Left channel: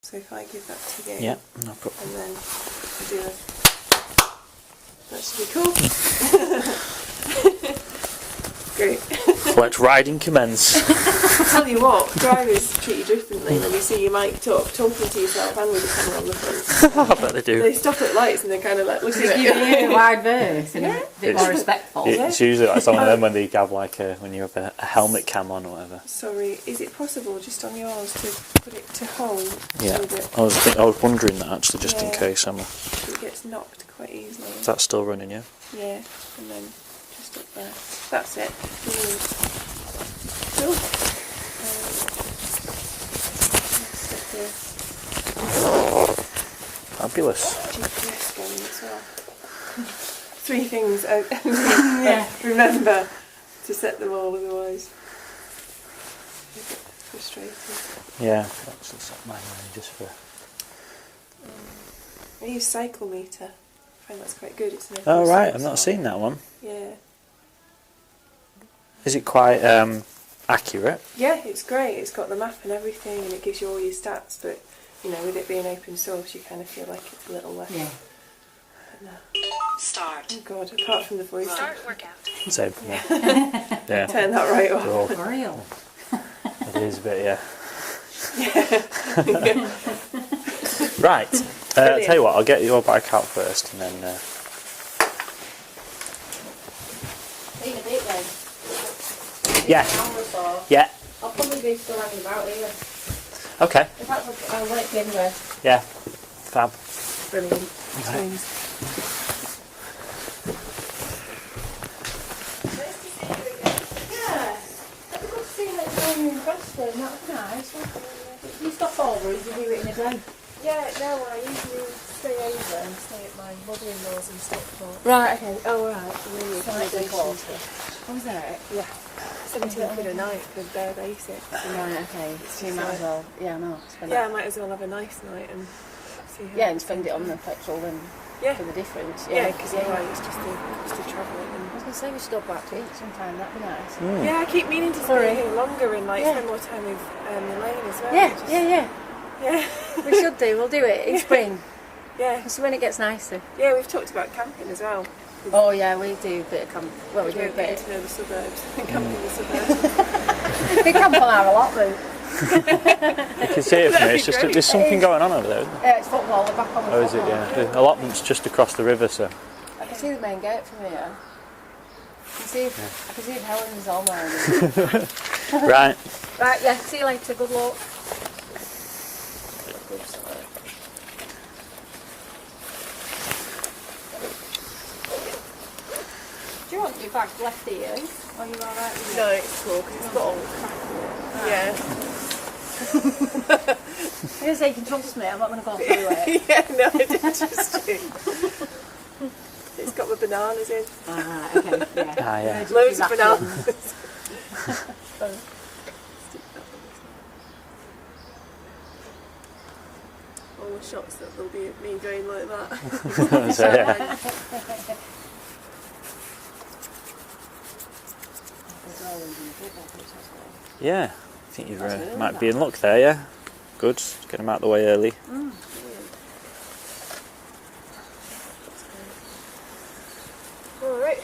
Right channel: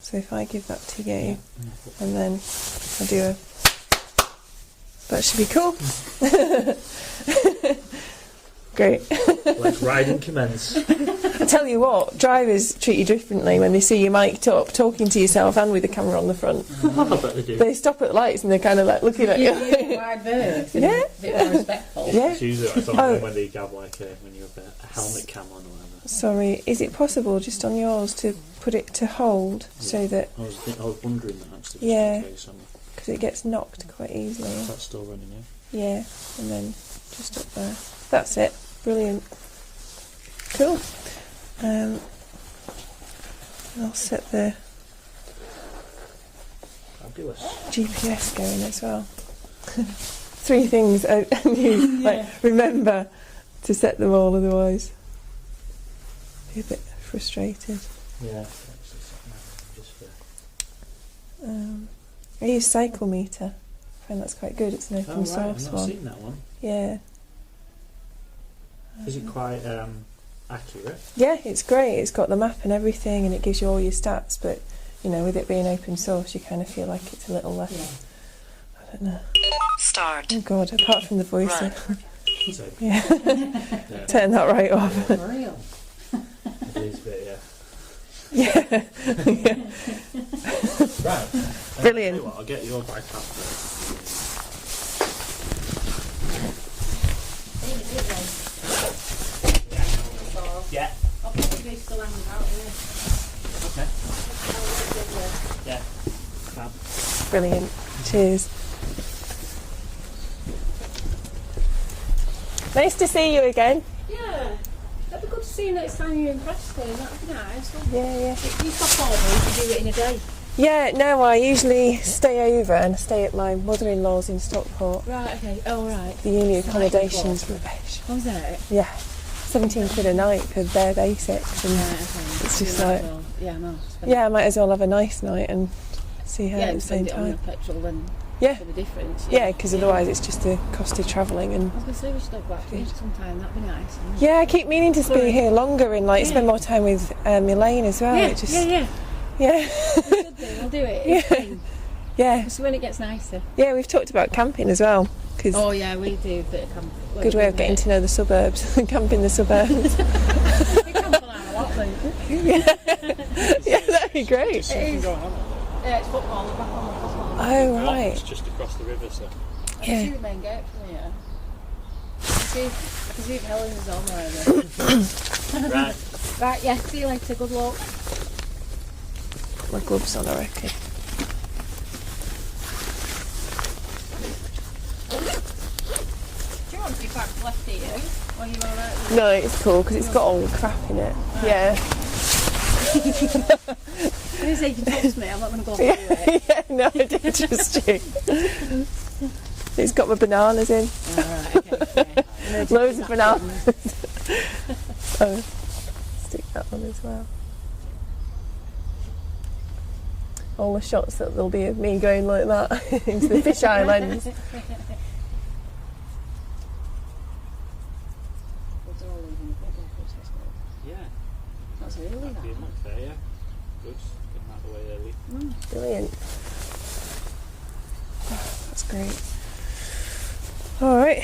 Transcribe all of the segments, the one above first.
So if I give that to you, Yeah, no problem. and then I do a... That should be cool. Great. Let's riding commence. I'll tell you what, drivers treat you differently when they see you mic'd up, talking to yourself and with the camera on the front. I bet they do. They stop at lights and they're kind of like looking at You you. a wide berth and a bit more respectful. It's usually like some of them when they have like when you have a helmet cam on or whatever. Sorry, is it possible just on yours to put it to hold so that I was wondering that actually, just in case, Emma. it gets knocked quite easily? Is that still running, yeah? Yeah, and then just up there. That's it. Brilliant. Cool. Let's set the Fabulous. GPS going as well. 3 things I remember to set them all, otherwise a bit frustrating. Yeah, that's set mine just for... I use Cycle Meter. I find that's quite good. It's an open Oh right, source I've not one. seen that one. Yeah. Is it quite accurate? Yeah, it's great. It's got the map and everything, and it gives you all your stats. But you know, with it being open source, you kind of feel like it's a little less. Yeah. I don't know. Start. Oh God! Apart from the voice, So, yeah. yeah. Turn that right off. Cool. For real. It is a bit, yeah. Yeah. Right. I'll tell you what, I'll get your bike out first and then... Yeah. Yeah. I'll probably be still hanging about here. Okay. In fact, I'll work anywhere. Yeah. Fab. Brilliant. Cheers. Nice to see you again. Yeah. It'd be good to see that it's down here in Preston. That'd be nice, wouldn't it? Yeah. If you stop over, you could do it in a day. Yeah, no, I usually stay over and stay at my mother-in-law's in Stockport. Right, okay. Oh, right. The uni accommodations. What was that? Yeah. 17 quid a night for bare basics. And Right, okay. it's just Yeah, like, well, yeah, no. yeah, I might as well have a nice night and see her Yeah, at and the same spend it on the time. petrol and Yeah. for the difference. Yeah, because otherwise it's just the cost of travelling. And I was going to say we should go back to Egypt sometime, that'd be nice. yeah, I keep meaning to stay Sorry. here longer and like Yeah. spend more time with Elaine as well. Yeah, It just, yeah. yeah, We should do, we'll do it in spring. yeah, So when it gets nicer. yeah. We've talked about camping as well because Oh yeah, we do a bit of camp. Well, good way of getting to know the suburbs. Camp in the suburbs. We camp on our lot though. You can see it from here, it's just great. there's something going on over there. Yeah, it's football, they're back on the Oh, is it? football. Yeah. Oh, A lot of right. them's just across the river, so... I can see the main gate from here. I can see if Helen's on there. Right. Right, yeah, see you later, good luck. My gloves on, I reckon. Do you want your back left here? Or are you alright? No, it's cool because it's got all the crap in it. Yeah. Here's you can trust me, I'm not going to go through it. Yeah, no, I didn't trust you. It's got my bananas in. Alright, okay. Yeah. Ah, yeah. Loads of bananas. Oh, stick that one as well. All the shots that there'll be of me going like that. It's the fish eye lens. Yeah. I think you might be in luck there, yeah? Good. Get them out of the way early. Brilliant. That's great. All right.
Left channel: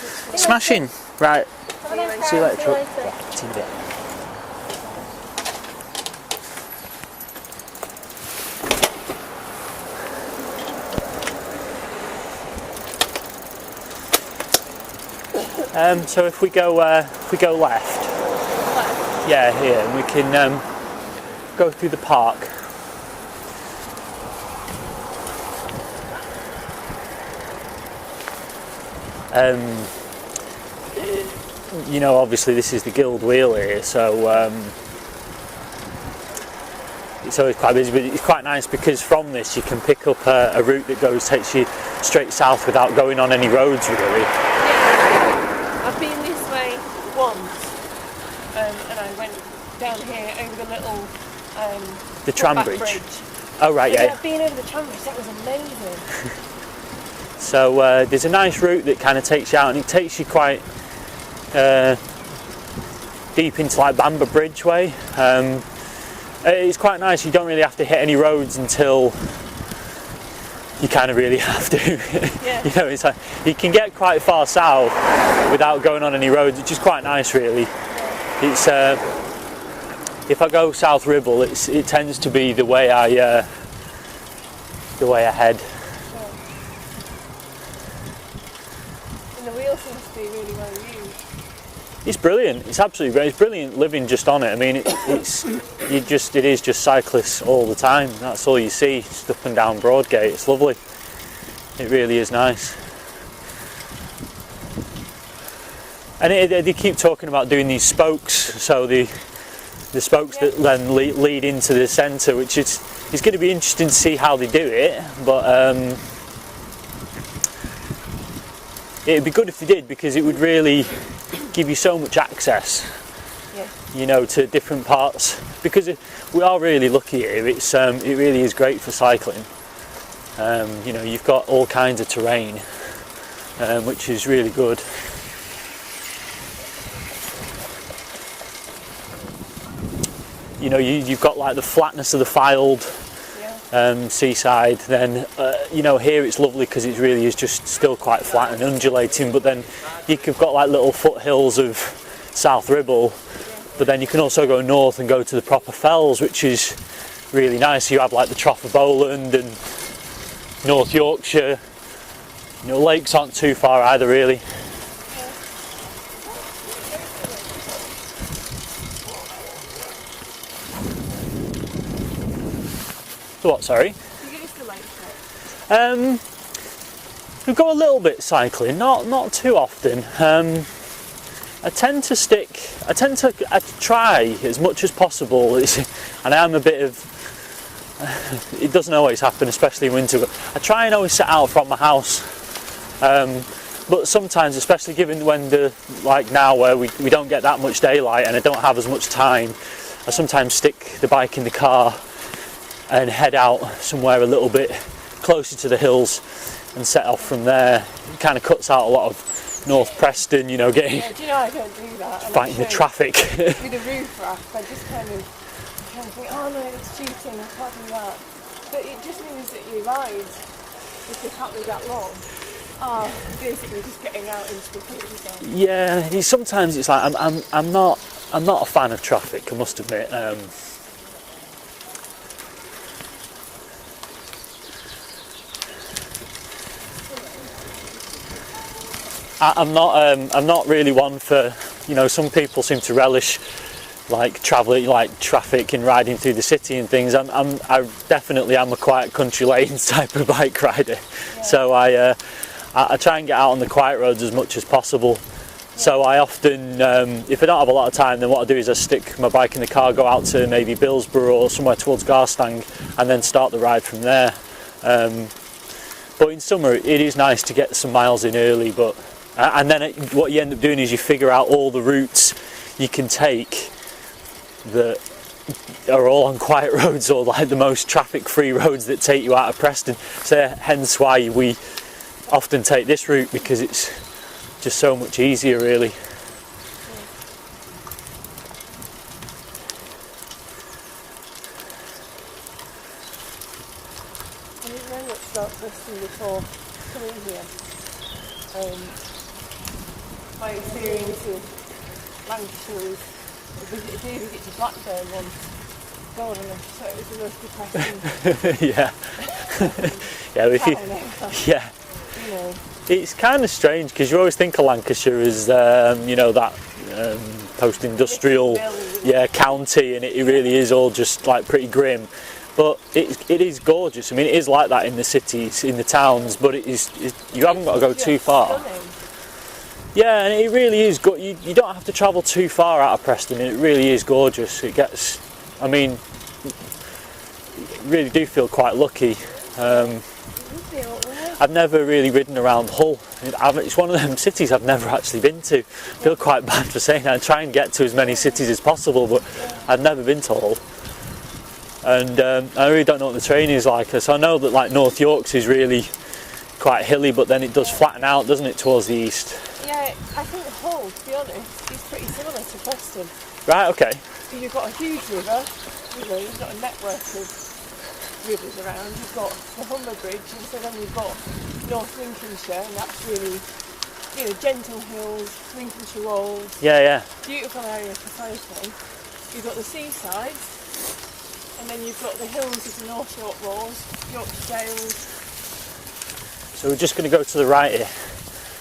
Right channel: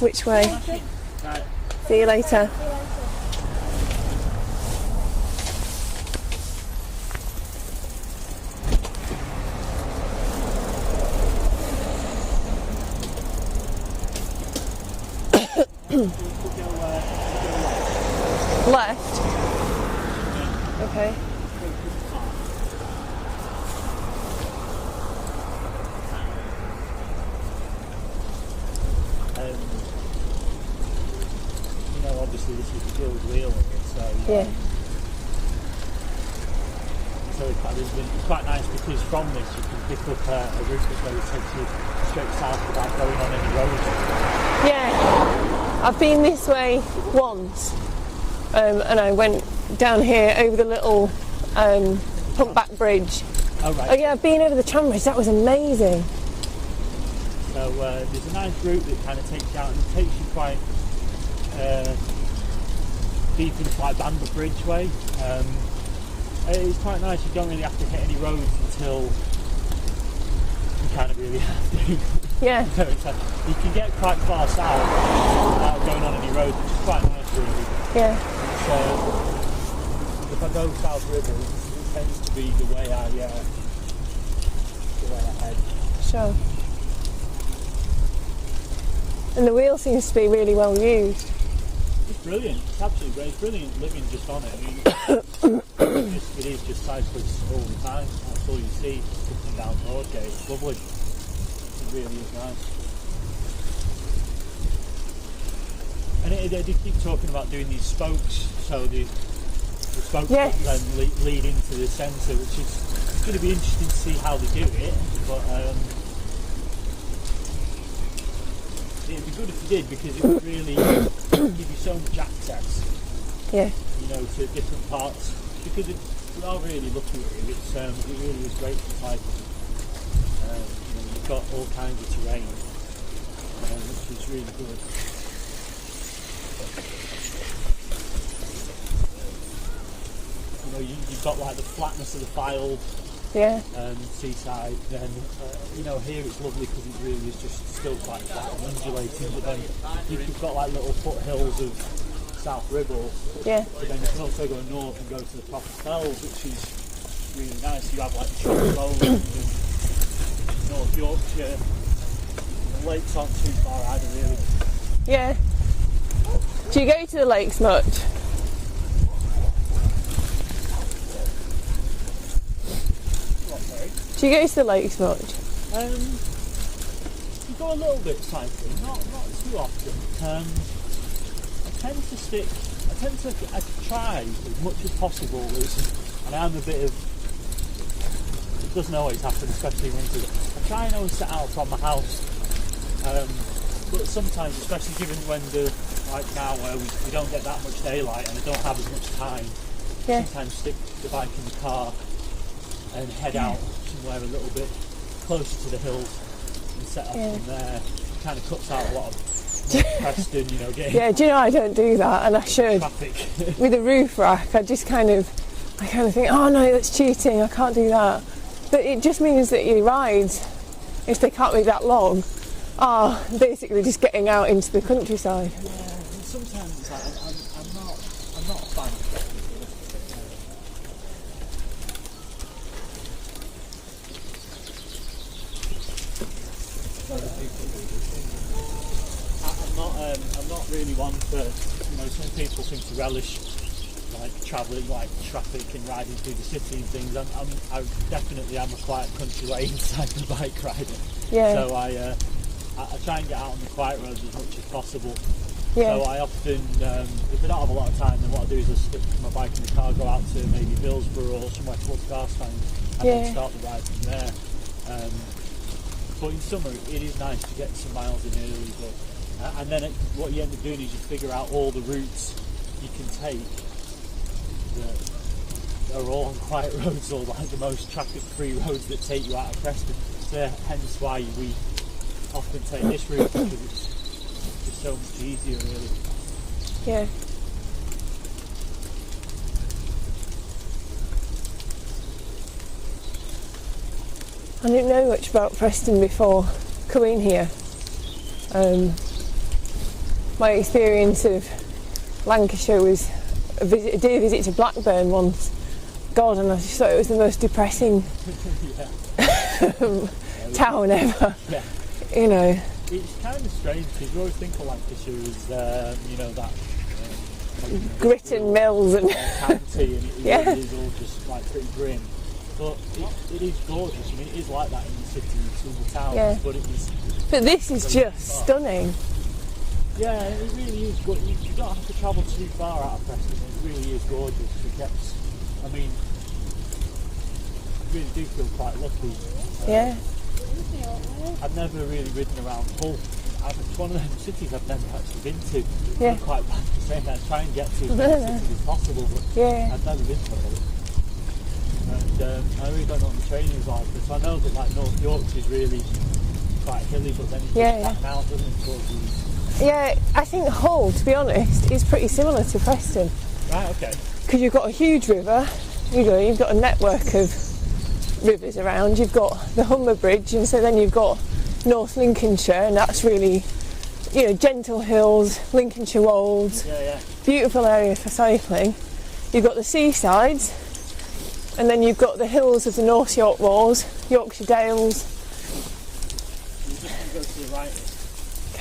Which way? Smashing. Right. See you later. See you later. So if we go left, Left. yeah, here, and we can Okay. go through the park. You know, obviously this is the Guild Wheel here, so it's always quite busy, but it's quite nice because from this you can pick up a route that takes you straight south without going on any roads really. Yeah. I've been this way once, and I went down here over the little The tram footback bridge. Oh right, Oh, yeah. yeah, I've been over the tram bridge. That was amazing. So there's a nice route that kind of takes you out, and it takes you quite deep into like Bamber Bridge way. It's quite nice. You don't really have to hit any roads until you kind of really have to. Yeah. You know, it's like you can get quite far south without going on any roads, which is quite nice, really. Yeah. It's if I go South Ribble, it tends to be the way I head. Sure. And the wheel seems to be really well used. It's brilliant. It's absolutely brilliant. It's brilliant living just on it. I mean, it is just cyclists all the time. That's all you see, just up and down Broadgate. It's lovely. It really is nice. And they keep talking about doing these spokes, so the spokes that then lead into the centre, which it's going to be interesting to see how they do it. But it'd be good if they did, because it would really give you so much access, you know, to different parts. Because we are really lucky here. It really is great for cycling. You know, you've got all kinds of terrain, which is really good. You know, you've got like the flatness of the Fylde seaside. Then you know, here it's lovely because it really is just still quite flat and undulating. But then you've got like little foothills of South Ribble. Yeah. But then you can also go north and go to the proper fells, which is really nice. You have like the Trop of Bowland and North Yorkshire. You know, lakes aren't too far either, really. Yeah. Do you go to the lakes much? What, sorry? Do you go to the lakes much? We go a little bit cycling, not too often. I try as much as possible, and I am a bit of, it doesn't always happen, especially in winter, but I try and always set out from my house. But sometimes, especially given when like now where we don't get that much daylight and I don't have as much time, I sometimes stick the bike in the car and head out somewhere a little bit closer to the hills and set off from there. It kind of cuts out a lot of North Preston, you know, getting do you know, I don't do that, and fighting the traffic. With a roof rack, I kind of think, oh no, that's cheating, I can't do that. But it just means that your rides, if they can't be that long, are basically just getting out into the countryside. Yeah, sometimes it's like I'm not a fan of traffic, I must admit. I'm not really one for, you know, some people seem to relish like travelling, like traffic and riding through the city and things. I definitely am a quiet country lanes type of bike rider. Yeah. So I try and get out on the quiet roads as much as possible. Yeah. So I often, if I don't have a lot of time, then what I do is I stick my bike in the car, go out to maybe Billsborough or somewhere towards Garstang, and then start the ride from there. But in summer it is nice to get some miles in early, but and then what you end up doing is you figure out all the routes you can take that are all on quiet roads, or like the most traffic-free roads that take you out of Preston. So hence why we often take this route, because it's just so much easier, really. Yeah. I didn't know much about Preston before coming here. My experience of Lancashire was a visit to Blackburn once. God, and I just thought it was the most depressing town ever. Yeah. You know. It's kind of strange because you always think of Lancashire as, you know, that post-industrial county, and it really is all just like pretty grim. But it is gorgeous. I mean, it is like that in the cities, in the towns, but you haven't got to go too far. Stunning. Yeah, and it really is good. You don't have to travel too far out of Preston, and it really is gorgeous. It gets, I mean, really do feel quite lucky. I've never really ridden around Hull. It's one of them cities I've never actually been to. I feel quite bad for saying that. I try and get to as many cities as possible, but I've never been to Hull. And I really don't know what the terrain is like. So I know that like North Yorkshire is really quite hilly, but then it does flatten out, doesn't it, towards the east? Yeah, I think Hull, to be honest, is pretty similar to Preston. Right, okay. Because you've got a huge river, you've got a network of rivers around. You've got the Humber Bridge, and so then you've got North Lincolnshire, and that's really, gentle hills, Lincolnshire Wolds. Yeah. Beautiful area for cycling. You've got the seasides, and then you've got the hills of the North York Moors, Yorkshire Dales. So we're just going to go to the right here.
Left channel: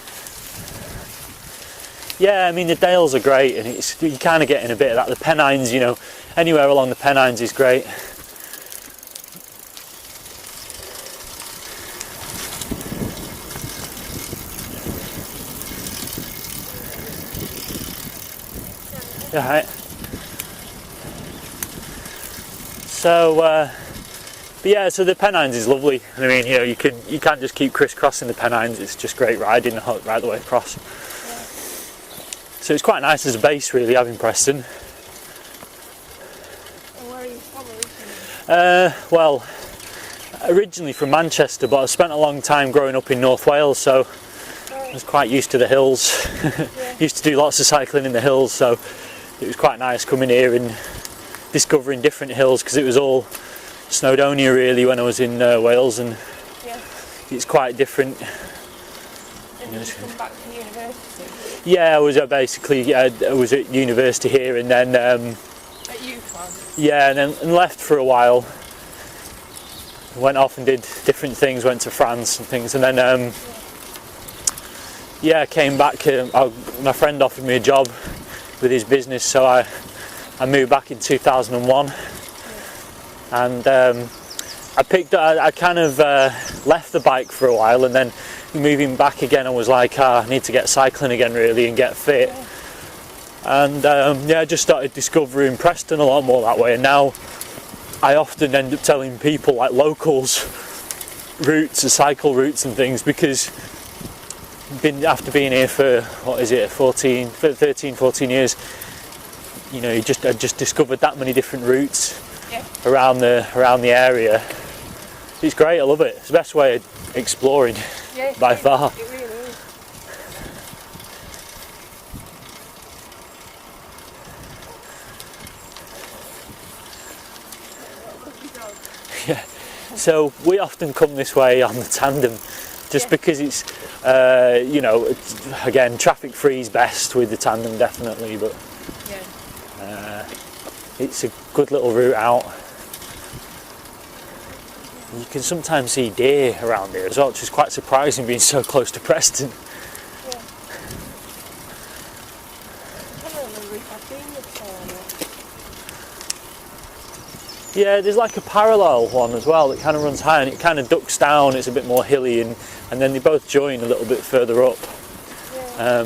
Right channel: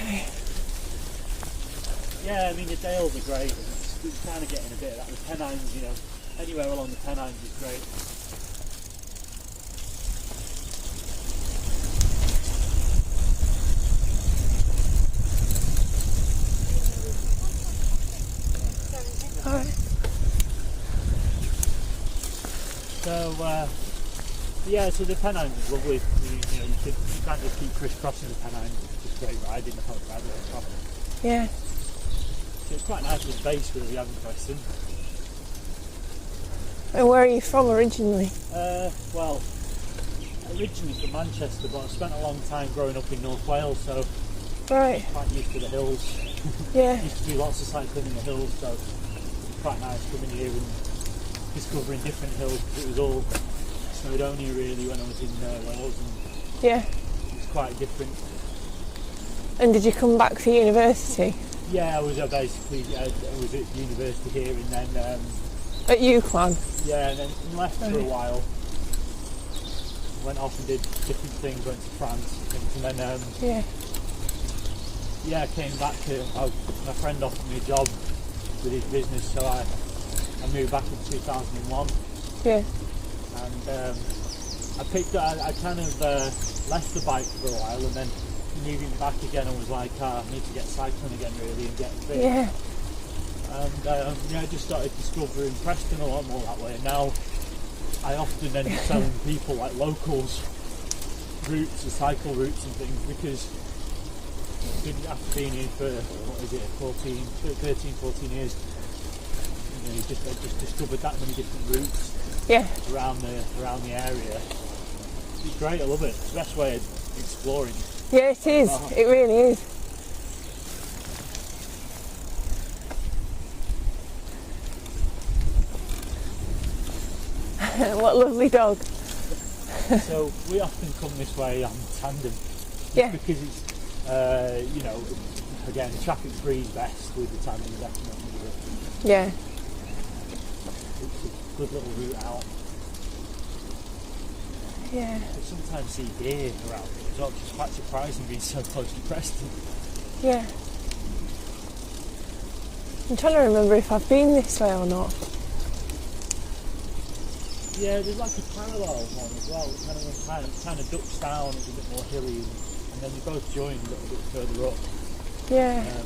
Okay. Yeah, I mean the Dales are great, and you're kind of getting a bit of that. The Pennines, anywhere along the Pennines is great. Yeah, right. So, so the Pennines is lovely. I mean, you can't just keep crisscrossing the Pennines. It's just great riding right the way across. Yeah. So it's quite nice as a base, really, having Preston. And where are you from originally? Well, originally from Manchester, but I spent a long time growing up in North Wales, so I was quite used to the hills. Yeah. Used to do lots of cycling in the hills, so it was quite nice coming here and discovering different hills, because it was all Snowdonia really when I was in Wales, and yeah, it's quite different. And did you come back for university? Yeah, I was I was at university here, and then at UCLan? Yeah, and left for a while. Went off and did different things, went to France and things, and then came back. My friend offered me a job with his business, so I moved back in 2001. Yeah. And I kind of left the bike for a while, and then moving back again, I was like, I need to get cycling again really and get fit. Yeah. And I just started discovering Preston a lot more that way, and now I often end up telling people, like locals, routes and cycle routes and things, because after being here for 13, 14 years, I just discovered that many different routes around the area. It's great, I love it. It's the best way of exploring by far. It really is. What a lovely dog. Yeah. So we often come this way on the tandem, just because it's, again, traffic free is best with the tandem definitely, but it's a good little route out. Yeah. You can sometimes see deer around here as well, which is quite surprising being so close to Preston. Yeah. I'm trying to remember if I've been this way or not. Yeah, there's like a parallel one as well that kind of runs high and it kind of ducks down. It's a bit more hilly, and then they both join a little bit further up. Yeah.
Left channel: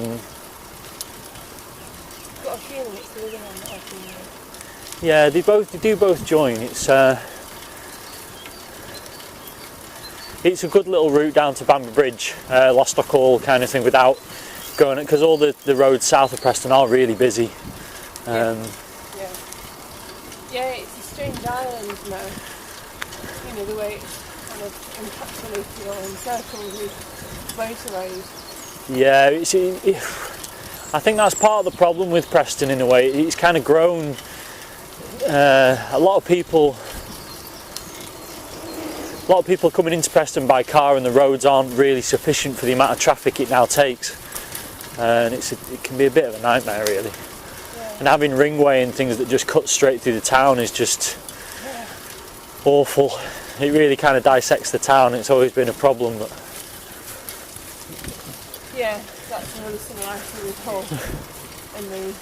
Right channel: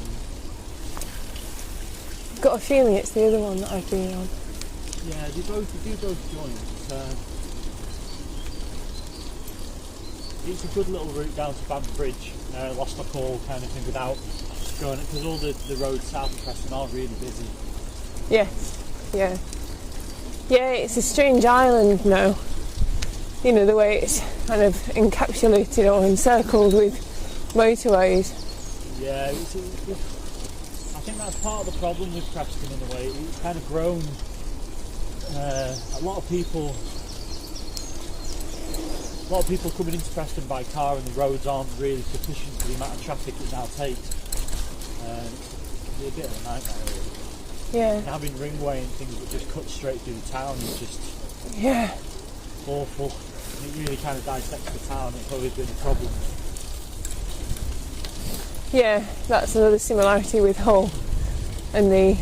Got a feeling it's the other one that I've been on. Yeah, they do both join. It's a good little route down to Bamber Bridge, Lostock Hall kind of thing, without going, because all the roads south of Preston are really busy. Yeah, it's a strange island now. The way it's kind of encapsulated or encircled with motorways. Yeah, I think that's part of the problem with Preston in a way. It's kind of grown. A lot of people coming into Preston by car, and the roads aren't really sufficient for the amount of traffic it now takes, and it can be a bit of a nightmare really. Yeah. And having ringway and things that just cut straight through the town is just awful. It really kind of dissects the town. It's always been a problem. But yeah, that's another similarity with Hull and the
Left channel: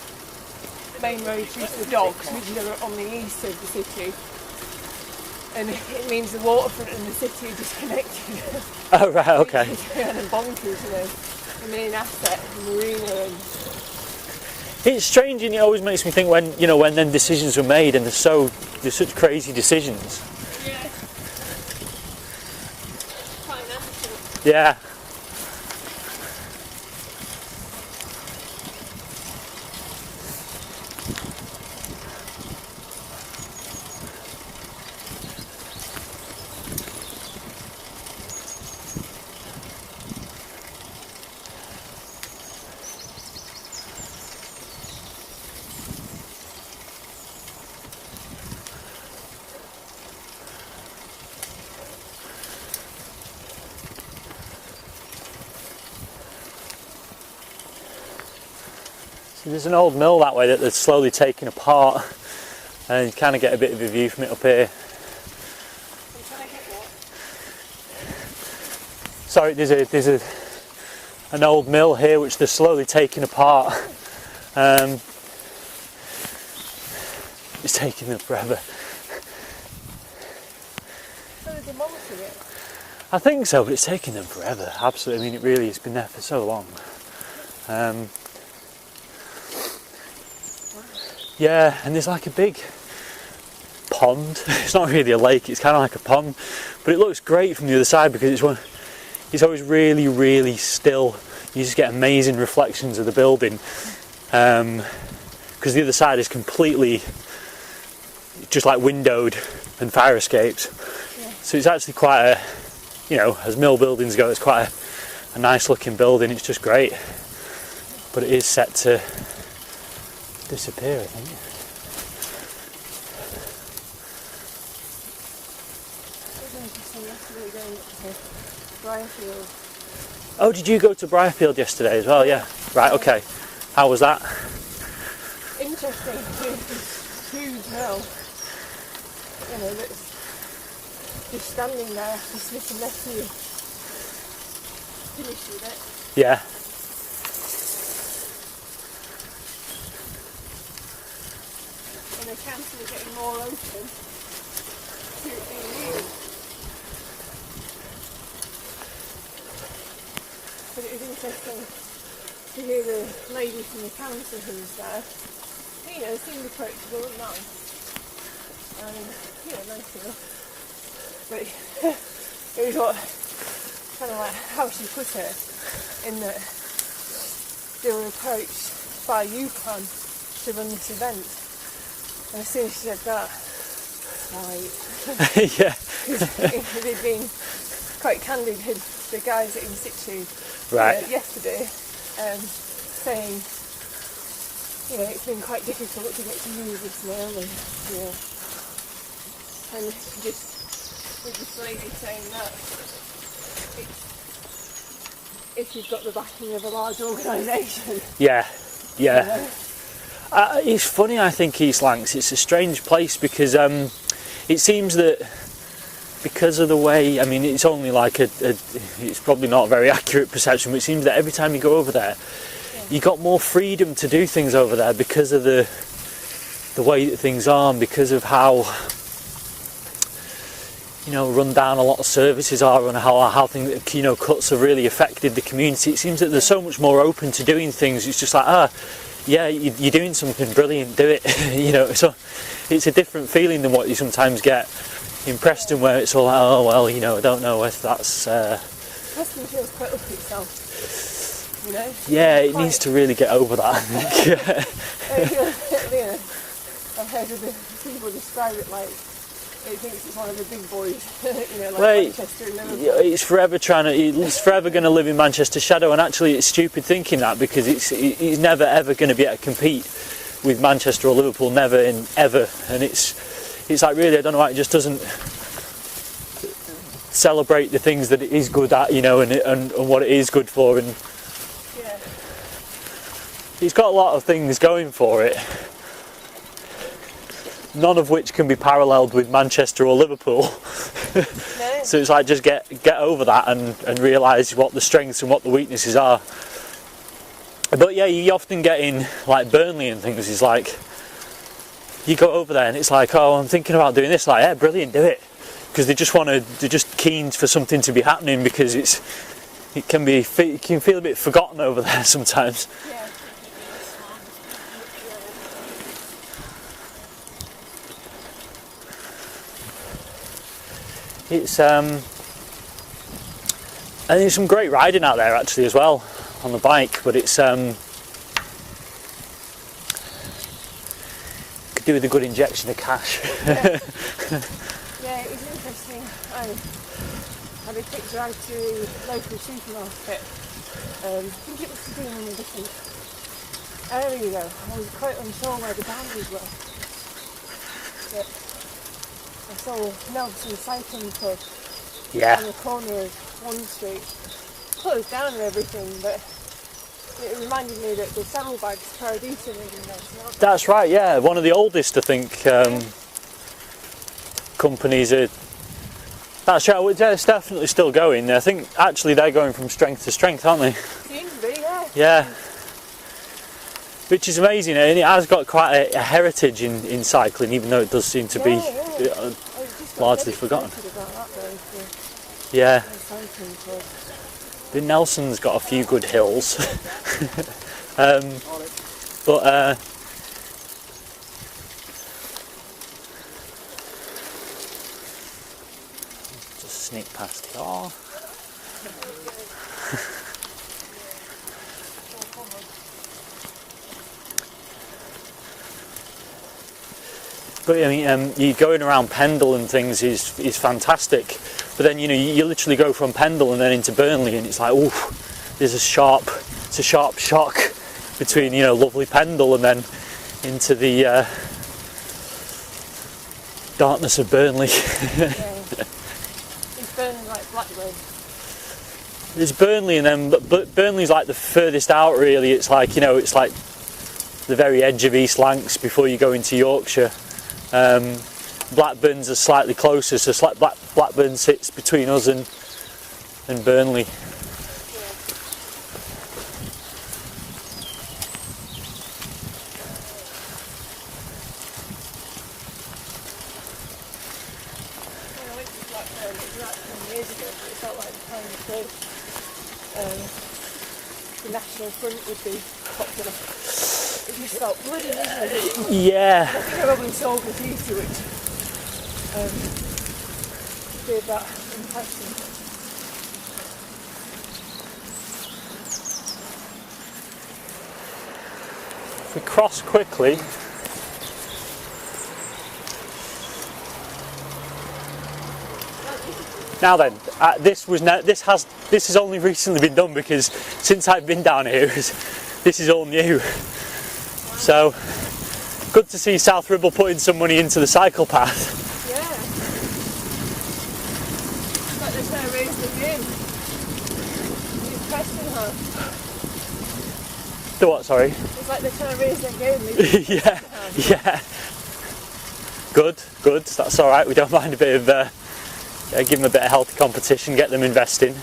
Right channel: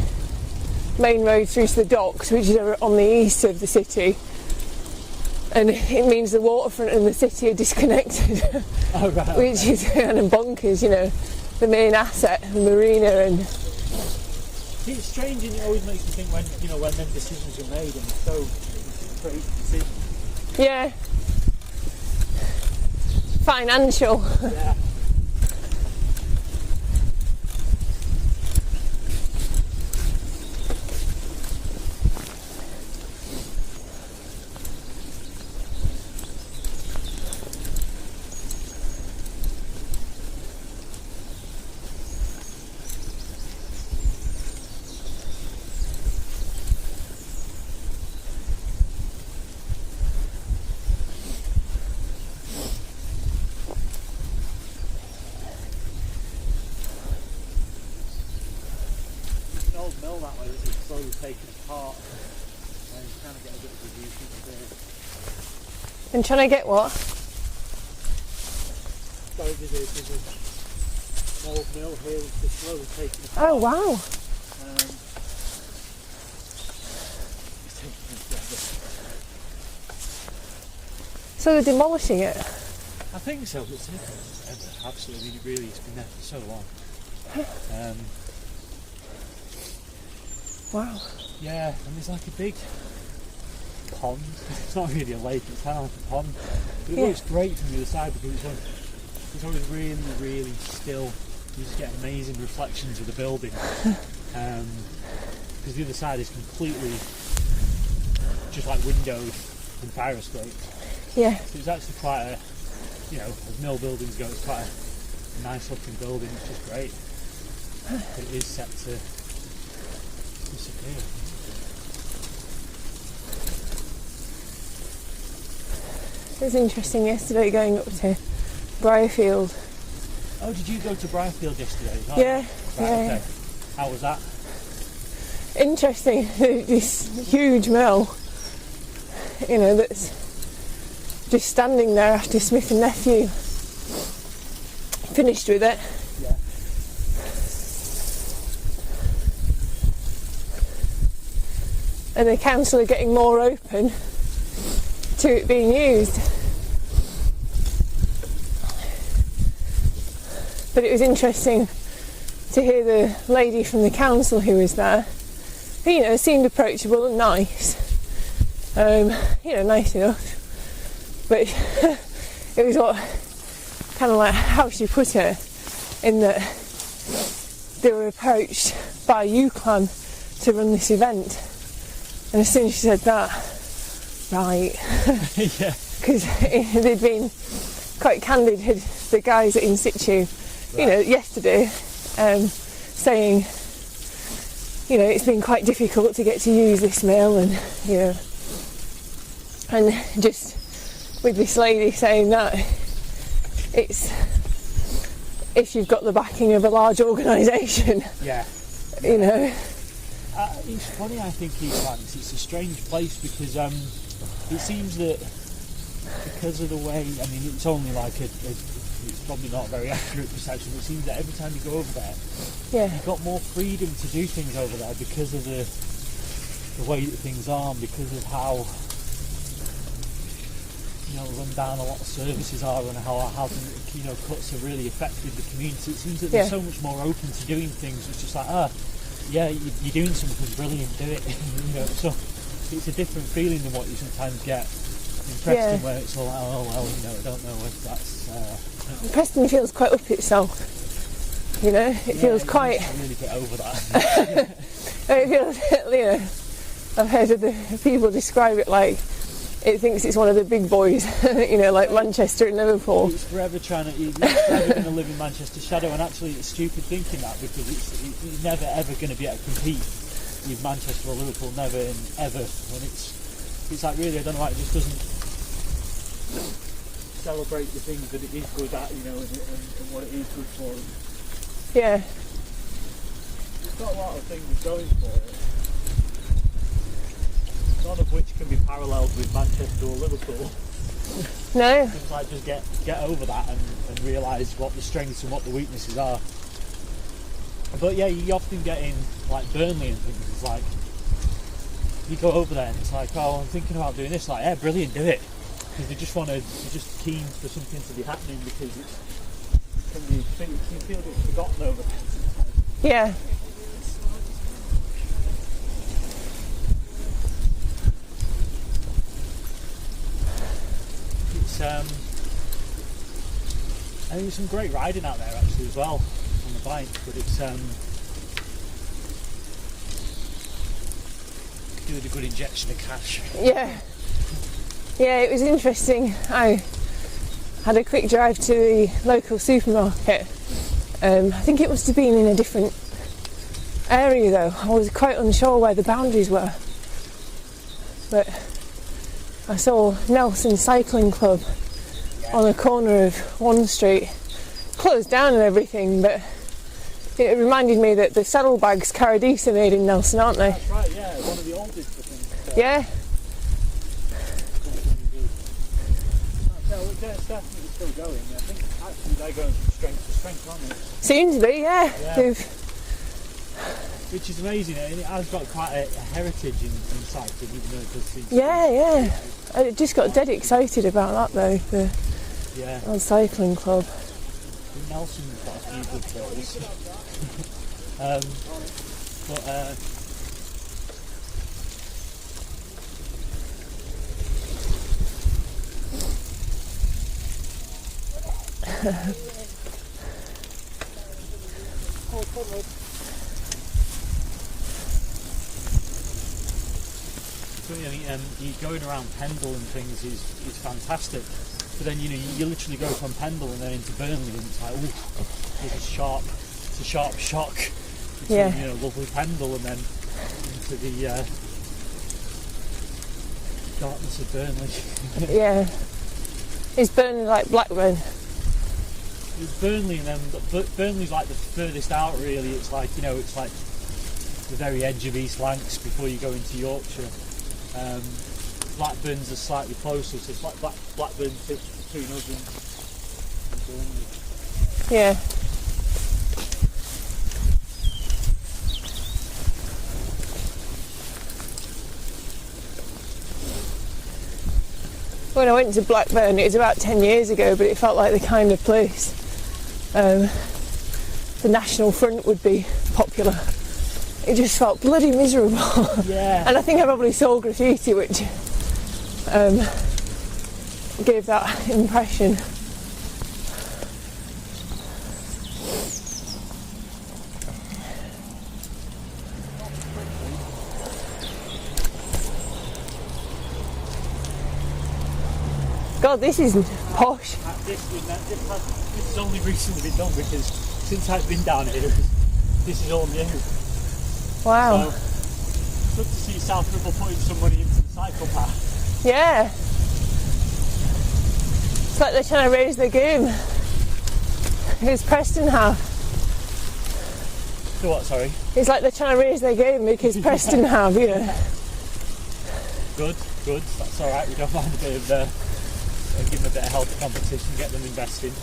main road through to the docks, which are on the east of the city. And it means the waterfront and the city are disconnected. Oh, right, okay. Which is kind of bonkers, the main asset, the marina. And it's strange, and it always makes me think when then decisions were made, and they're such crazy decisions. Yeah. Financial. Yeah. There's an old mill that way that they're slowly taking apart, and you kind of get a bit of a view from it up here. And trying to get what? Sorry, there's an old mill here which they're slowly taking apart. Oh wow! It's taking them forever. So they're demolishing it? I think so, but it's taking them forever. Absolutely. I mean, it really has been there for so long. Wow. Yeah, and there's like a big pond. It's not really a lake, it's kind of like a pond, but it looks great from the other side because it's always really, really still. You just get amazing reflections of the building, because the other side is completely just like windowed and fire escapes. Yeah. So it's actually quite a, you know, as mill buildings go, it's quite a nice looking building. It's just great, but it is set to disappear, I think. It was interesting yesterday going up to Briarfield. Oh, did you go to Briarfield yesterday as well? Yeah. Right, yeah. okay. How was that? Interesting. This huge mill, you know, that's just standing there after Smith and Nephew finished with it. Yeah. And the council are getting more open to it being used. But it was interesting to hear the lady from the council who was there, who, you know, seemed approachable and nice. You know, nice enough. But it was what, kind of like how she put it, in that they were approached by UCLan to run this event. And as soon as she said that, right. Yeah. Because they'd been quite candid with the guys at In Situ, Right. you know, yesterday, saying, you know, it's been quite difficult to get to use this mill, and, you know, and just with this lady saying that it's, if you've got the backing of a large organisation. Yeah. You Yeah. know, It's funny, I think, East Lancs. It's a strange place because it seems that because of the way, I mean, it's only like it's probably not a very accurate perception, but it seems that every time you go over there, you got more freedom to do things over there because of the way that things are, and because of how, you know, run down a lot of services are, and how things, you know, cuts have really affected the community. It seems that they're so much more open to doing things. It's just like, yeah, you're doing something brilliant, do it. You know, so it's a different feeling than what you sometimes get in Preston, where it's all like, oh well, you know, I don't know if that's. Preston feels quite up itself. You know, it needs to really get over that. You know, I've heard of the people describe it like it thinks it's one of the big boys. You know, like Manchester and Liverpool. It's forever going to live in Manchester's shadow, and actually, it's stupid thinking that, because it's never ever going to be able to compete with Manchester or Liverpool, never and ever. And it's like, really, I don't know why it just doesn't celebrate the things that it is good at, you know, and what it is good for. And yeah, it's got a lot of things going for it, none of which can be paralleled with Manchester or Liverpool. no. So it's like, just get over that and realise what the strengths and what the weaknesses are. But yeah, you often get in like Burnley and things, is like, you go over there and it's like, oh, I'm thinking about doing this, like, yeah, brilliant, do it. Because they're just keen for something to be happening, because it can feel a bit forgotten over there sometimes. Yeah. It's and there's some great riding out there actually as well on the bike, but it's could do with a good injection of cash. Yeah. Yeah, it was interesting. I had a quick drive to the local supermarket. I think it must have been in a different area though. I was quite unsure where the boundaries were. But I saw Nelson Cycling Club on the corner of one street, closed down and everything, but It reminded me that the saddlebags Caradisa are made in Nelson, aren't they? That's right, yeah. One of the oldest, I think, companies are. That's right, it's definitely still going. I think actually they're going from strength to strength, aren't they? Seems to be, yeah. Yeah. Which is amazing, and it has got quite a heritage in cycling, even though it does seem to be. Yeah. I just got dead excited about that though. The cycling club. The Nelson's got a few good hills, but sneak past it. Oh. But I mean, you going around Pendle and things is fantastic. But then you literally go from Pendle and then into Burnley, and it's like, oh, there's a sharp shock between lovely Pendle and then into the darkness of Burnley. Yeah. Is Burnley like Blackburn? There's Burnley, and then but Burnley's like the furthest out. Really, it's like it's like the very edge of East Lancs before you go into Yorkshire. Blackburn's are slightly closer, so Blackburn sits between us and Burnley. Yeah. When I went to Blackburn, it was about 10 years ago, but it felt like the kind of place the National Front would be popular. It just felt bloody miserable. Yeah. And I think I probably saw graffiti, which gave that impression. If we cross quickly. God, this is Now posh. then, this has only recently been done, because since I've been down here, this is all new. Wow. So good to see South Ribble putting some money into the cycle path. Yeah. It's like they're trying to raise their game. Does Preston have? The what, sorry? It's like they're trying to raise their game because Preston have, Yeah. Good. That's all right. We don't mind a bit of give them a bit of healthy competition, get them investing.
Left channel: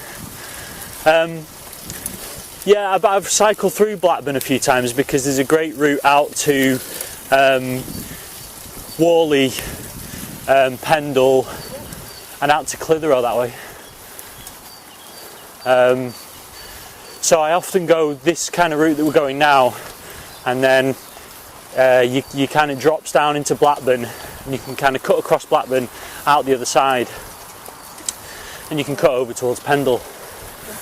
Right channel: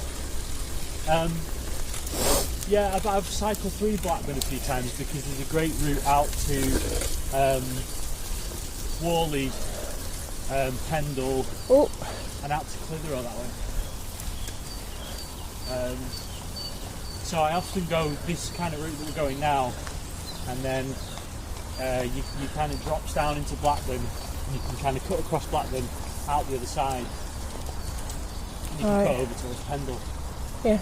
I've cycled through Blackburn a few times because there's a great route out to Worley, Pendle, and out to Clitheroe that way. So I often go this kind of route that we're going now, and then you kind of drops down into Blackburn, and you can kind of cut across Blackburn out the other side, and you can cut over towards Pendle. Yeah.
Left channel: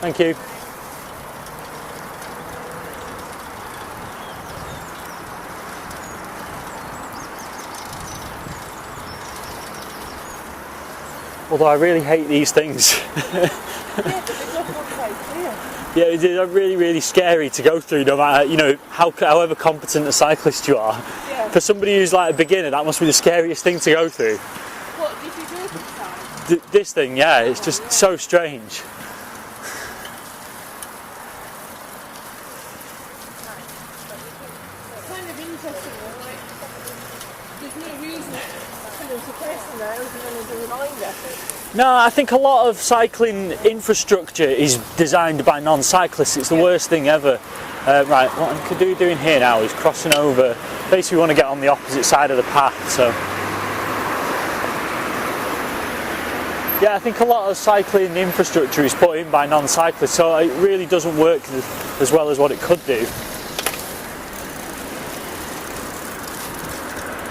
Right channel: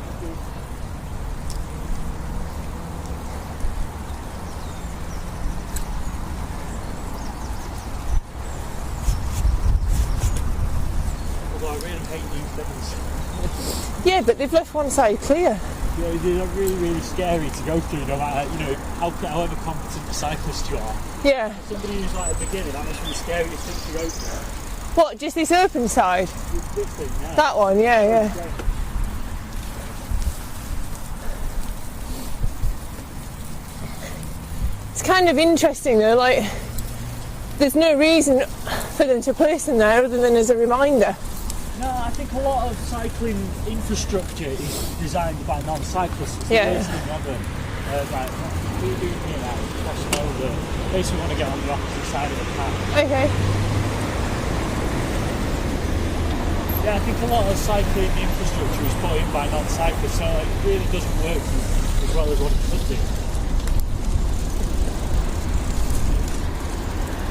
Thank you. Although I really hate these things. Yeah, but they've left one side clear. Yeah, they're really, really scary to go through, no matter, however competent a cyclist you are. Yeah. For somebody who's like a beginner, that must be the scariest thing to go through. What, just this open side? This thing, yeah, That it's one, just yeah, so yeah. strange. It's kind of interesting though, like, there's no reason for them to place them there other than as a reminder. No, I think a lot of cycling infrastructure is designed by non-cyclists. It's the worst thing ever. Right, what we're doing here now is crossing over. Basically, we want to get on the opposite side of the path. So, Okay. yeah, I think a lot of cycling infrastructure is put in by non-cyclists, so it really doesn't work as well as what it could do.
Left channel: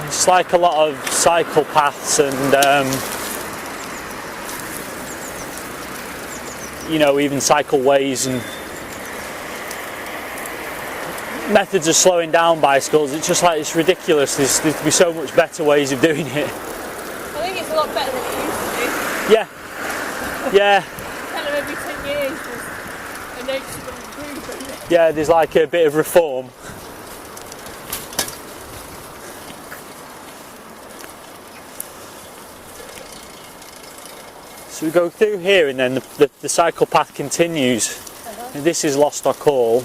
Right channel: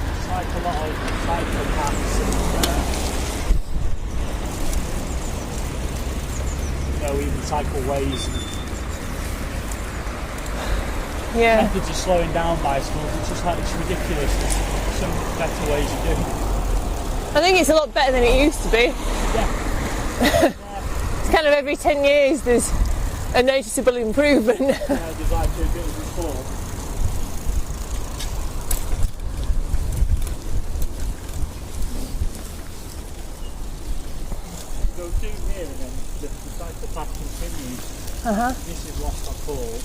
It's like a lot of cycle paths and even cycleways and methods of slowing down bicycles. It's just like, it's ridiculous. There'd be so much better ways of doing it. I think it's a lot better than it used to be. Yeah. Yeah. It's kind of every 10 years there's a noticeable improvement. Yeah, there's like a bit of reform. So we go through here, and then the cycle path continues. And this is Lostock Hall.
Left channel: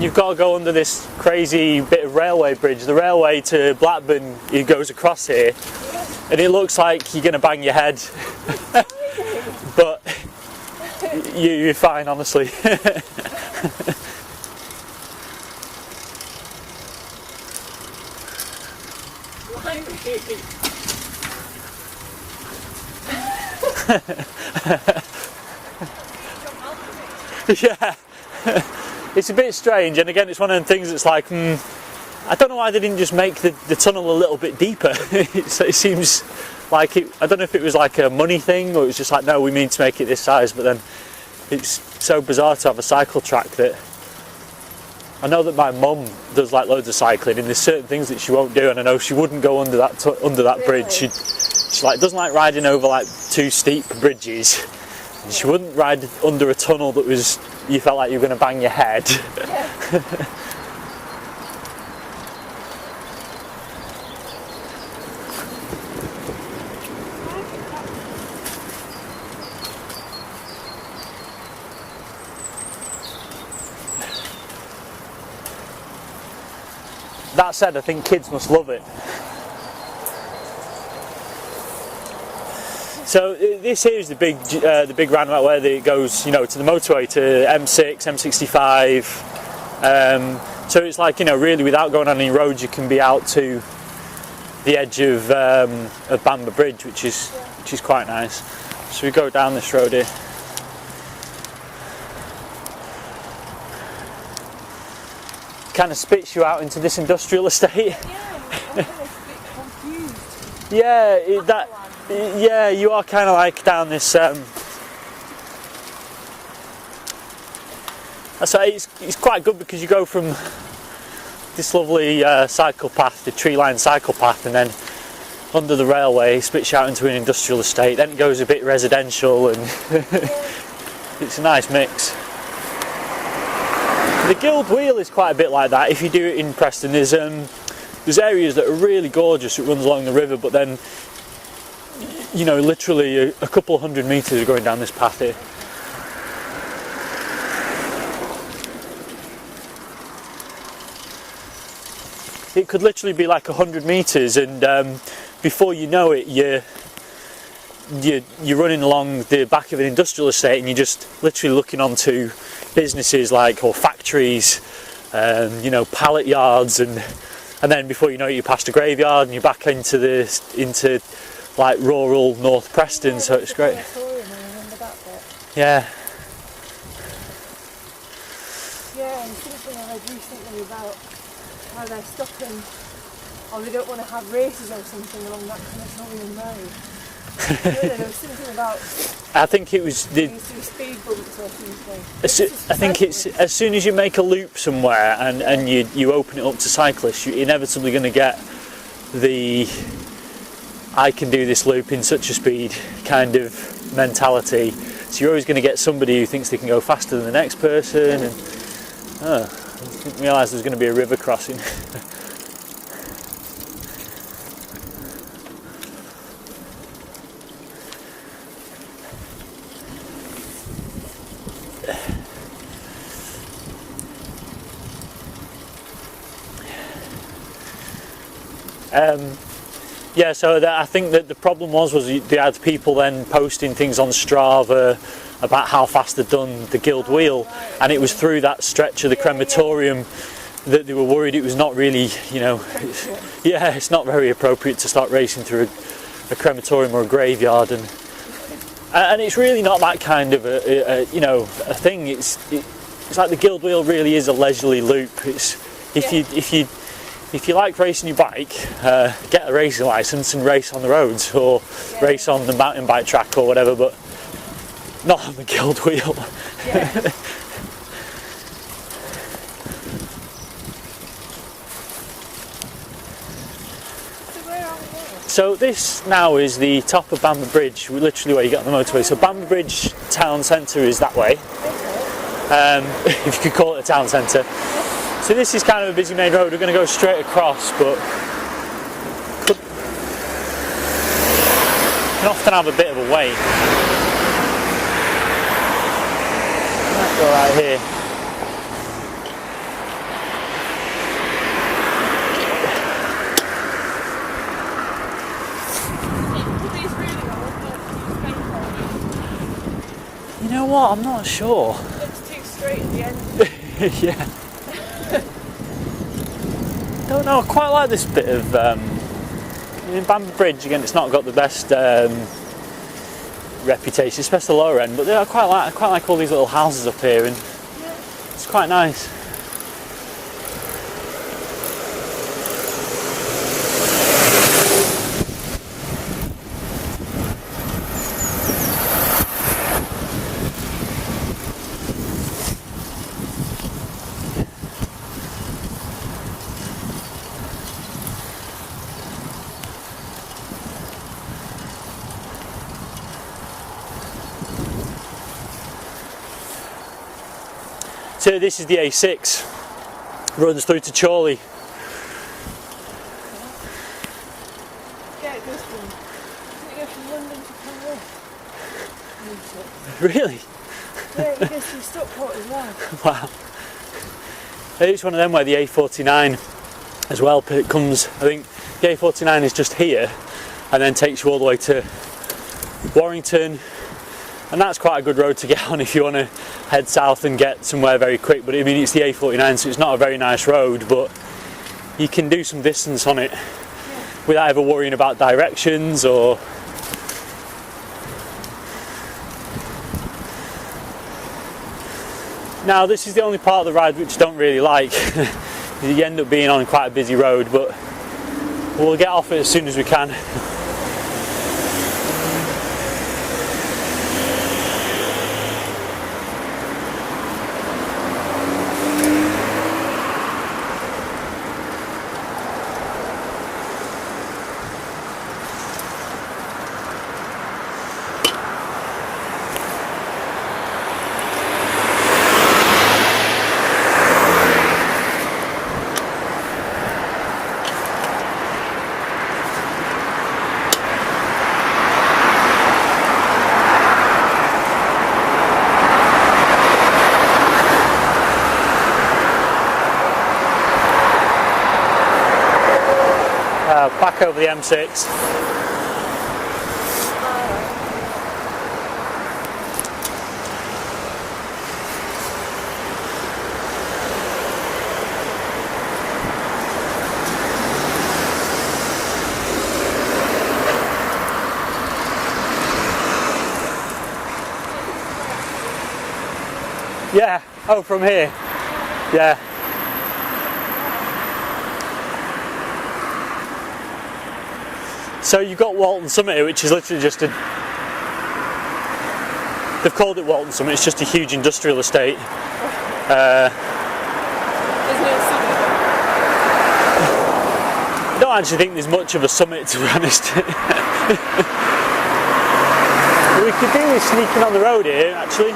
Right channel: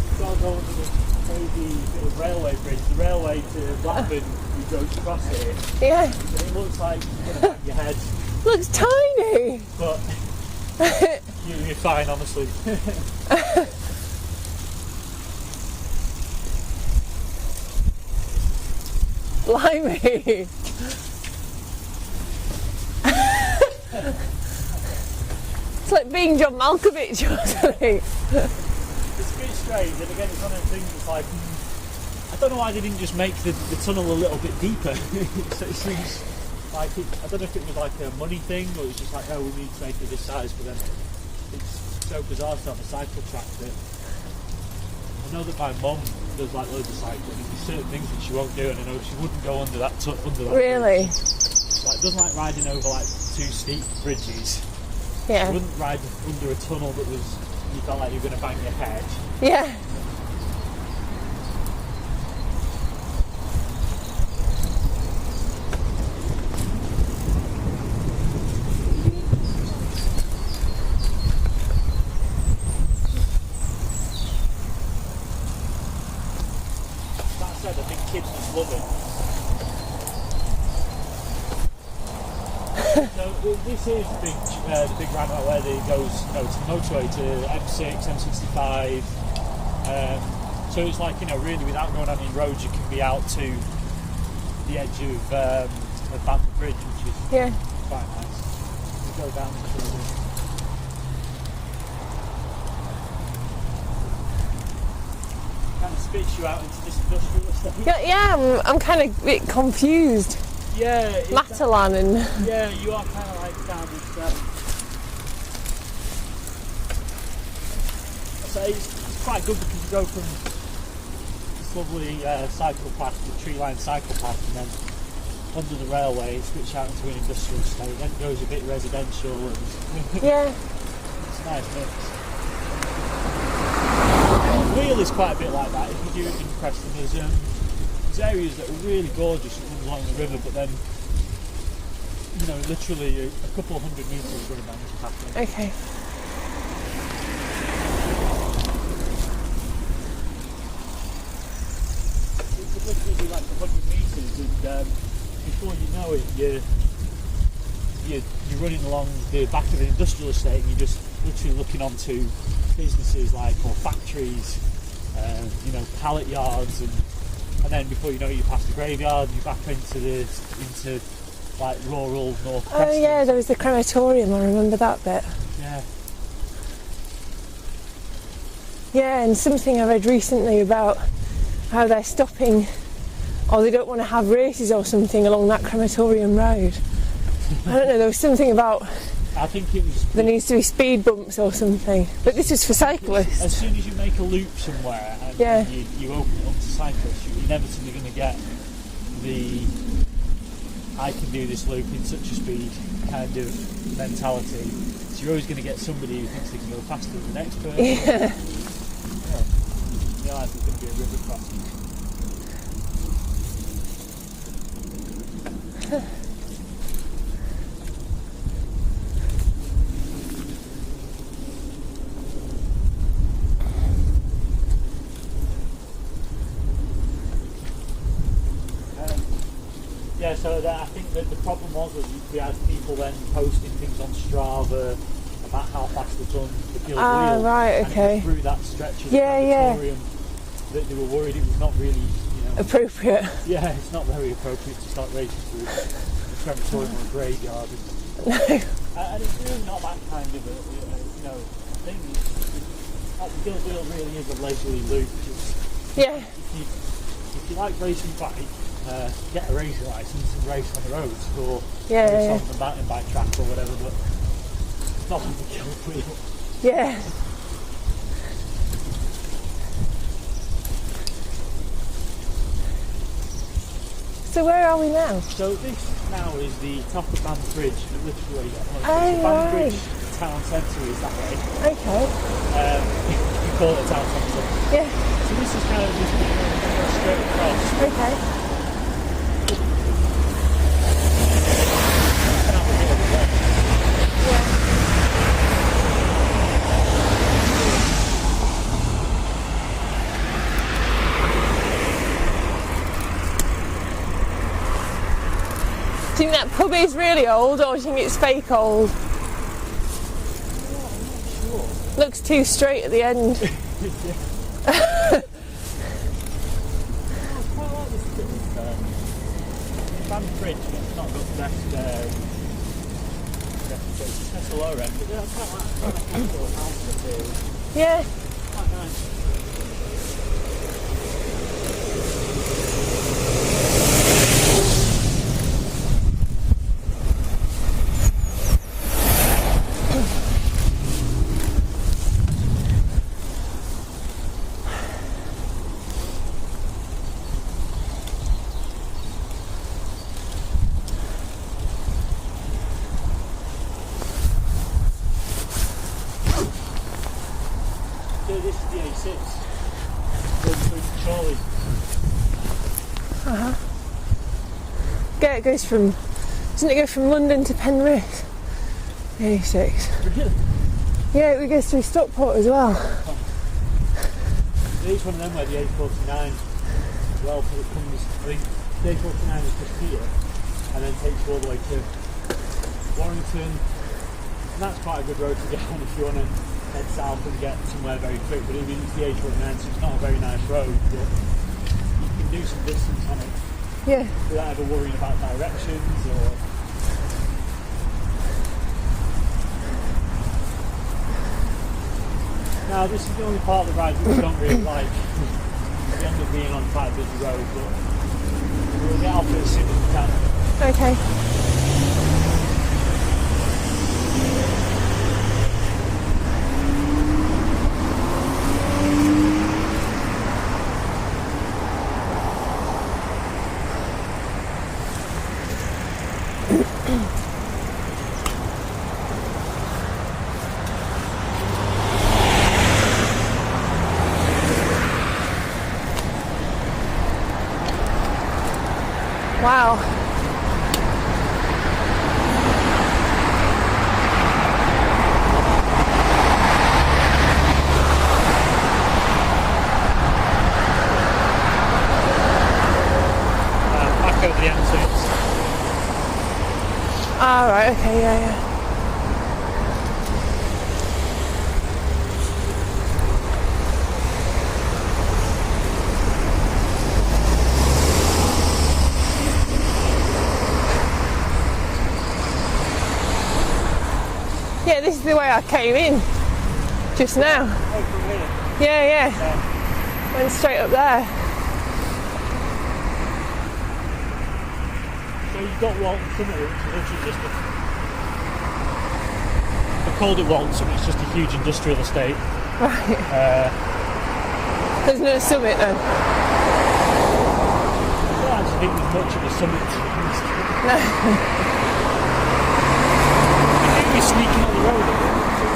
You've got to go under this crazy bit of railway bridge. The railway to Blackburn, it goes across here. Yeah. And it looks like you're going to bang your head. It's tiny. But you're fine, honestly. Blimey. It's like being John Malkovich or something. It's a bit strange, and again, it's one of them things that's like, I don't know why they didn't just make the tunnel a little bit deeper. It seems like I don't know if it was like a money thing, or it was just like, no, we mean to make it this size, but then it's so bizarre to have a cycle track that I know that my mum does like loads of cycling, and there's certain things that she won't do, and I know she wouldn't go under that Really? bridge. She like doesn't like riding over like too steep bridges. Yeah. She wouldn't ride under a tunnel that was, you felt like you were going to bang your head. Yeah. That said, I think kids must love it. So this here is the big roundabout where it goes, to the motorway, to M6, M65. So it's like, really without going on any roads, you can be out to the edge of Bamber Bridge, which is quite nice. So we go down this road here. Kind of spits you out into this industrial estate. Yeah, I'm kind of a bit confused. Yeah, Matalan and yeah, you are kind of like down this. So it's quite good because you go from this lovely cycle path, the tree-lined cycle path, and then under the railway, spits you out into an industrial estate. Then it goes a bit residential, and yeah. it's a nice mix. The Guild Wheel is quite a bit like that. If you do it in Preston, there's areas that are really gorgeous. It runs along the river, but then literally a couple of 100 metres going down this path here. Okay. It could literally be like 100 metres, and before you know it, you're running along the back of an industrial estate, and you're just literally looking onto businesses or factories, pallet yards, and then before you know it, you're past a graveyard and you're back into like rural North Preston. Yeah, so there's it's the great. crematorium. I remember that bit. Yeah. Yeah, and something I read recently about how they're stopping, or they don't want to have races or something along that crematorium road. I don't know. There was something about. I think it was. There needs to be speed bumps or something. But this is for I think cyclists. it's as soon as you make a loop somewhere and you open it up to cyclists, you're inevitably going to get the I can do this loop in such a speed kind of mentality. So you're always going to get somebody who thinks they can go faster than the next person. Yeah. Oh, I didn't realise there was going to be a river crossing. Yeah, so I think that the problem was you had people then posting things on Strava about how fast they'd done the Guild Wheel, right, okay. and it was through that stretch of the crematorium that they were worried it was not really, appropriate. Yeah, it's not very appropriate to start racing through a crematorium or a graveyard, and it's really not that kind of a thing. It's like the Guild Wheel really is a leisurely loop. It's if you like racing your bike, get a racing licence and race on the roads, or race on the mountain bike track or whatever, but not on the Guild Wheel. Yeah. So where are we now? So this now is the top of Bamber Bridge, literally where you get on the motorway. So Bamber right. Bridge town centre is that way, Okay. if you could call it a town centre. Yeah. So this is kind of a busy main road. We're going to go straight across, but Okay. you often have a bit of a wait. Might go right here. Do you think that pub is really old, or do you think it's fake old? You know what? I'm not sure. Looks too straight at the end. Yeah. Don't know. I quite like this bit of. In Bamber Bridge again, it's not got the best reputation, especially the lower end. But I quite like all these little houses up here, and Yeah. it's quite nice. So this is the A6, runs through to Chorley. Yeah, it goes from. Doesn't it go from London to Penrith? A6. Really? Yeah, it goes through Stockport as well. Wow. It's one of them where the A49 as well, but it comes, I think the A49 is just here and then takes you all the way to Warrington, and that's quite a good road to get on if you want to head south and get somewhere very quick. But I mean, it's the A49, so it's not a very nice road, but you can do some distance on it Yeah. without ever worrying about directions or. Now this is the only part of the ride which I don't really like. You end up being on quite a busy road, but we'll get off it as soon as we can. Okay. Wow. Back over the M6. Ah, right, okay, yeah. Yeah, this is the way I came in. Just Yeah. now. Oh, from here. Yeah, yeah. Yeah. And straight up there. So you've got Walton Summit here, which is literally just a. They've called it Walton Summit. It's just a huge industrial estate. Right. There's no summit though. I don't actually think there's much of a summit, to be honest. We could do with sneaking on the road here, actually.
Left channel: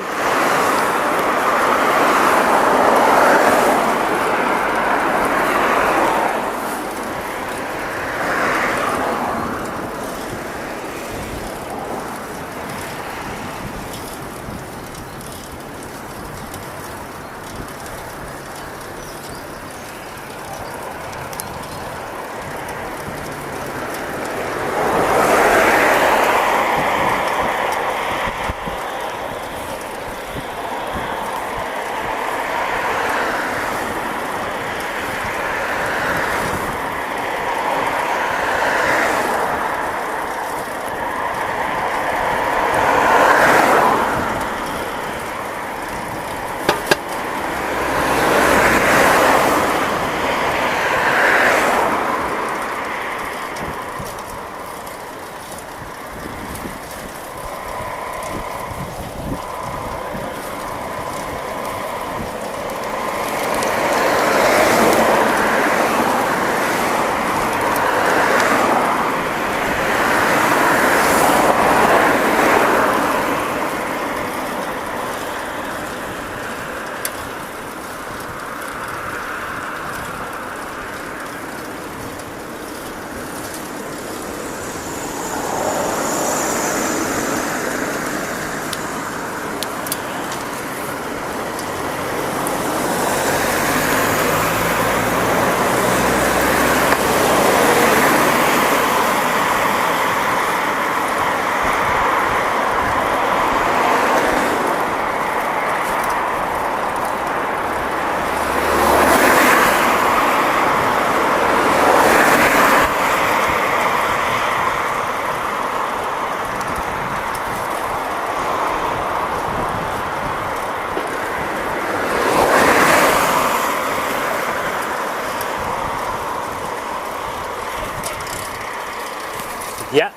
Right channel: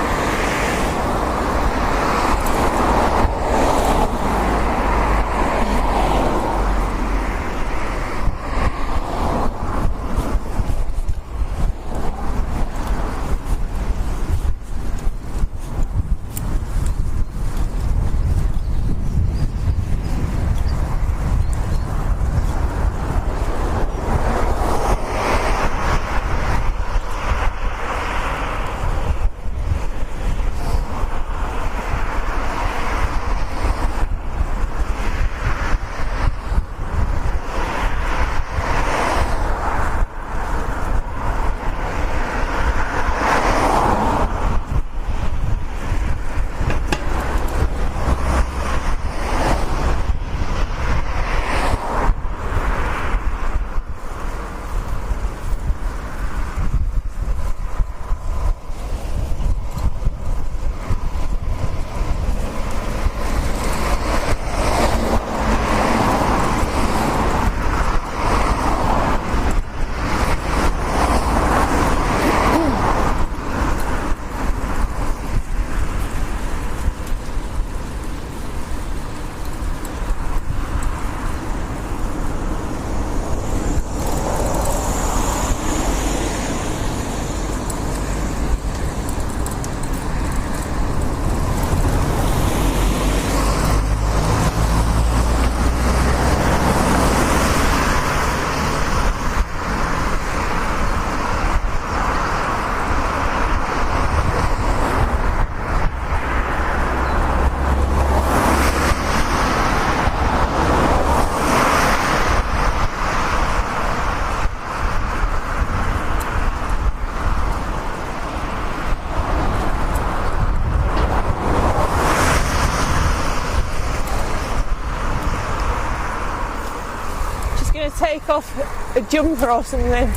jumper or something. Yeah.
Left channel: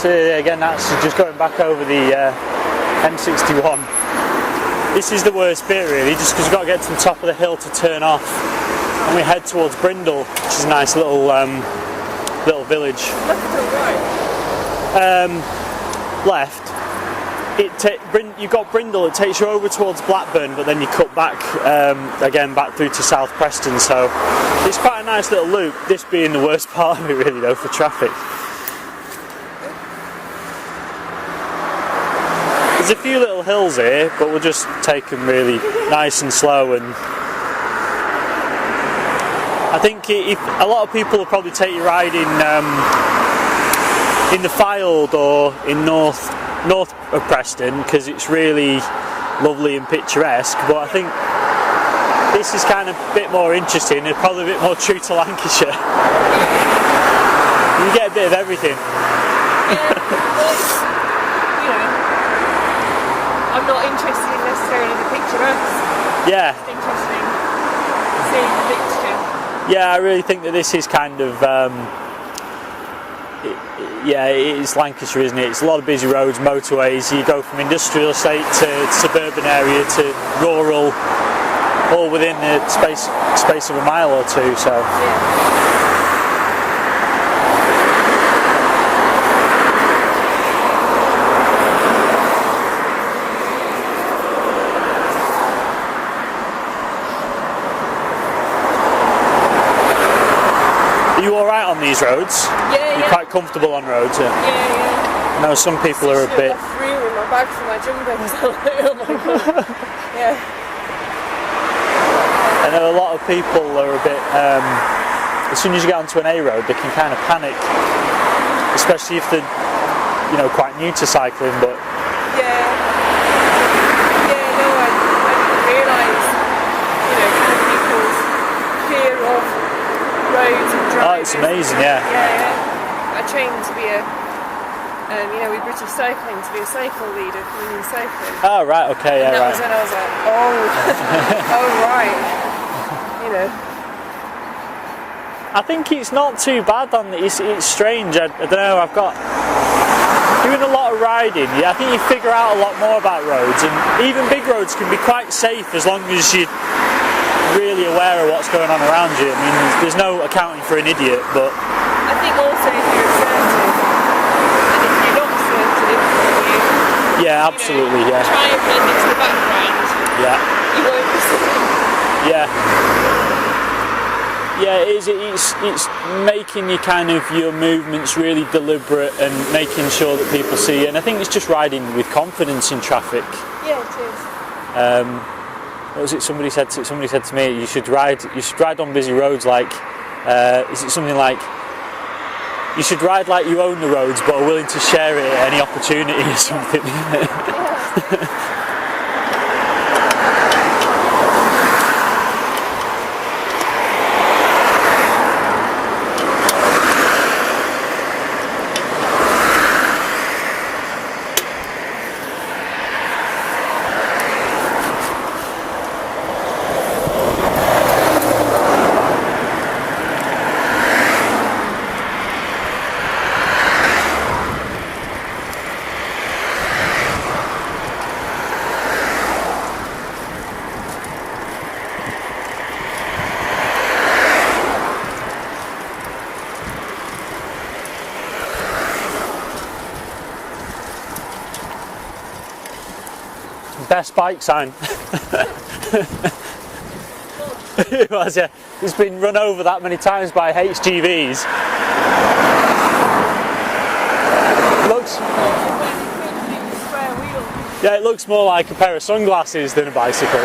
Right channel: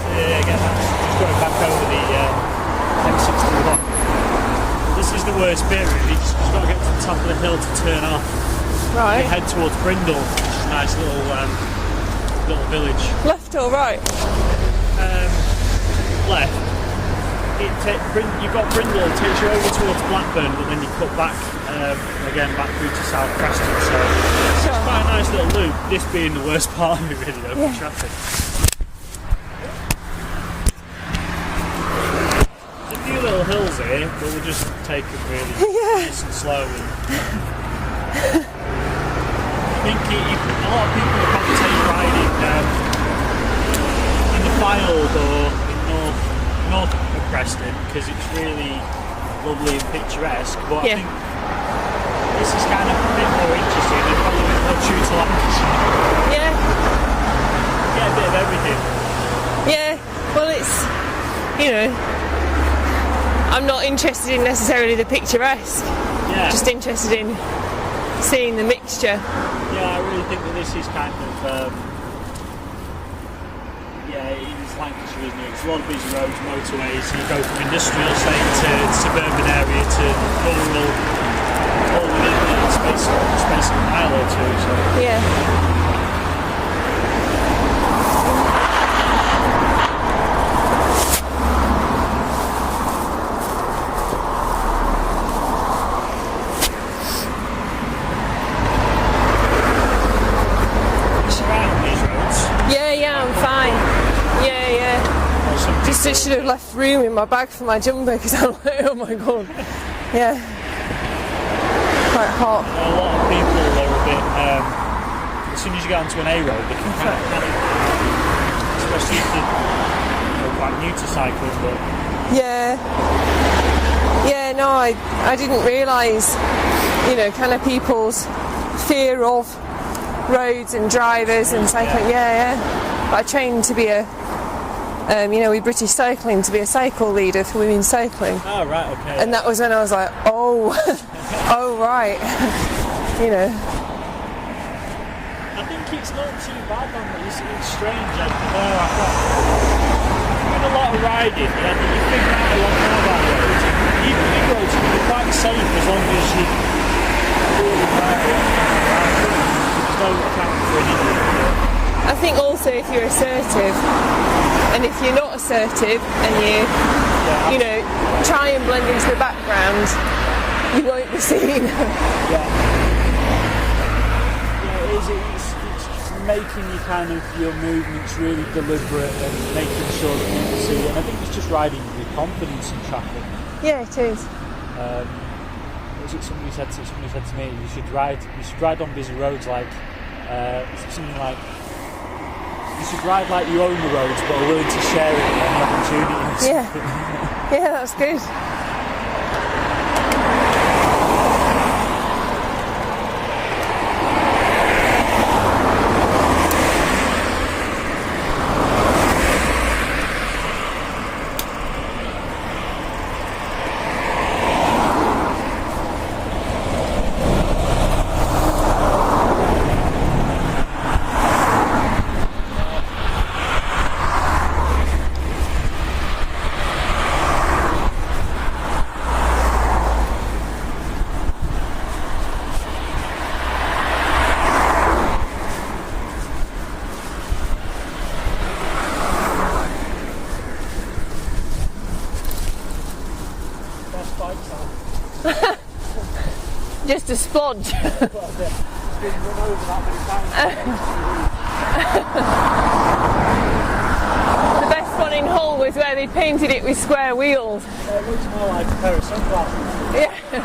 So again, that's just going back over the M61. This is the worst bit really, just because we've got to get to the top of the hill to turn off. Right. And we head towards Brindle, which is a nice little little village. Left or right? Left. You've got Brindle, it takes you over towards Blackburn, but then you cut back again back through to South Preston, so it's quite a nice little loop, this being the worst part of it really though, for traffic. There's a few little hills here, but we'll just take them really nice and slow. And I think a lot of people will probably take riding in the Fylde or in north of Preston because it's really lovely and picturesque. But I think this is kind of a bit more interesting and probably a bit more true to Lancashire. Yeah. You get a bit of everything. Yeah. Well, it's, you know, I'm not interested in necessarily the picturesque. Yeah. I'm just interested in seeing the mixture. Yeah, I really think that this is kind of, it is Lancashire, isn't it? It's a lot of busy roads, motorways. You go from industrial estate to suburban area to rural, all within the space of a mile or two. So Yeah. roads. Yeah, You're quite comfortable fine. on roads. Yeah. No, some people Just are a should bit. have left room in my bag for my jumper because I'm like, oh my god. Yeah. Quite hard. And then a lot of people are a bit. As soon as you get onto an A road, they can kind of panic, especially if they're, quite new to cycling. But Yeah. Yeah. No, I didn't realise, kind of people's fear of roads and drivers amazing, and cycling. yeah. I trained to be with British Cycling to be a cycle leader for women cycling. Oh right, okay. And that was when I was like, oh, oh right, I think it's not too bad. It's strange. I don't know. I've got doing a lot of riding. Yeah, I think you figure out a lot more about roads, and even big roads can be quite safe as long as you're really aware of what's going on around you. I mean, there's no accounting for an idiot, but I think also if you're assertive, and if you're not assertive, then absolutely, try and manage the background. Yeah. You won't be seeing them. Yeah, it's making your movements really deliberate and making sure that people see you. And I think it's just riding with confidence in traffic. Yeah, it is. What was it? Somebody said to me, you should ride on busy roads like. Is it something like? You should ride like you own the roads, but are willing to share it at any opportunity or something. Yeah, that's good. Best bike sign. Just a spot. It was, yeah. It's been run over that many times by HGVs. One in Hull was where they painted it with square wheels. Yeah, it looks more like a pair of sunglasses than a bicycle.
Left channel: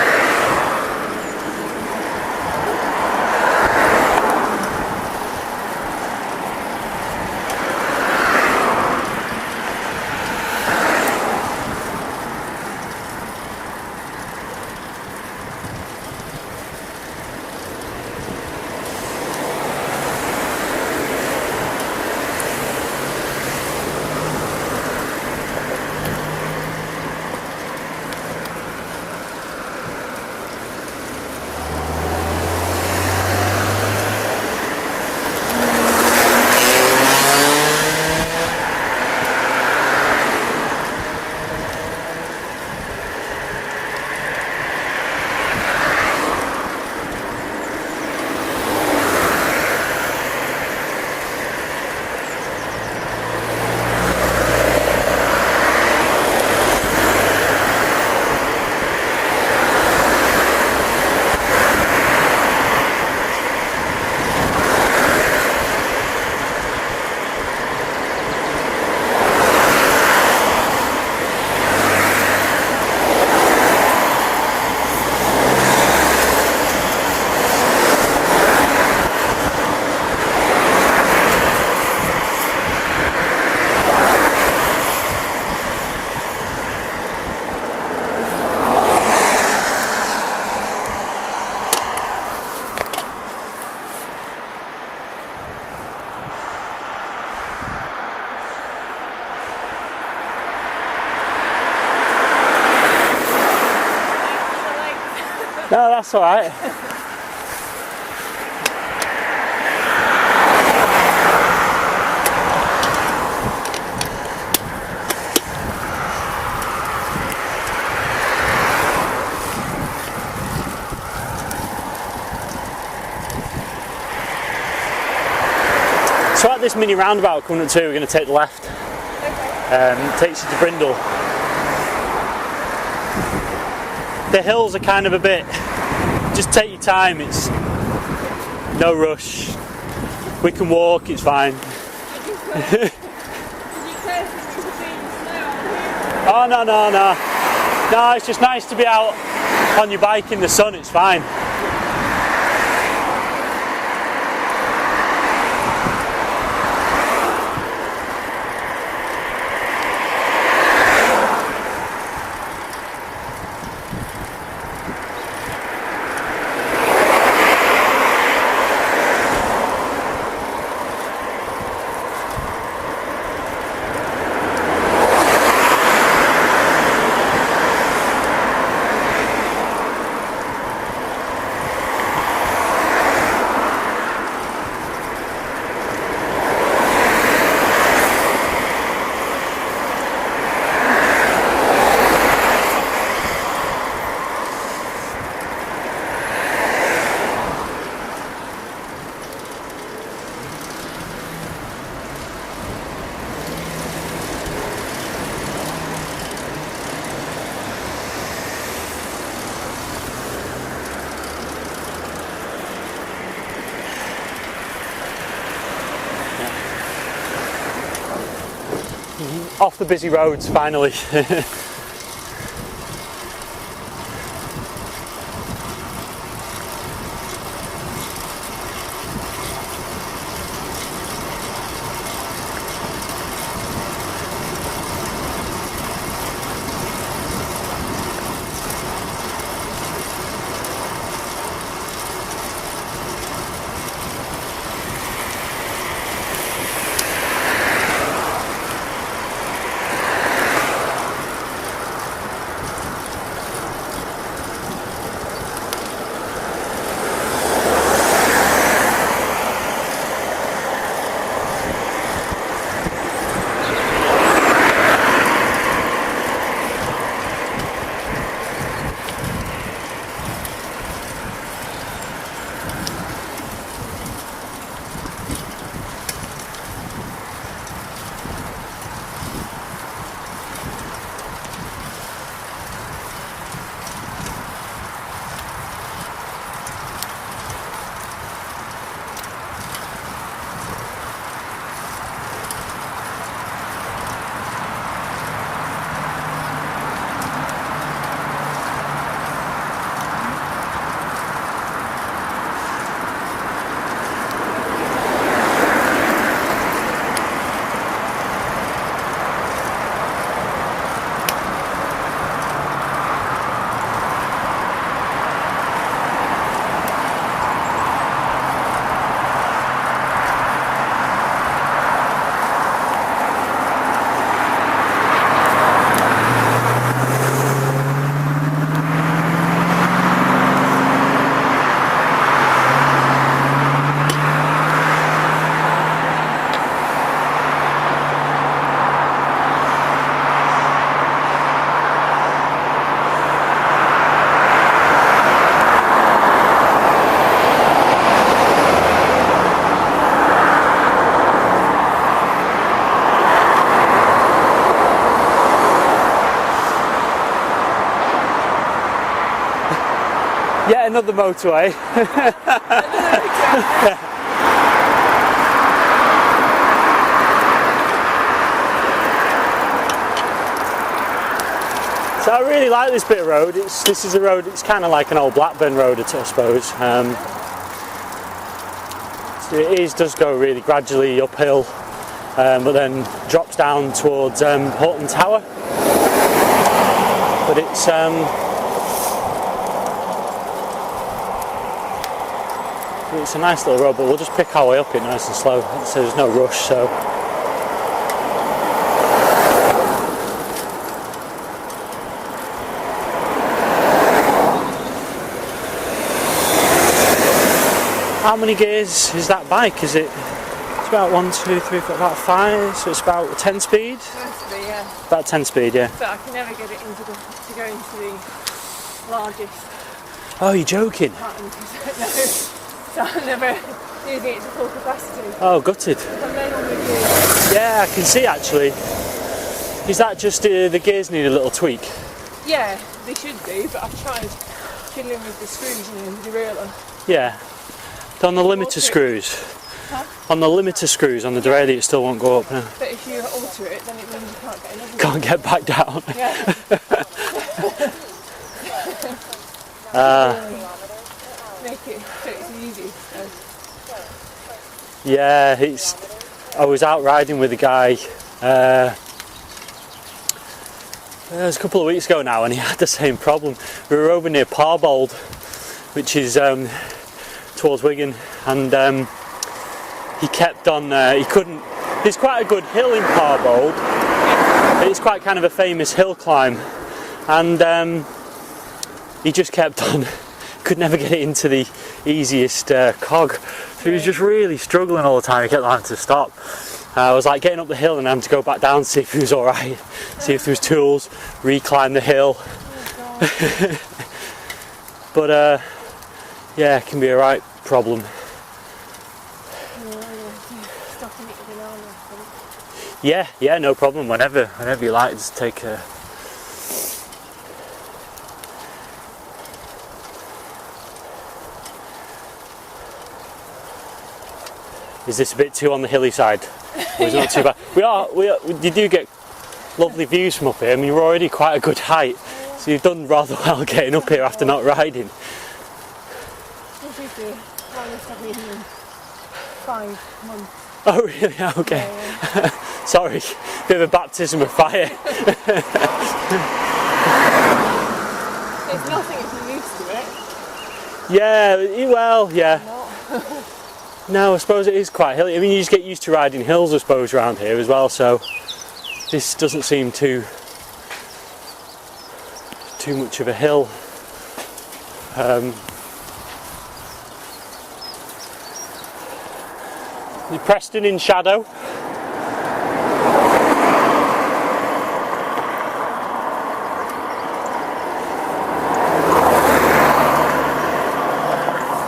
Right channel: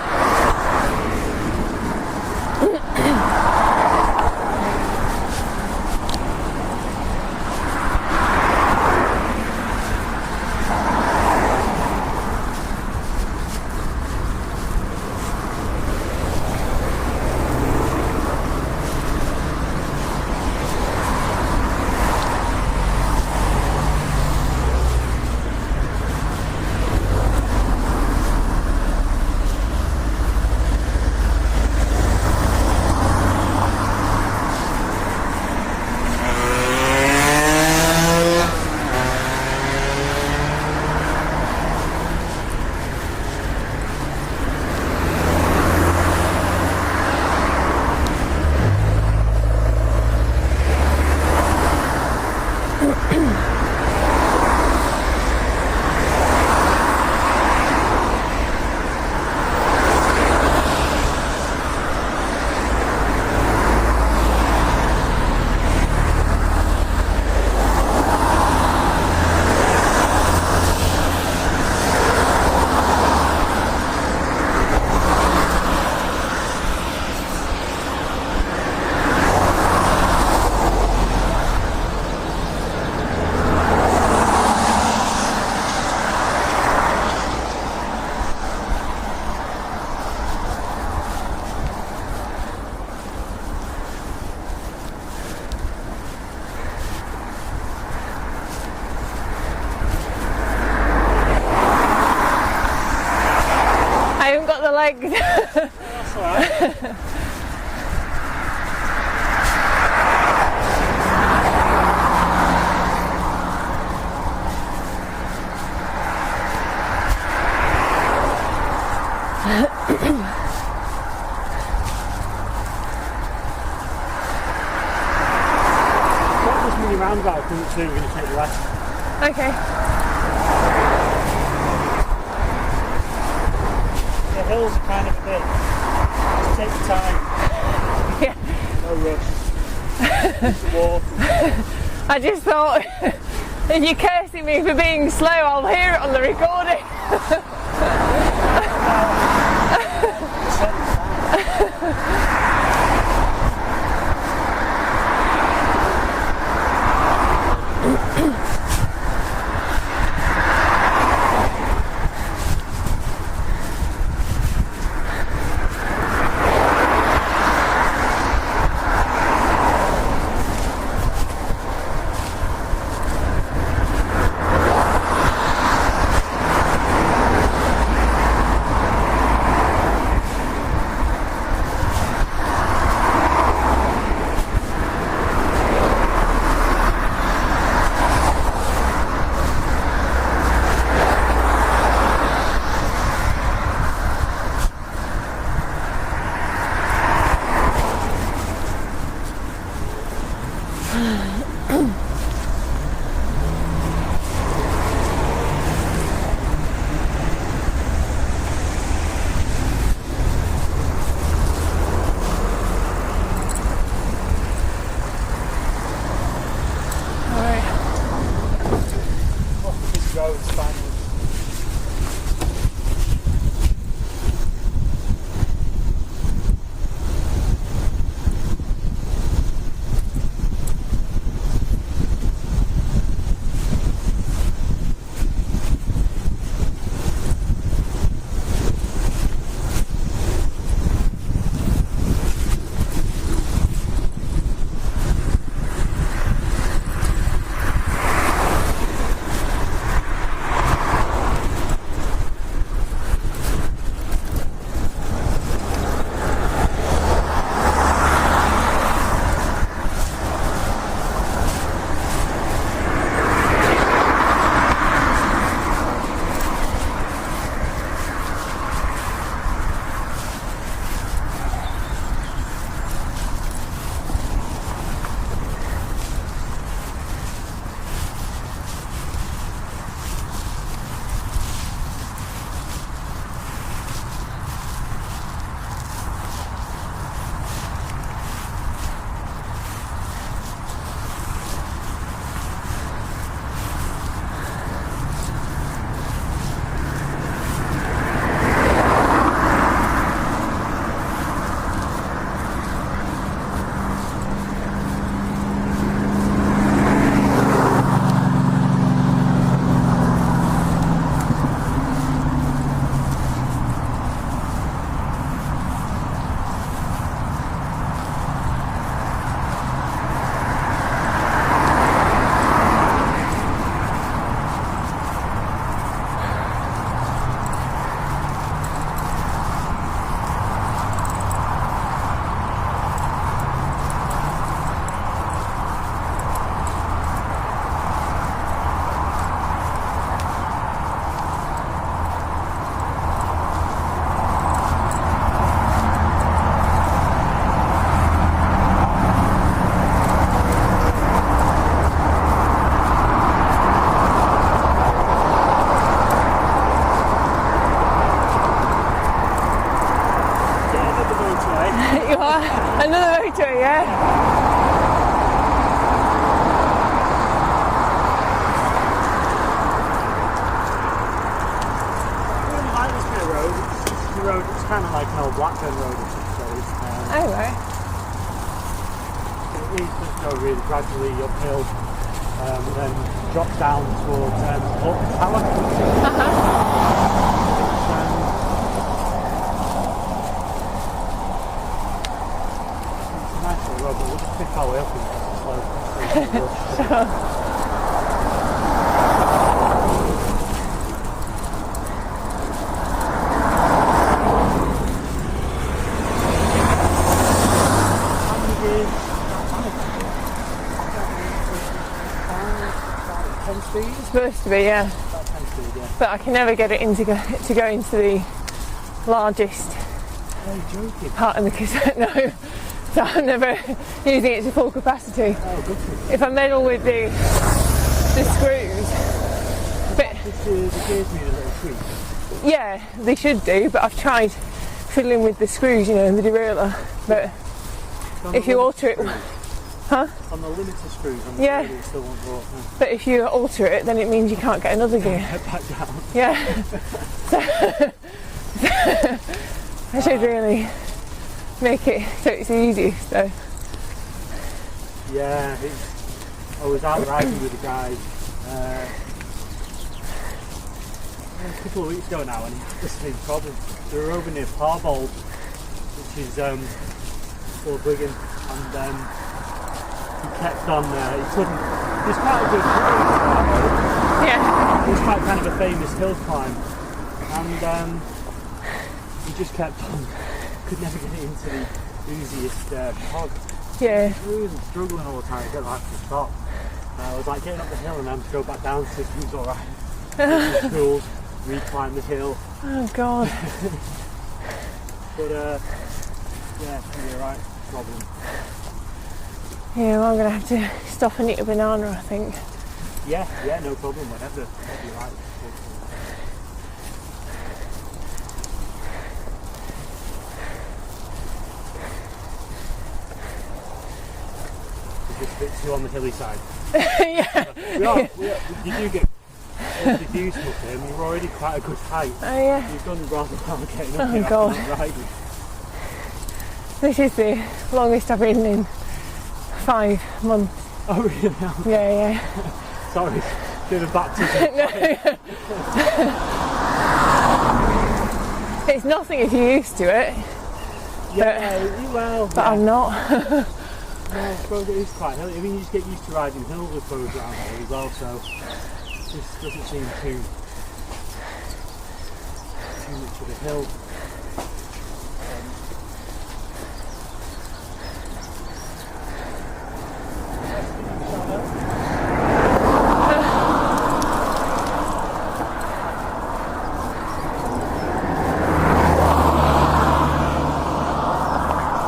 That's all right. So at this mini roundabout coming up to, we're going to take the left. Okay. It takes you to Brindle. The hills are kind of a bit, just take your time, it's no rush. We can walk, it's fine. I just thought, if you're cursing me for being slow, I'll hear it on the Oh, recording. no. No, it's just nice to be out on your bike in the sun, it's fine. Off the busy roads, finally. Another motorway. Another motorway, yeah. So I really like this bit of road. This is a road, it's kind of like an old Blackburn road, I suppose. Oh, right. So it does go really gradually uphill, but then drops down towards Horton Tower. But it's a nice little road, but we'll just pick our way up it nice and slow, so there's no rush. So. gears is that bike? Is it? It's about 1, 2, 3, 4, about 5. So it's about 10 speed. It's supposed to be, yeah. About 10 speed, yeah. But I can never get it to go into the largest. Oh, you're joking? Part of the cassette, no. So I'm never using it to full capacity. Oh, gutted. If I meddle with the Yeah, I can see actually. screws, Is that just the gears need a little tweak? yeah, they should do, but I've tried fiddling with the screws, you know, the derailleur. Yeah. On the If you limiter alter it- screws. Huh? On the limiter screws, on the Yeah. derailleur, it still won't go up. No. But if you alter it, then it means you can't get another Can't gear. get back down. Yeah. You should really make it so it's easy. So Yeah, I was out riding with a guy. It was a couple of weeks ago now, and he had the same problem. We were over near Parbold, which is towards Wigan, and he kept on. He couldn't. There's quite a good hill in Parbold. yeah, It's quite kind of a famous hill climb, and he just kept on. Could never get it into the easiest cog. He was Yeah. just really struggling all the time. He kept having to stop. I was like getting up the hill and having to go back down to see if he was all right, see if there was tools, reclimb the hill. oh god, But yeah, it can be a right problem. yeah. Well, I'm gonna have to stop and eat a banana, I think. Yeah, no problem. Whenever you like, just take a. Is this a bit too on the hilly side? Or is it not too bad? You do get lovely views from up here. I mean, you're already quite a good height, Oh yeah. so you've done rather well getting up Oh, here after God. not riding. This is the longest I've been in 5 months. Oh really? Okay. Yeah, yeah. Sorry, bit of a baptism of fire. It's nothing if you're used to it. Yeah, well, But yeah. I'm not. No, I suppose it is quite hilly. I mean, you just get used to riding hills, I suppose, around here as well. So this doesn't seem too much of a hill. Is Preston in shadow?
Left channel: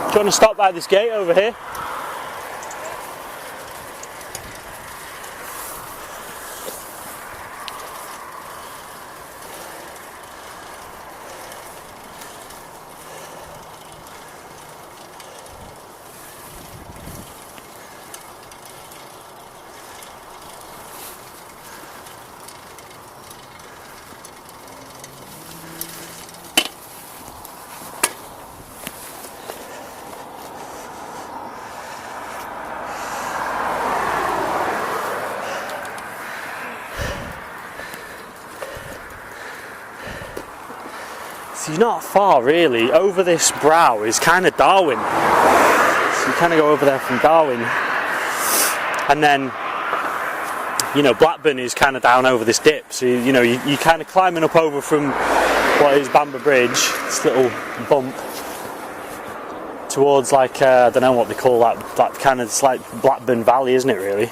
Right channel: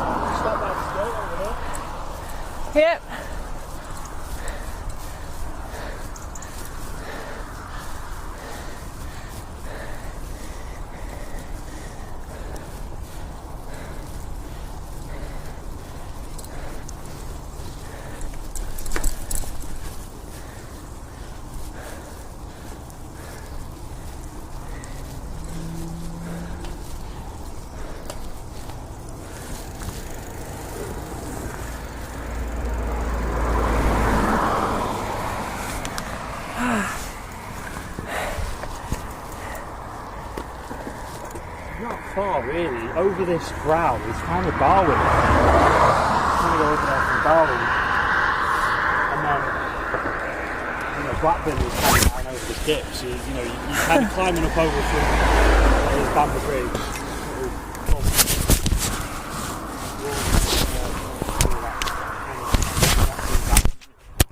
Do you want to stop by this gate over here? Yeah. So you're not far really. Over this brow is kind of Darwin. So you kind of go over there from Darwin. And then, you know, Blackburn is kind of down over this dip. So, you know, you're kind of climbing up over from what is Bamber Bridge, this little bump, towards like, I don't know what they call that kind of, it's like Blackburn Valley, isn't it really?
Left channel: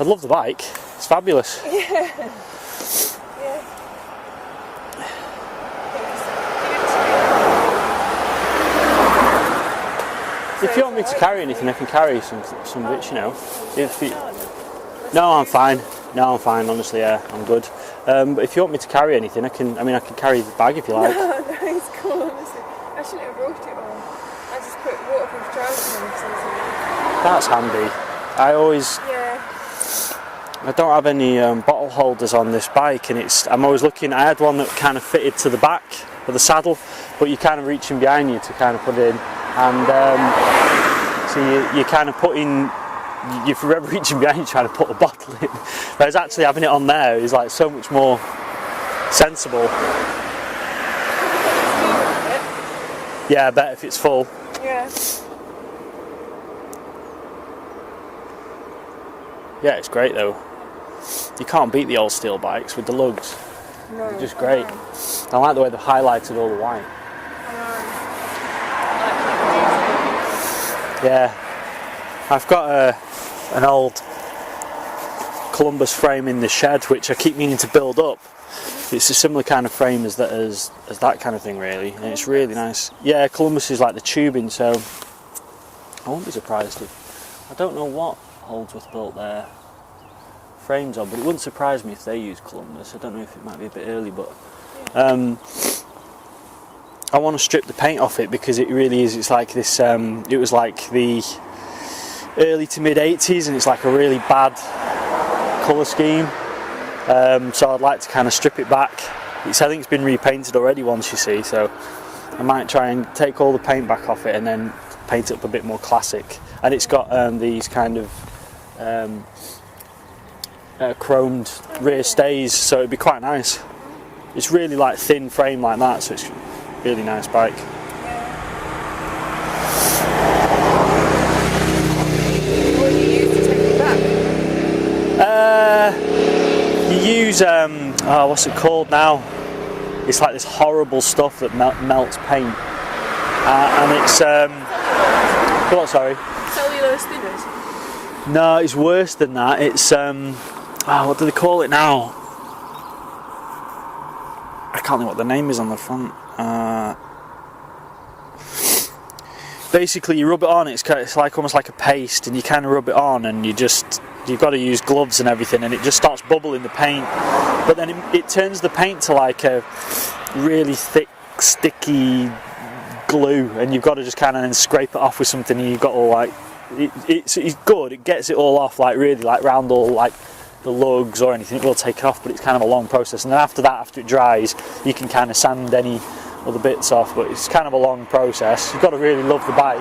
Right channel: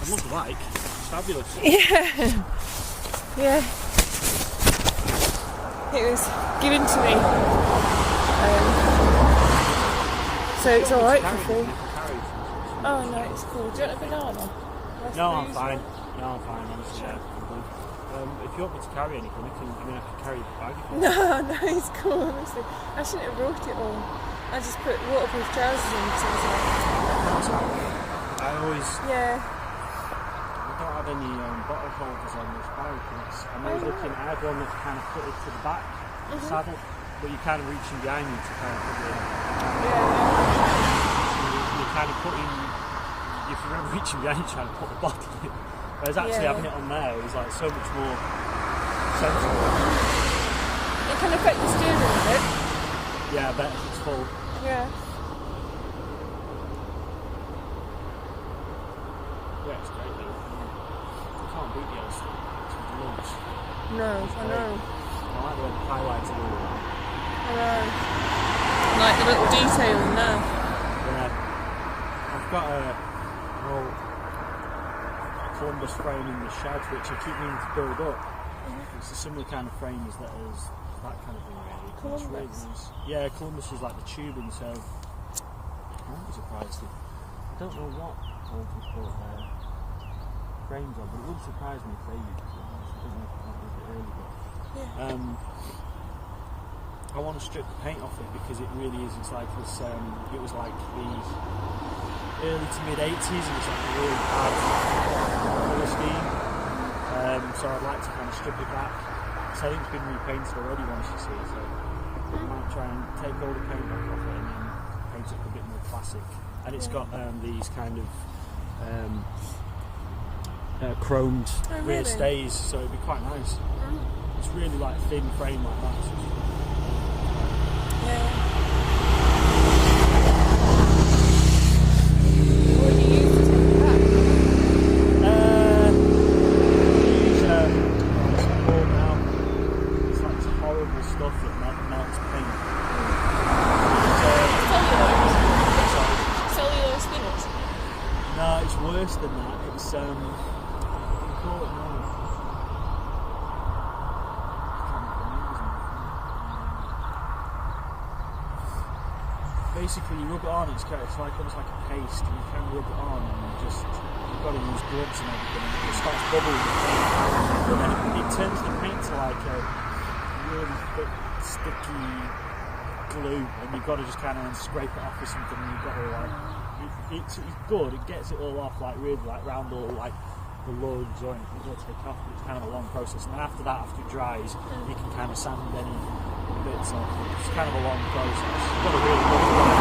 I'd love the bike. It's fabulous. Yeah. Yeah. It was given to me. So If you it's want me to alright carry for anything, free. I can carry some bits, you know. nice. If you- No, I'm fine. No, I'm fine. Honestly, yeah, I'm good. But if you want me to carry anything, I can carry the bag if you like. Oh, no, it's cool, honestly. I shouldn't have brought it all. I just put waterproof trousers in something. That's handy. Yeah. I don't have any bottle holders on this bike, and I'm always looking. I had one that kind of fitted to the back of the saddle, but you're kind of reaching behind you to kind of put it in, and so you kind of put in. You're forever reaching behind you trying to put the bottle in. Whereas actually having it on there is like so much more sensible. Can I put the steering on it? Yeah, I bet if it's full. Yeah. Yeah, it's great though. You can't beat the old steel bikes with the lugs. No. Just great. I like the way they've highlighted all the white. Like the little detail in that. Yeah. I've got an old Columbus frame in the shed which I keep meaning to build up. It's a similar kind of frame as that kind of thing, really, and it's really nice. Yeah, Columbus is like the tubing, so I won't be surprised if I don't know what Holdsworth built their frames on, but it wouldn't surprise me if they use Columbus. I don't know if it might be a bit early, but I want to strip the paint off it because it really is. It's like this. It was like the early to mid 80s, and it's like a really bad colour scheme. So I'd like to kind of strip it back. I think it's been repainted already once, you see, so I might try and take all the paint back off it and then paint it up a bit more classic. And it's got these kind of chromed rear stays, so it'd be quite nice. It's really like thin frame like that, so it's a really nice bike. What do you use to take it back? You use what's it called now? It's like this horrible stuff that melts paint, and it's what? Sorry. Cellulose thinners. No, it's worse than that. It's what do they call it now? I can't think what the name is on the front. Basically, you rub it on. It's like almost like a paste, and you kind of rub it on, and you've got to use gloves and everything, and it just starts bubbling the paint. But then it turns the paint to like a really thick, sticky glue, and you've got to just kind of then scrape it off with something, and you've got all like it's good. It gets it all off, like really like round all like the lugs or anything. It will take it off, but it's kind of a long process. And then after that, after it dries, you can kind of sand any other bits off. But it's kind of a long process. You've got to really love the bike.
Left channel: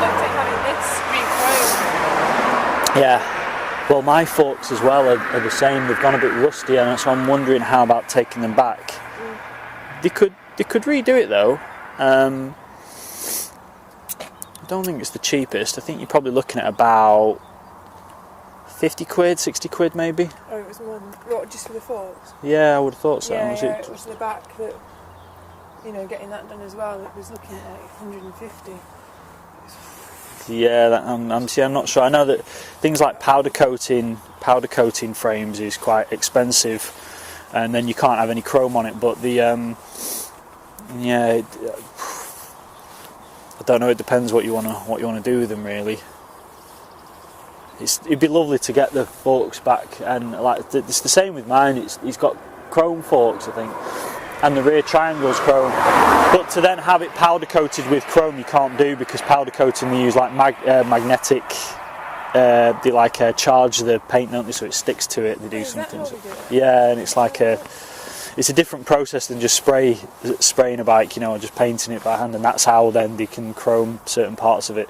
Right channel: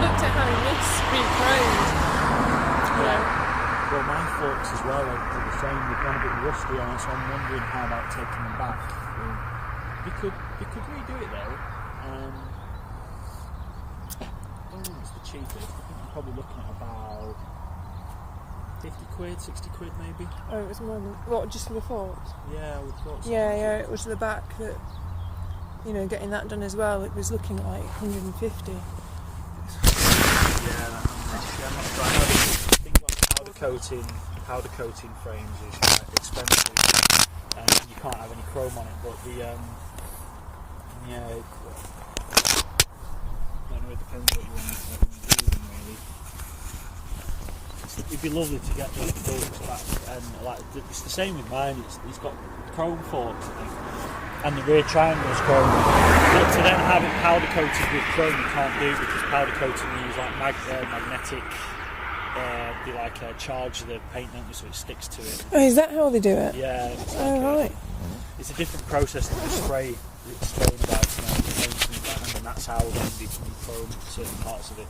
Looked at having this re-chromed. Yeah. Well, my forks as well are the same. They've gone a bit rusty, and so I'm wondering how about taking them back. They could redo it though. I don't think it's the cheapest. I think you're probably looking at about 50 quid, 60 quid maybe. Oh, it was more than what, just for the forks? Yeah, I would have thought so. Yeah, it was the back that, getting that done as well. It was looking at like 150. Yeah, I'm not sure. I know that things like powder coating frames is quite expensive, and then you can't have any chrome on it. But the I don't know. It depends what you want to do with them, really. It'd be lovely to get the forks back, and like it's the same with mine. He's got chrome forks, I think, and the rear triangle's chrome. But to then have it powder coated with chrome, you can't do, because powder coating they use like magnetic. They like charge the paint, don't they, so it sticks to it. Is that how they do it? Yeah, and it's like it's a different process than just spraying a bike, and just painting it by hand, and that's how then they can chrome certain parts of it.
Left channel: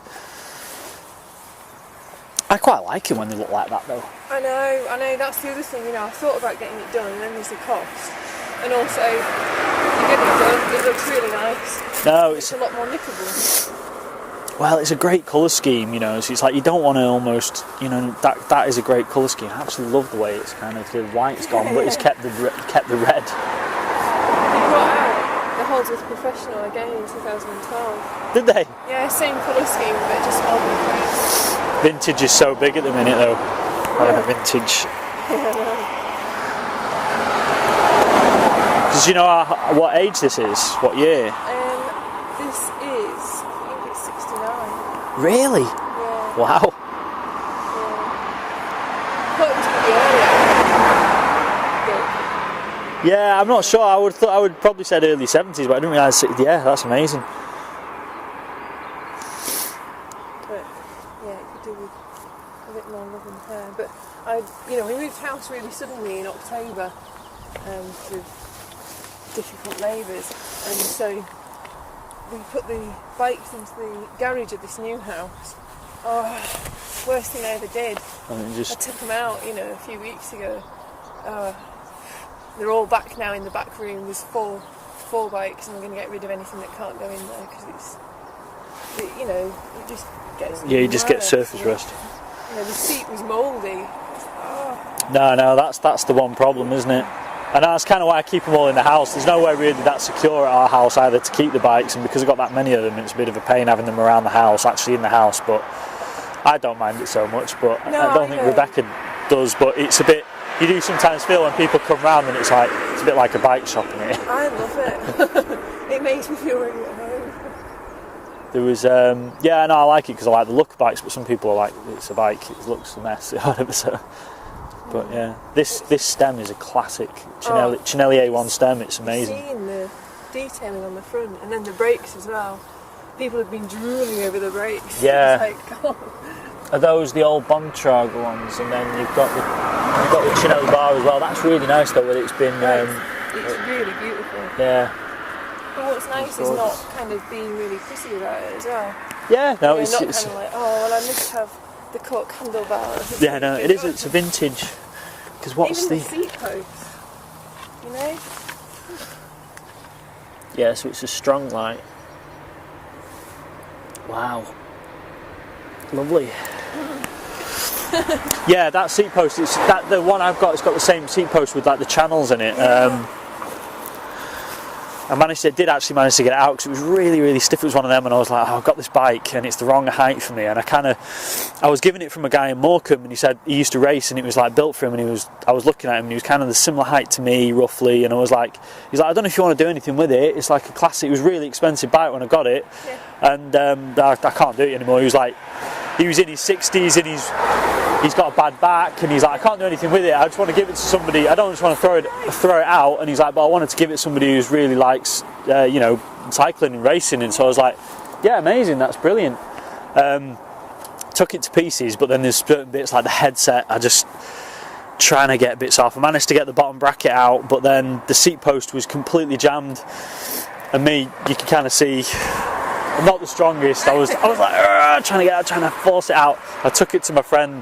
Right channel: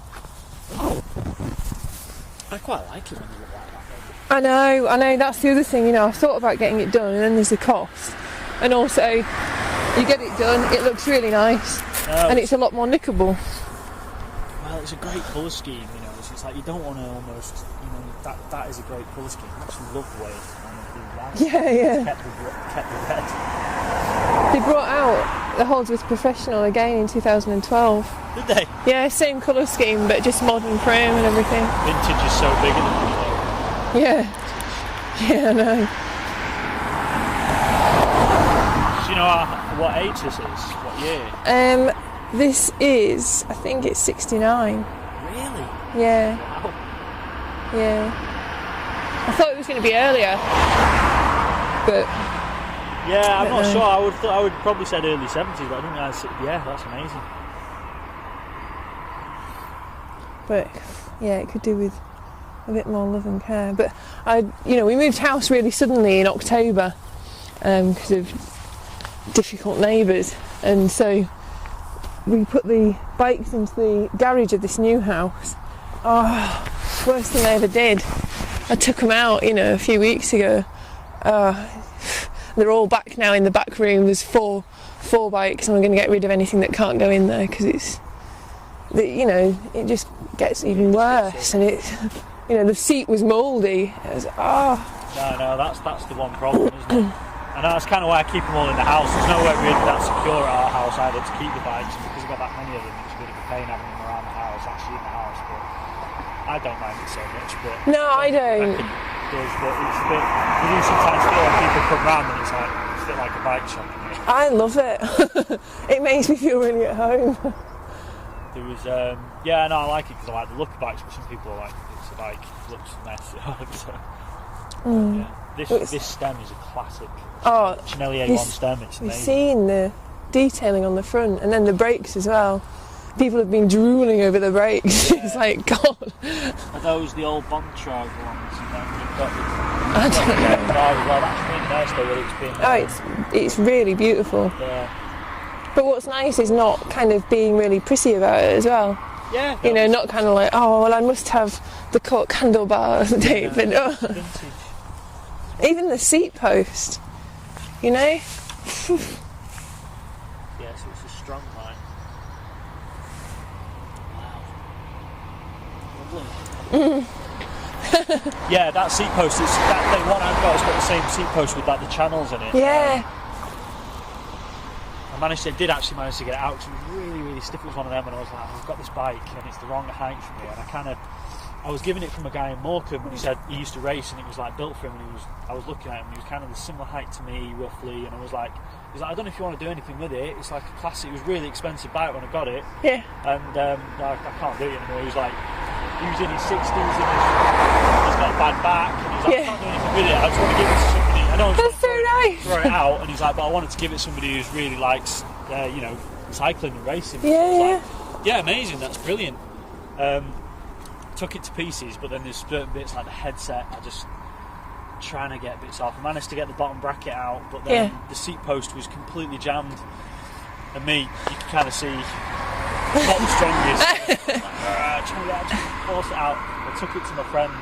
I quite like it when they look like that though. I know, that's the other thing, I've thought about getting it done, and then there's the cost. And also, you get it done, it looks really nice. And it's a lot more nickable. Well, it's a great colour scheme, so it's like you don't want to almost, that is a great colour scheme. I actually love the way it's kind of, the white's gone, but it's kept the red. They brought out the Holdsworth Professional again in 2012. Did they? Yeah, same colour scheme, but just modern frame and everything. Vintage is so big at the minute though. Yeah. Vintage. Yeah, I know. Does you know what age this is? What year? This is, I think it's 69. Really? Yeah. Wow. Yeah. I thought it was going to be earlier, but... Yeah, I'm not sure. I would probably said early 70s, but I didn't realise. Yeah, that's amazing. But yeah, it could do with a bit more love and care. But we moved house really suddenly in October because of difficult neighbours, and so we put the bikes into the garage of this new house. Oh, worst thing I ever did. I took them out, a few weeks ago. They're all back now in the back room. There's four bikes, and I'm going to get rid of anything that can't go in there, because it just gets even you just worse. get surface. The seat was mouldy. I was like, No, that's the one problem, isn't it? And that's kind of why I keep them all in the house. There's nowhere really that secure at our house either to keep the bikes, and because I've got that many of them, it's a bit of a pain having them around the house, actually in the house. But I don't mind it so much. But No, I don't think Rebecca does. But it's a bit. You do sometimes feel when people come round and it's a bit like a bike shop in here. I love it. It makes me feel really at home. There was, yeah, no, I like it because I like the look of bikes, but some people are like, it's a bike, it looks a mess, whatever. So, but yeah, this stem is a classic Chinelli A1 stem. It's amazing. You're seeing the detailing on the front, and then the brakes as well. People have been drooling over the brakes. Yeah. It's like, God. Are those the old Bontrager ones? And then you've got the Chinelli bar as well. That's really nice though, that it's been. It's really beautiful. Yeah. But what's nice is not kind of being really prissy about it as well. Yeah. No, not kind of like, oh, well, I must have the cork handlebar. Yeah, no, it is, it's a vintage. Even the seat post, you know? Yeah, so it's a strong light. Wow. Lovely. Yeah, that seat post, the one I've got has got the same seat post with like the channels in it. Yeah. I did actually manage to get it out because it was really, really stiff. It was one of them, and I was like, oh, I've got this bike and it's the wrong height for me. And I was given it from a guy in Morecambe, and he said he used to race and it was like built for him. And I was looking at him, and he was kind of the similar height to me, roughly. And I was like, he's like, I don't know if you want to do anything with it. It's like a classic. It was a really expensive bike when I got it. Yeah. And I can't do it anymore. He was in his 60s and he's got a bad back, and he's like, I can't do anything with it. I just want to give it to somebody. I don't just want to throw it out. And he's like, but I wanted to give it to somebody who's really likes, cycling and racing. And so I was like, yeah, amazing. That's brilliant. Took it to pieces, but then there's certain bits like the headset. I just trying to get bits off. I managed to get the bottom bracket out, but then the seat post was completely jammed. And me, you can kind of see. Not the strongest. I was like trying to force it out. I took it to my friend.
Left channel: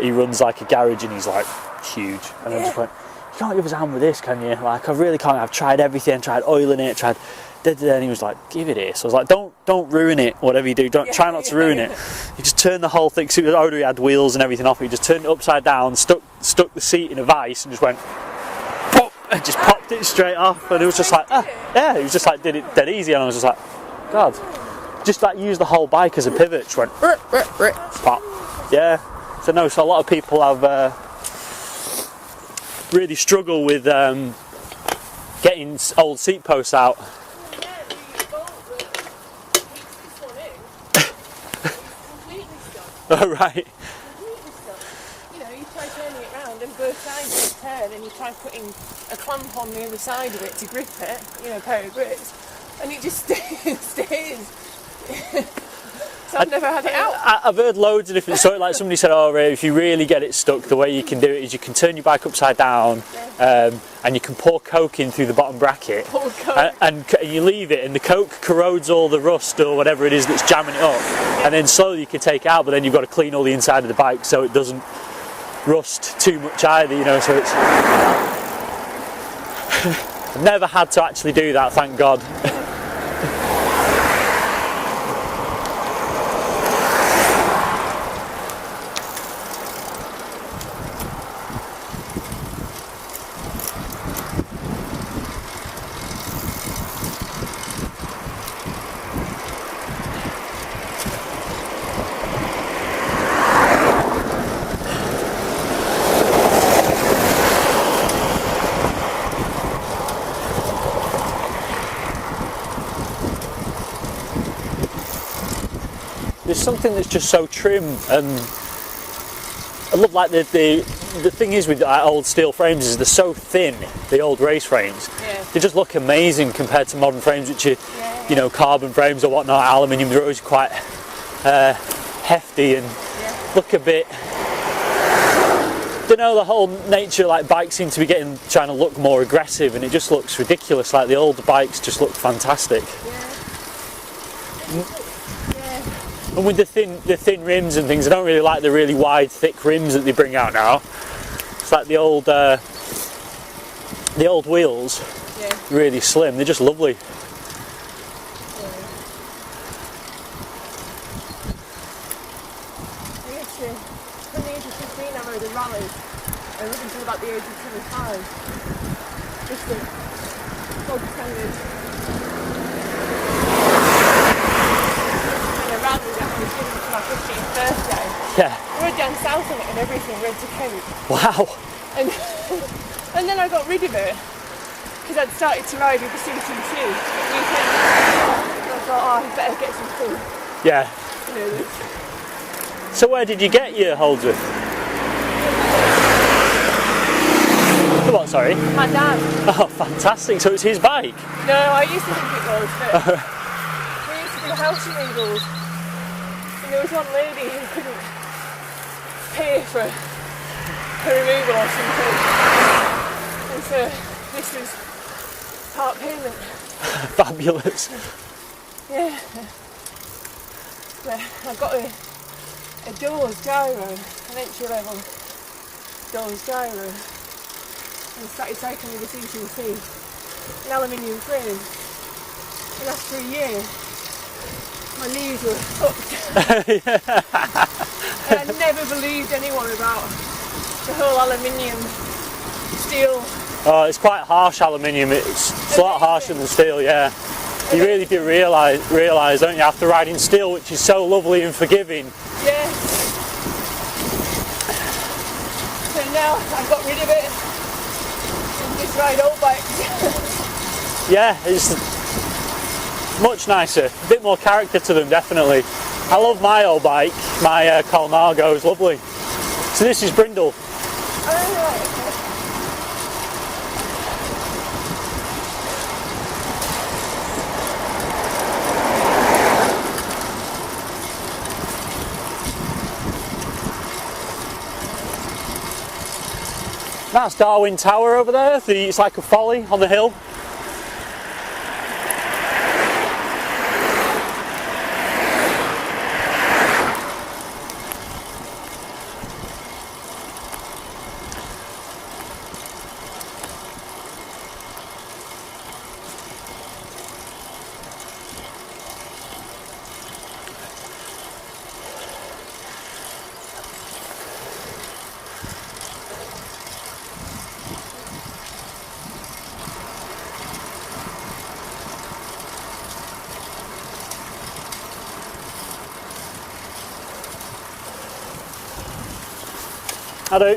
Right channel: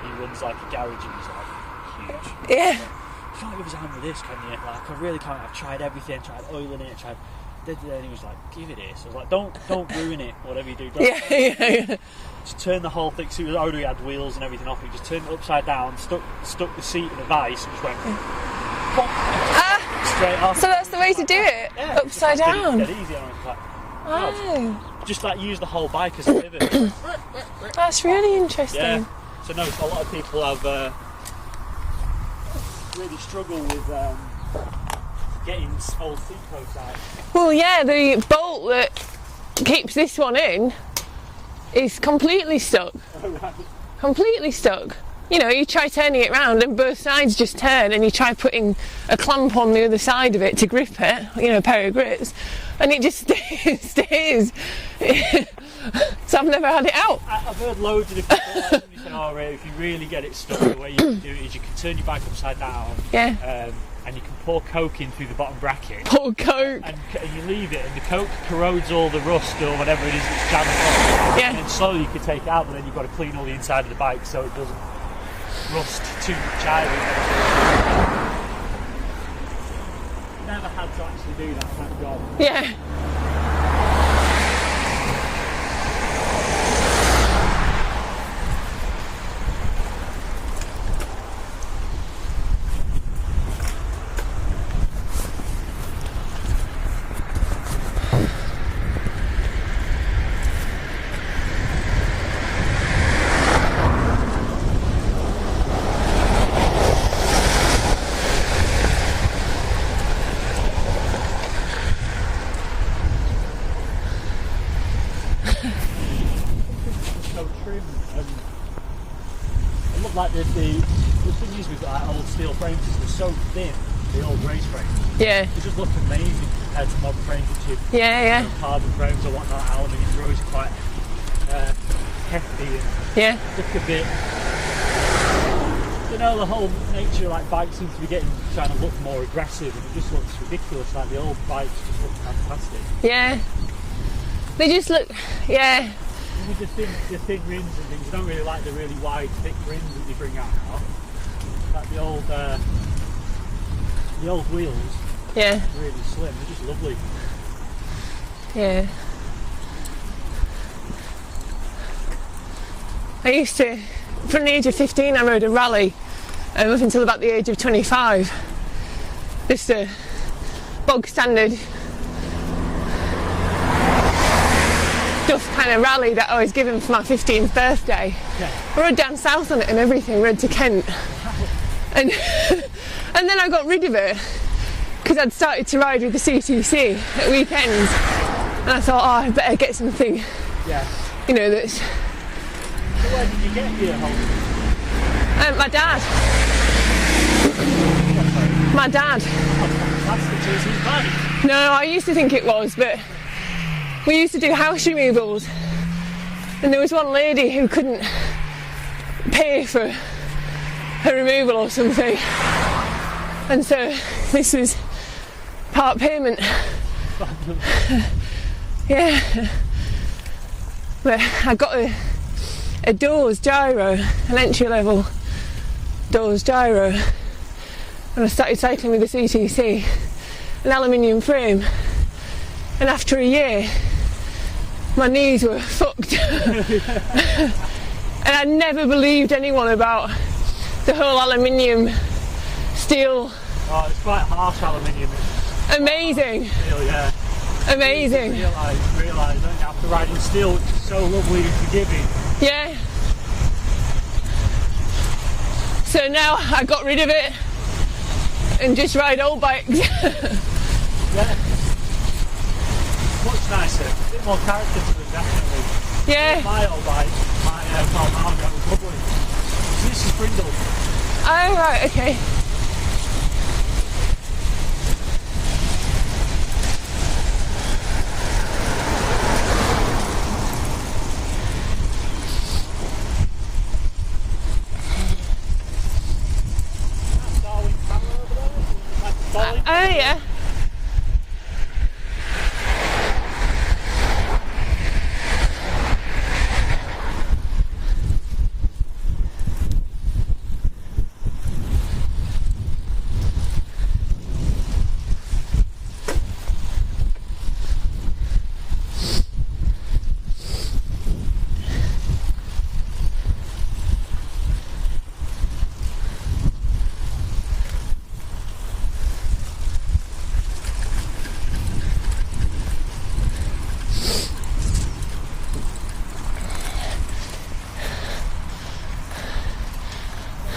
He runs like a garage and he's like huge. And I was like, you can't give us a hand with this, can you? Like, I really can't. I've tried everything. Tried oiling it. Tried. And he was like, give it here. So I was like, don't ruin it. Whatever you do, try not to ruin it. You just turn the whole thing. So it already had wheels and everything off. He just turned it upside down, stuck the seat in a vice, and just went. And just popped it straight off. So and it was just like, yeah, it was just like did it dead easy, and I was just like. God, just like use the whole bike as a pivot. Just went, That's really interesting. Yeah, so a lot of people have really struggled with getting old seat posts out. Well, yeah, the bolt that keeps this one in is completely stuck. Oh, right. Completely stuck. You try turning it round and both sides just turn, and you try putting a clamp on the other side of it to grip it, a pair of grips. And it just stays. So I've never had it out. I've heard loads of different stories. Like somebody said, oh, if you really get it stuck, the way you can do it is you can turn your bike upside down, and you can pour Coke in through the bottom bracket. Pour Coke. And you leave it, and the Coke corrodes all the rust or whatever it is that's jamming up. Yeah. And then slowly you can take it out, but then you've got to clean all the inside of the bike so it doesn't rust too much either, so it's... I've never had to actually do that, thank God. Yeah. There's something that's just so trim, and I love like the thing is with old steel frames is they're so thin, the old race frames. Yeah. They just look amazing compared to modern frames, which are carbon frames or whatnot, aluminium. They're always quite hefty and look a bit. Don't know, the whole nature like bikes seem to be trying to look more aggressive, and it just looks ridiculous. Like the older bikes just look fantastic. Yeah. They just look. Yeah. And with the thin rims and things, I don't really like the really wide, thick rims that they bring out now. It's like the old wheels. Yeah. Really slim. They're just lovely. Yeah. I used to, from the age of 15, I rode a rally, up until about the age of 25. just a bog standard stuff kind of rally that I was given for my 15th birthday. Yeah. I rode down south on it and everything, rode to Kent. Wow. And and then I got rid of it because I'd started to ride with the CTC at weekends, and I thought, oh, I better get something, Yeah. you know, that's. So where did you get your Holder? And my dad. Come on, sorry. My dad. Oh, fantastic. So it's his bike? No, I used to think it was, but we used to do house removals, and there was one lady who couldn't pay for her removal or something, and so this was part payment. Fabulous. Yeah. But I got a doors gyro, an entry level doors gyro, and I started cycling with the CTC, an aluminium frame, and after a year my knees were fucked. And I never believed anyone about the whole aluminium steel. Oh, it's quite harsh aluminium. It's a lot harsher than steel, yeah. You really do realise, don't you, after riding steel, which is so lovely and forgiving. Yeah. So now I've got rid of it and just ride old bikes. Yeah, it's much nicer. A bit more character to them, definitely. Yeah. I love my old bike. My Palmargo is lovely. So this is Brindle. Oh, right, okay. That's Darwin Tower over there. It's like a folly on the hill. Yeah. I do.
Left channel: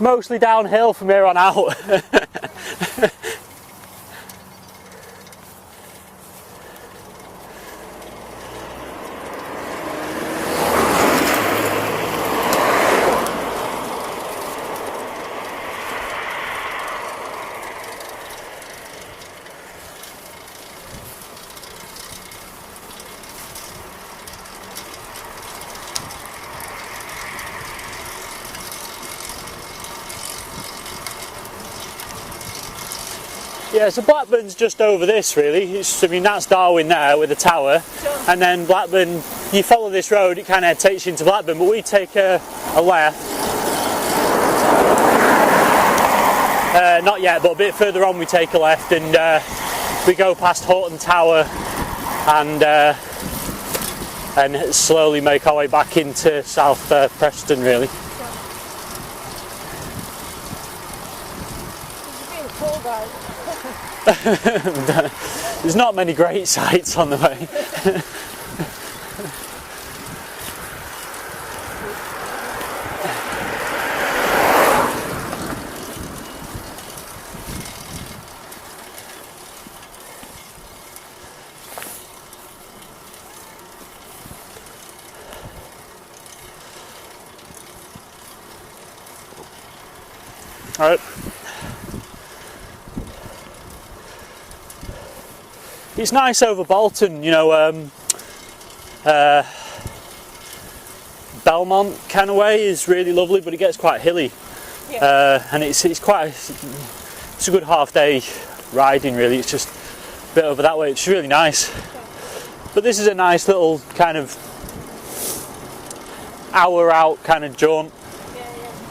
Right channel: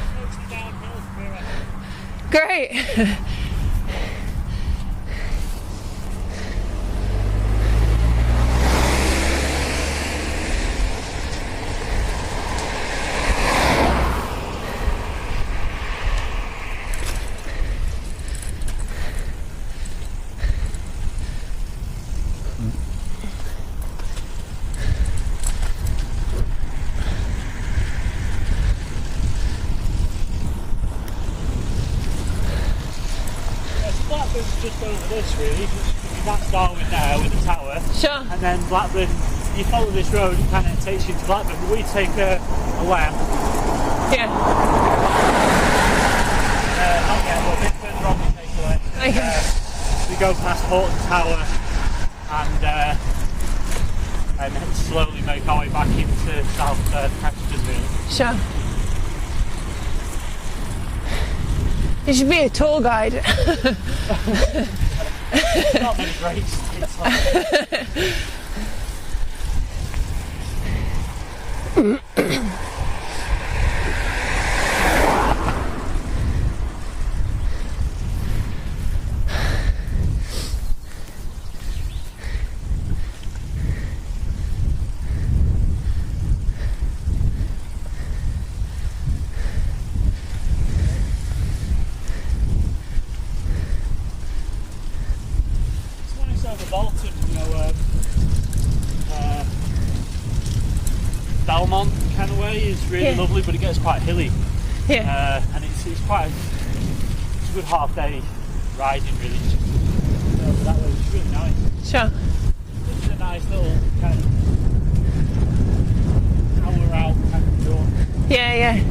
It's mostly downhill from here on out. Great. Yeah, so Blackburn's just over this really. I mean, that's Darwin there with the tower. Sure. And then Blackburn, you follow this road, it kind of takes you into Blackburn, but we take a left. Yeah. Not yet, but a bit further on we take a left and we go past Horton Tower and slowly make our way back into South Preston really. Sure. You should be a tour guide. There's not many great sights on the way. All right. It's nice over Bolton, you know, Belmont kind of way is really lovely, but it gets quite hilly. Yeah. And it's a good half day riding really. It's just a bit over that way. It's really nice. Sure. But this is a nice little kind of hour out kind of jaunt. Yeah, yeah.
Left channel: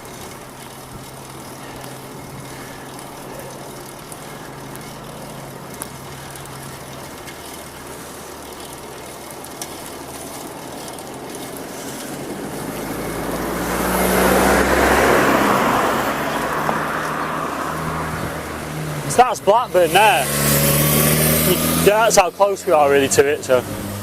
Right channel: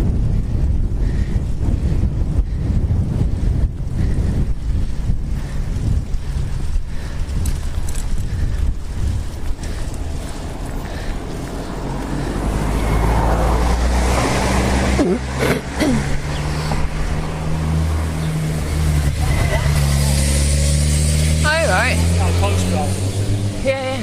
That's Blackburn there. Oh, right. Yeah, that's how close we are really to it. So. Yeah, yeah.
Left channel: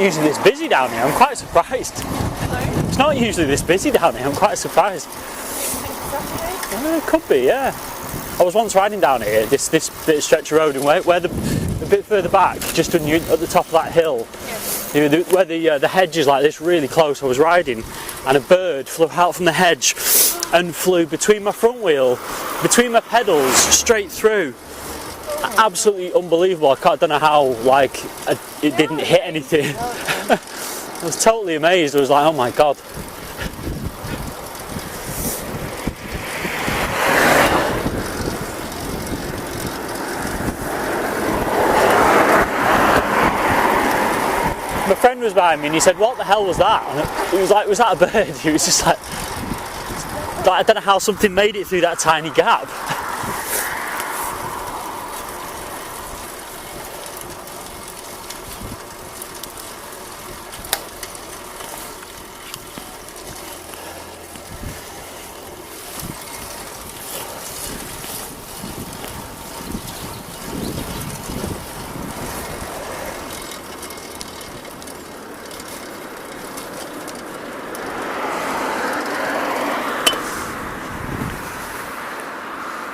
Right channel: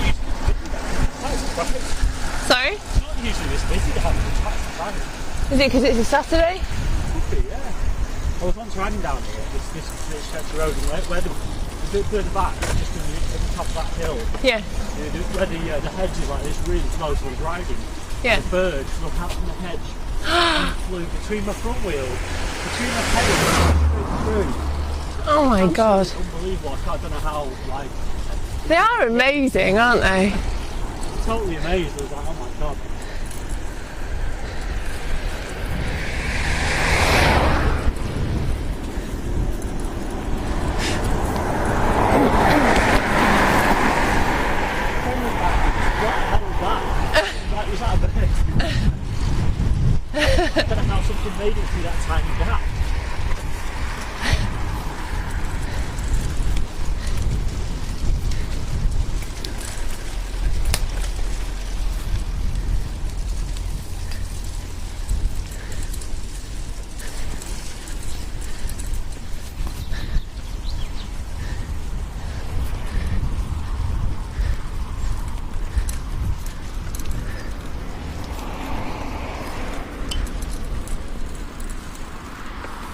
Usually it's busy down here, I'm quite surprised. Sorry? It's not usually this busy down here, I'm quite surprised. Is it because it's a Saturday? It could be, yeah. I was once riding down here, this bit of stretch of road, and where the bit further back, just at the top of that hill, Yes. you know, where the hedge is like this really close, I was riding, and a bird flew out from the hedge and flew between my front wheel, between my pedals, straight through. Oh my Absolutely God. unbelievable. I don't know how it They didn't are hit amazing, anything. aren't they? I was totally amazed. I was like, oh my God. My friend was behind me and he said, what the hell was that? And he was like, was that a bird? He was just like I don't know how something made it through that tiny gap.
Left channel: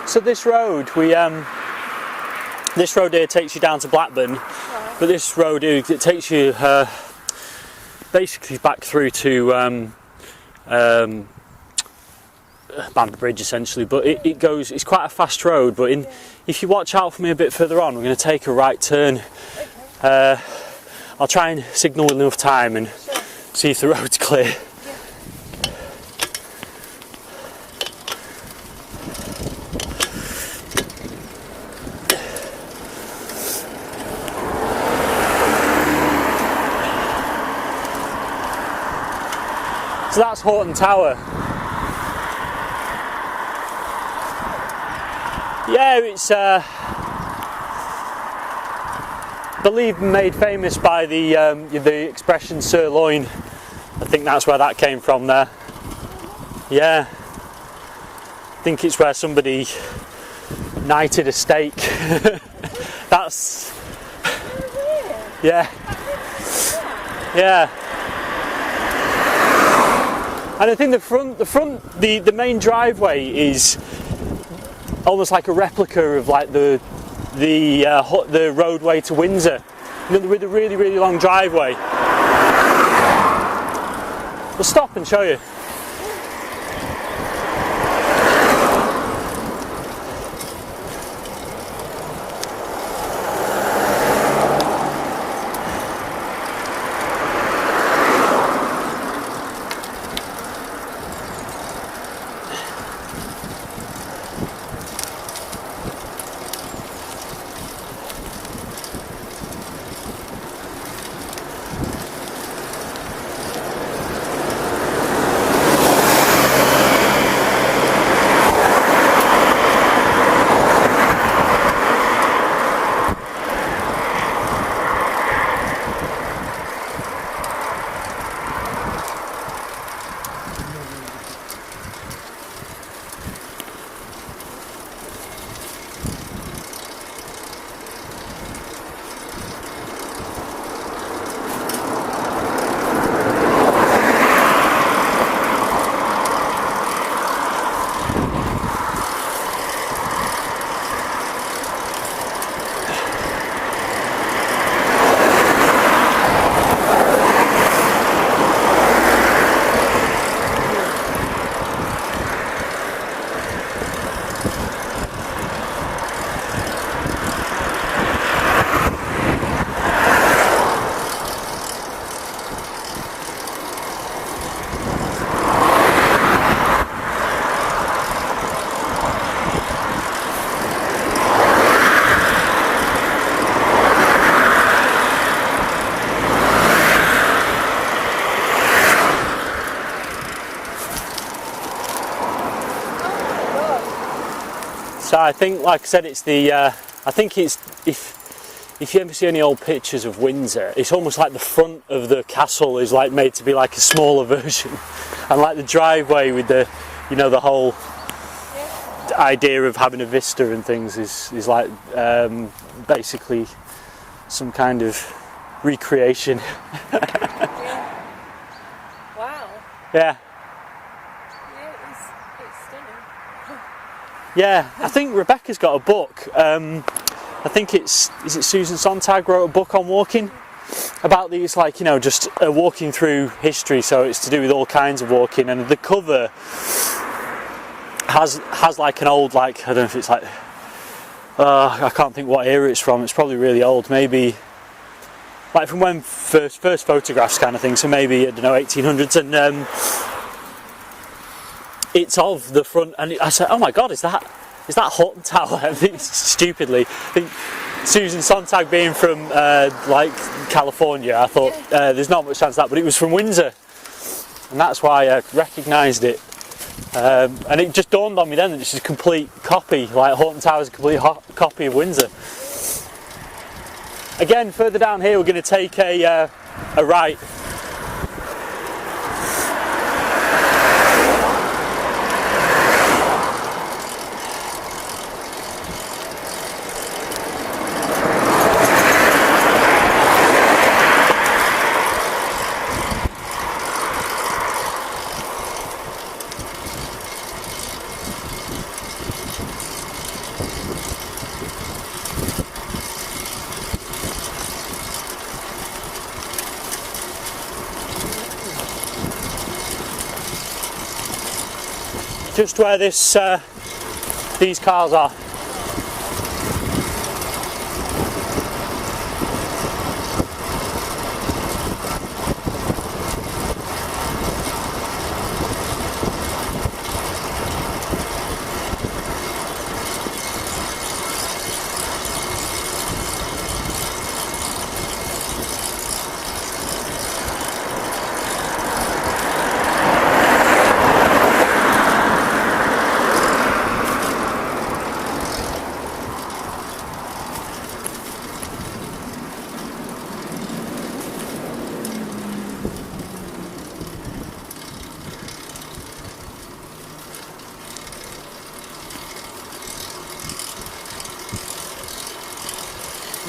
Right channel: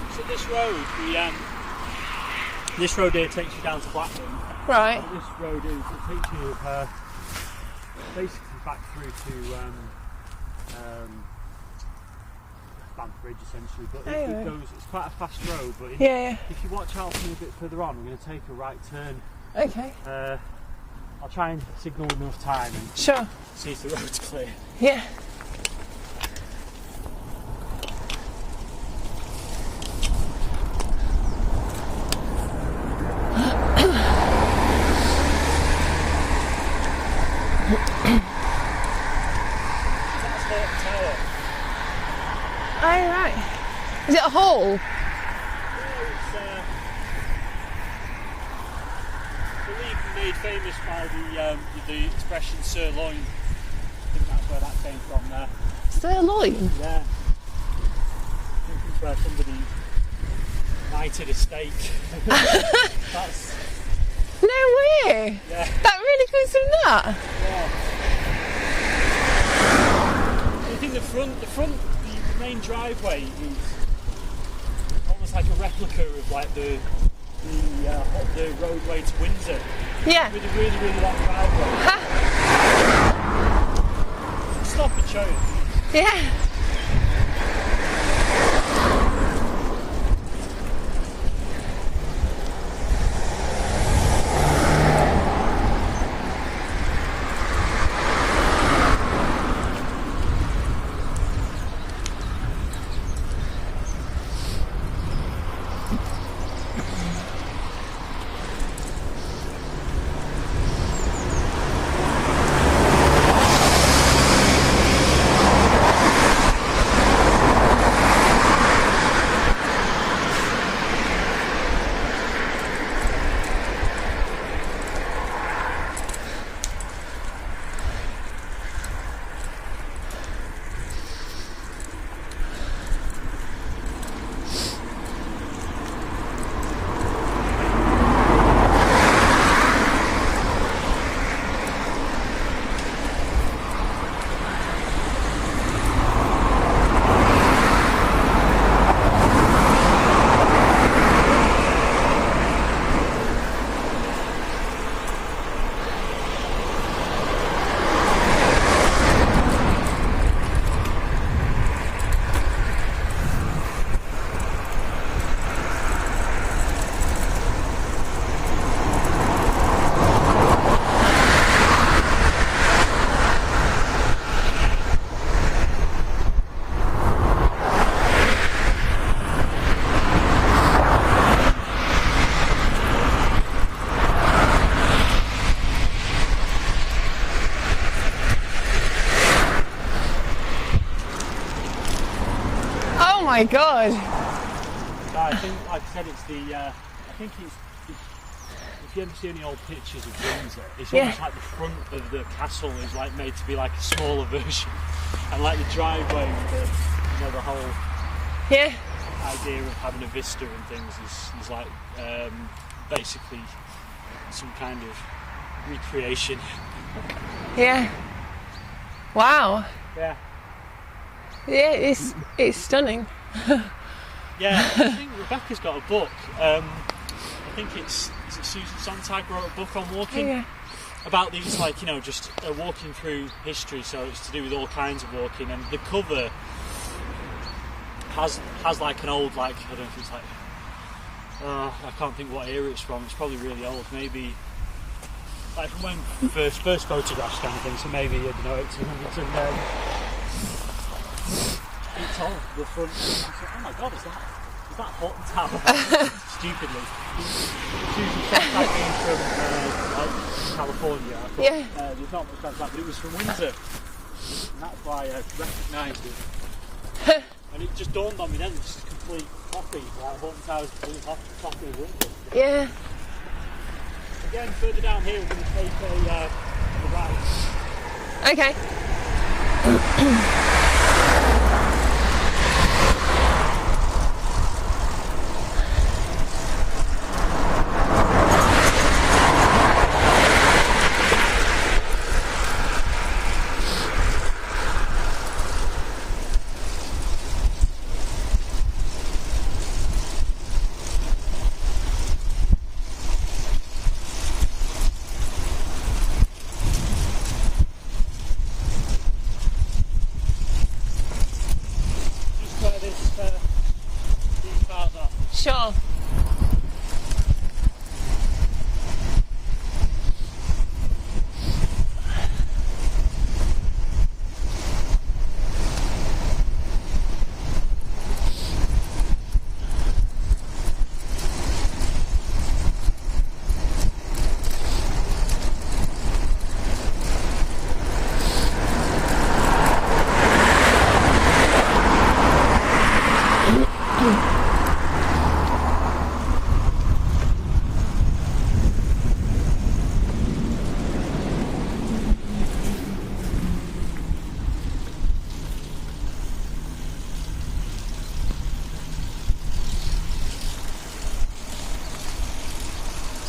So this road, this road here takes you down to Blackburn, Right. but this road here, it takes you basically back through to Bamber Bridge essentially. But it goes, it's quite a fast road. But if you watch out for me a bit further on, we're going to take a right turn. Okay. I'll try and signal with enough time and see if the road's clear. Yeah. So that's Horton Tower. Oh, right. Is it a hall? Yeah, it's believe made famous by the expression sirloin. I think that's where that came from there. Sirloin? Yeah. I think it's where somebody knighted a steak. That's... No way! Yeah. That really could be that? Yeah. And I think the main driveway is almost like a replica of like the roadway to Windsor, Yeah. with a really, really long driveway. We'll stop and show you. Yeah. My God. So I think, like I said, it's the. I think it's if you ever see any old pictures of Windsor, it's almost like the front of the castle is like made to be like a smaller version, and like the driveway with the, the whole idea of having a vista and things is like basically some kind of recreation. Yeah. Wow. Yeah. Yeah, it's stunning. Yeah, I think Rebecca's got a book. I think is it Susan Sontag wrote a book on walking about these, like, just walking through history. So it's to do with all kinds of walking, and the cover has like an old, like, I don't know if it's like I can't think what era it's from. It's probably really old, maybe like from when first photographs kind of thing. So maybe, I don't know, 1800s, and it's of the front, and I said, "Oh my God, is that Houghton Tower?" Stupidly, I think Susan Sontag being from like California, I thought there's not much chance of that, but it was from Windsor, and that's why I recognised it. And it just dawned on me then that it's a complete copy, like Houghton Tower is a complete copy of Windsor. Yeah. Again, further down here, we're going to take a right. Okay. Just where these cars are. Sure.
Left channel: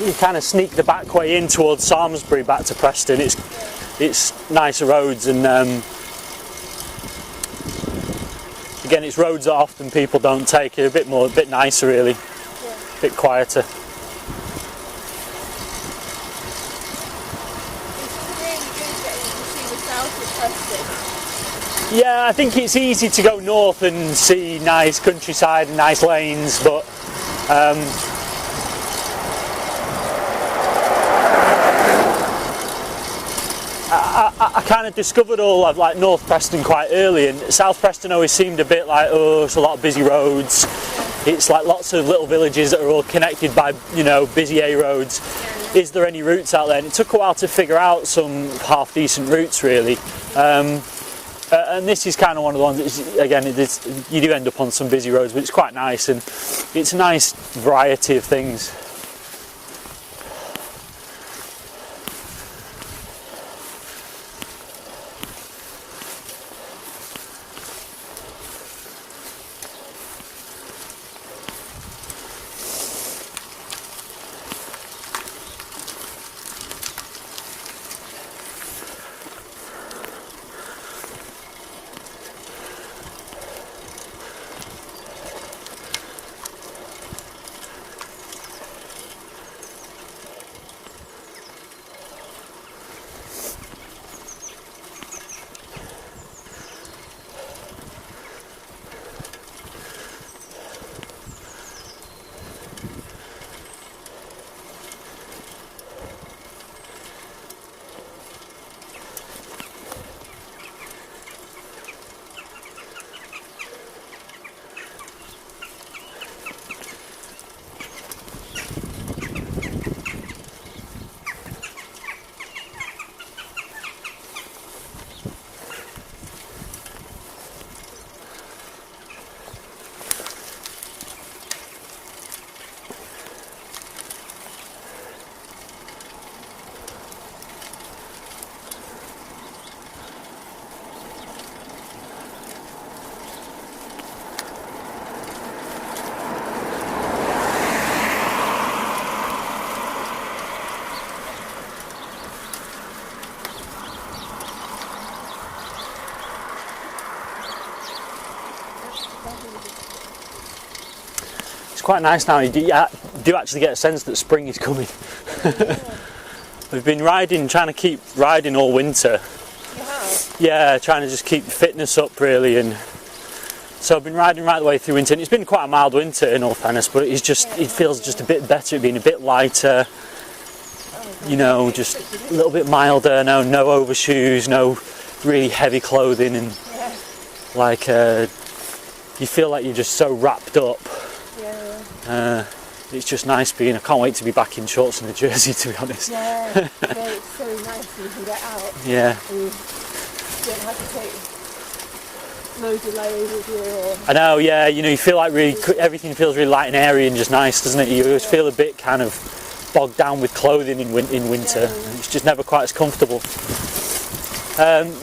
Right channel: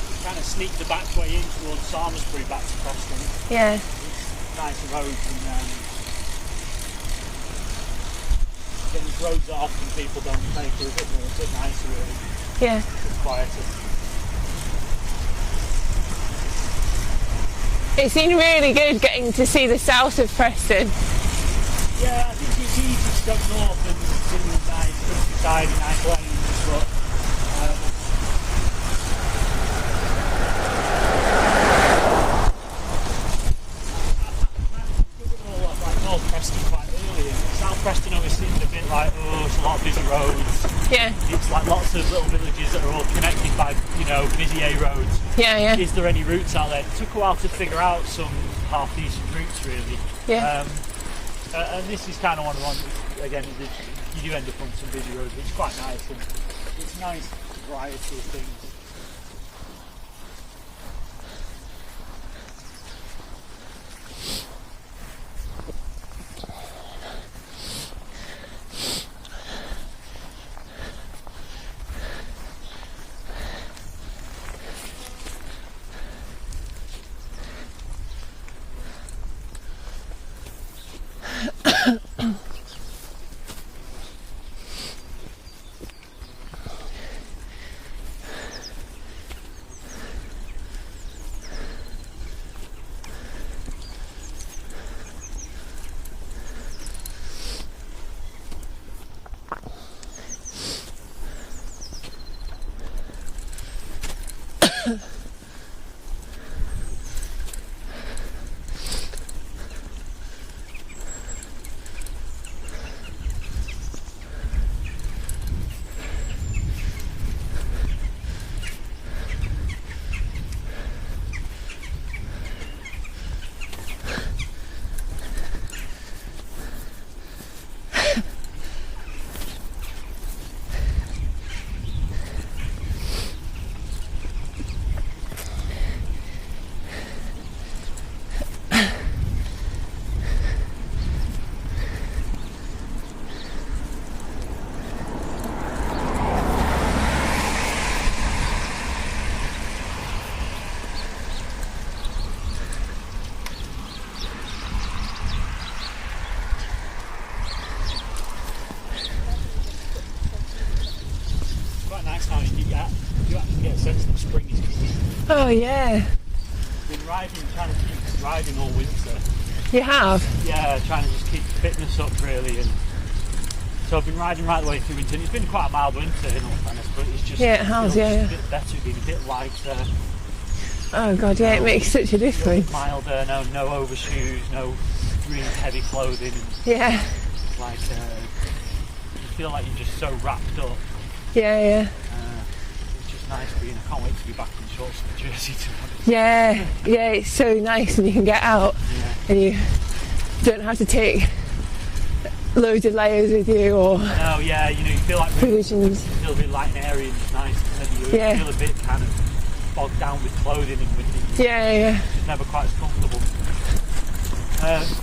you kind of sneak the back way in towards Samlesbury back to Preston. It's nicer roads, and again, it's roads that often people don't take. They're a bit nicer really. Yeah. A bit quieter. It's been really good getting to see the south of Preston. Yeah, I think it's easy to go north and see nice countryside and nice lanes, but I kind of discovered all of like North Preston quite early, and South Preston always seemed a bit like, oh, it's a lot of busy roads. Yeah. It's like lots of little villages that are all connected by, busy A roads. Yeah. Is there any routes out there? And it took a while to figure out some half decent routes really. Yeah. And this is kind of one of the ones that, again, you do end up on some busy roads, but it's quite nice, and it's a nice variety of things. Quite nice now. You do actually get a sense that spring is coming. Oh yeah. We've been trying to keep riding all winter. You have? Yeah, trying to just keep fitness up really, and so I've been riding right the way through winter. And it's been quite a mild winter in all fairness, but it feels just a bit better, being a bit lighter. Oh god, it makes just such a difference. A little bit milder. No overshoes, no really heavy clothing, and you feel like you're just so wrapped up. Yeah. It's just nice I can't wait to be back in shorts and a jersey, to be honest. Yeah, it's so nice when you can get out. Yeah. And you don't have to take loads of layers with you, or... I know, yeah, you feel like everything feels really light and airy and just nice, doesn't it? You always feel a bit kind of bogged down with clothing in winter. Yeah. It's just never quite as comfortable.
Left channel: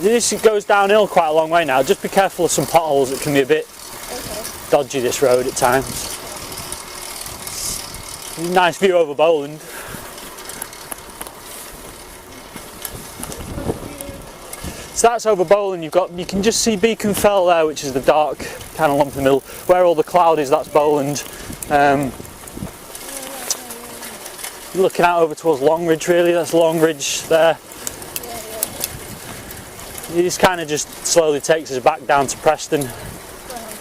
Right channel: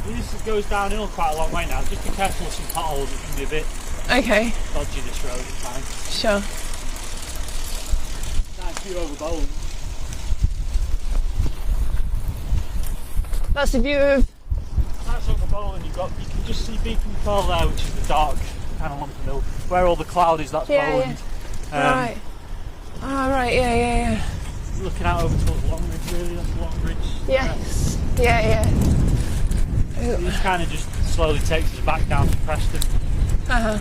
This goes downhill quite a long way now. Just be careful of some potholes. It can be a bit dodgy, this road, at times. Sure. Nice view over Bowland. That's the view of... So that's over Bowland. You can just see Beacon Fell there, which is the dark kind of lump in the middle. Where all the cloud is, that's Bowland. Right. Oh, right, yeah. Looking out over towards Longridge, really. That's Longridge there. Yeah. It just kind of just slowly takes us back down to Preston. Uh-huh.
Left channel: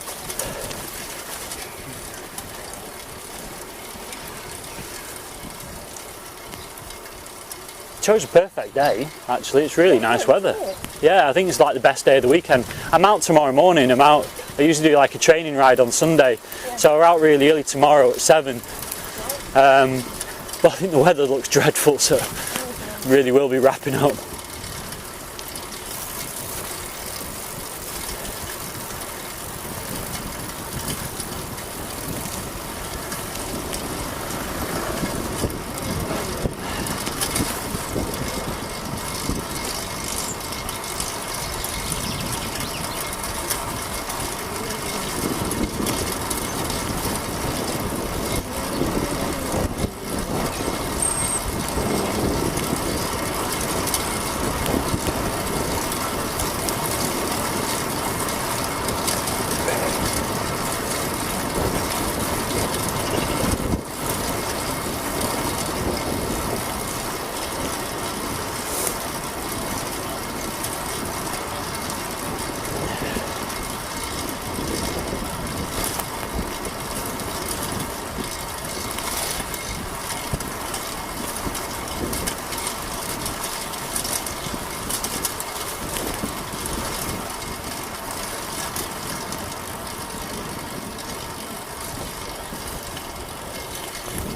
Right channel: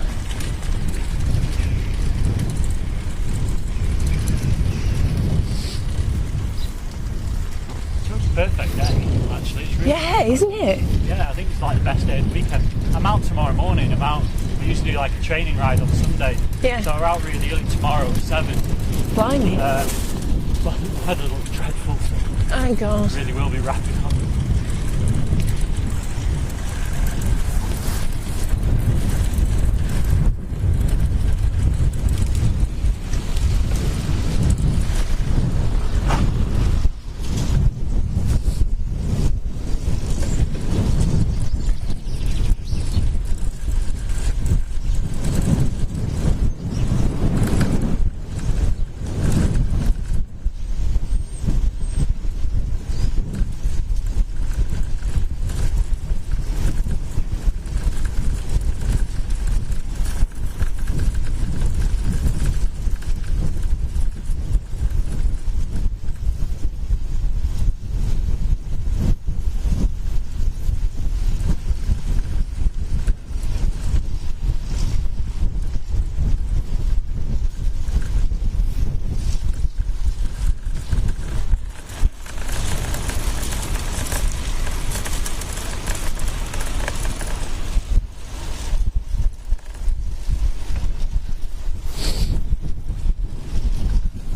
Chose a perfect day, actually. It's really nice weather. Isn't it? Yeah, I think it's like the best day of the weekend. I'm out tomorrow morning. I usually do like a training ride on Sunday. Yeah. So we're out really early tomorrow at 7. Blimey. But I think the weather looks dreadful, so oh god. really will be wrapping up.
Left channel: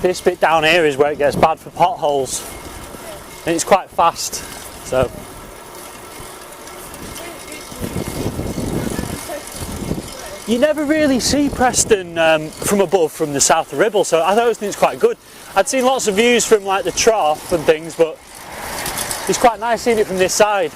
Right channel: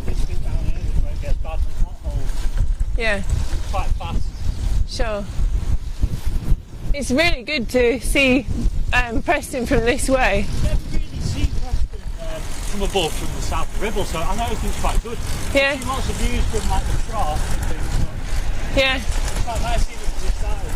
this bit down here is where it gets bad for potholes, Yeah. and it's quite fast. So Sure. It's really good to see Preston from this way. you never really see Preston from above, from the south of the Ribble, so I always think it's quite good. Yeah. I'd seen lots of views from like the trough and things, but Yeah. it's quite nice seeing it from this side.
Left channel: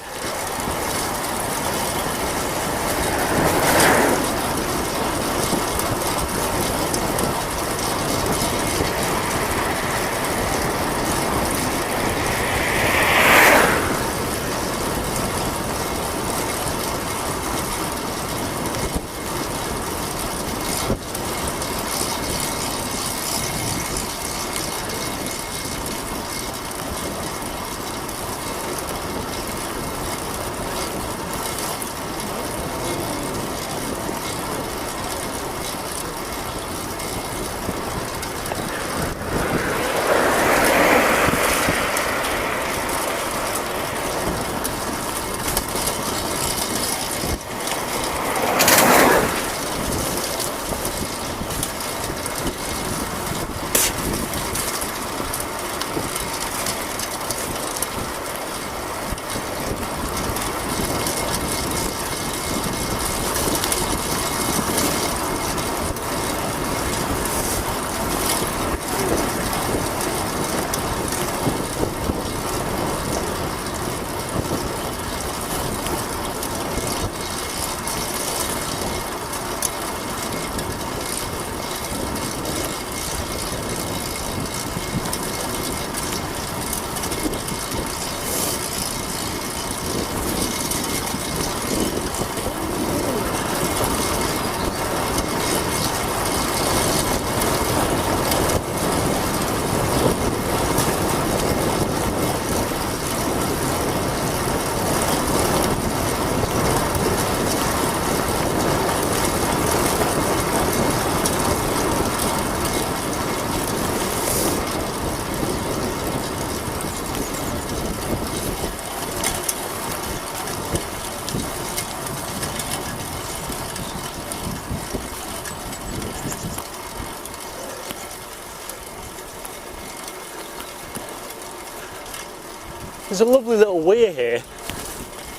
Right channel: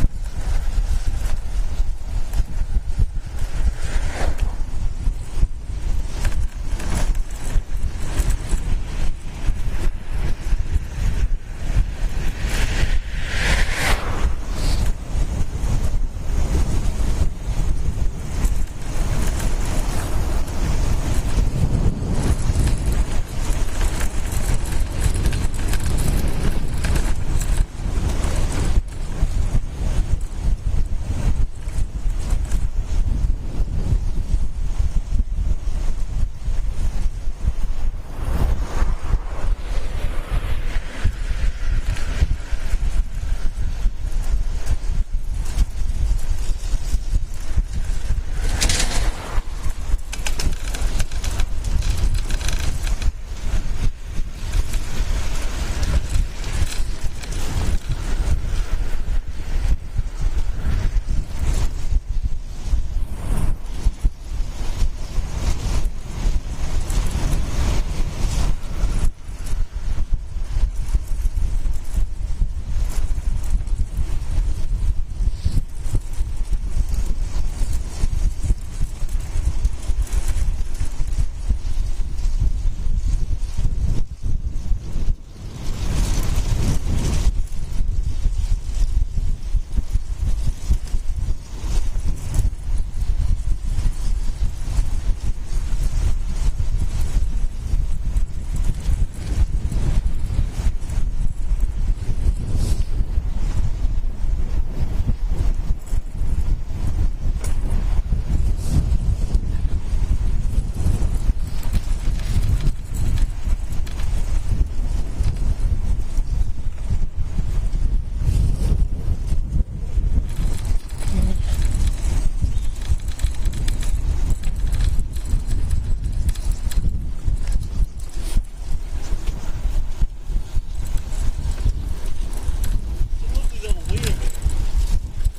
There's a lovely little weir here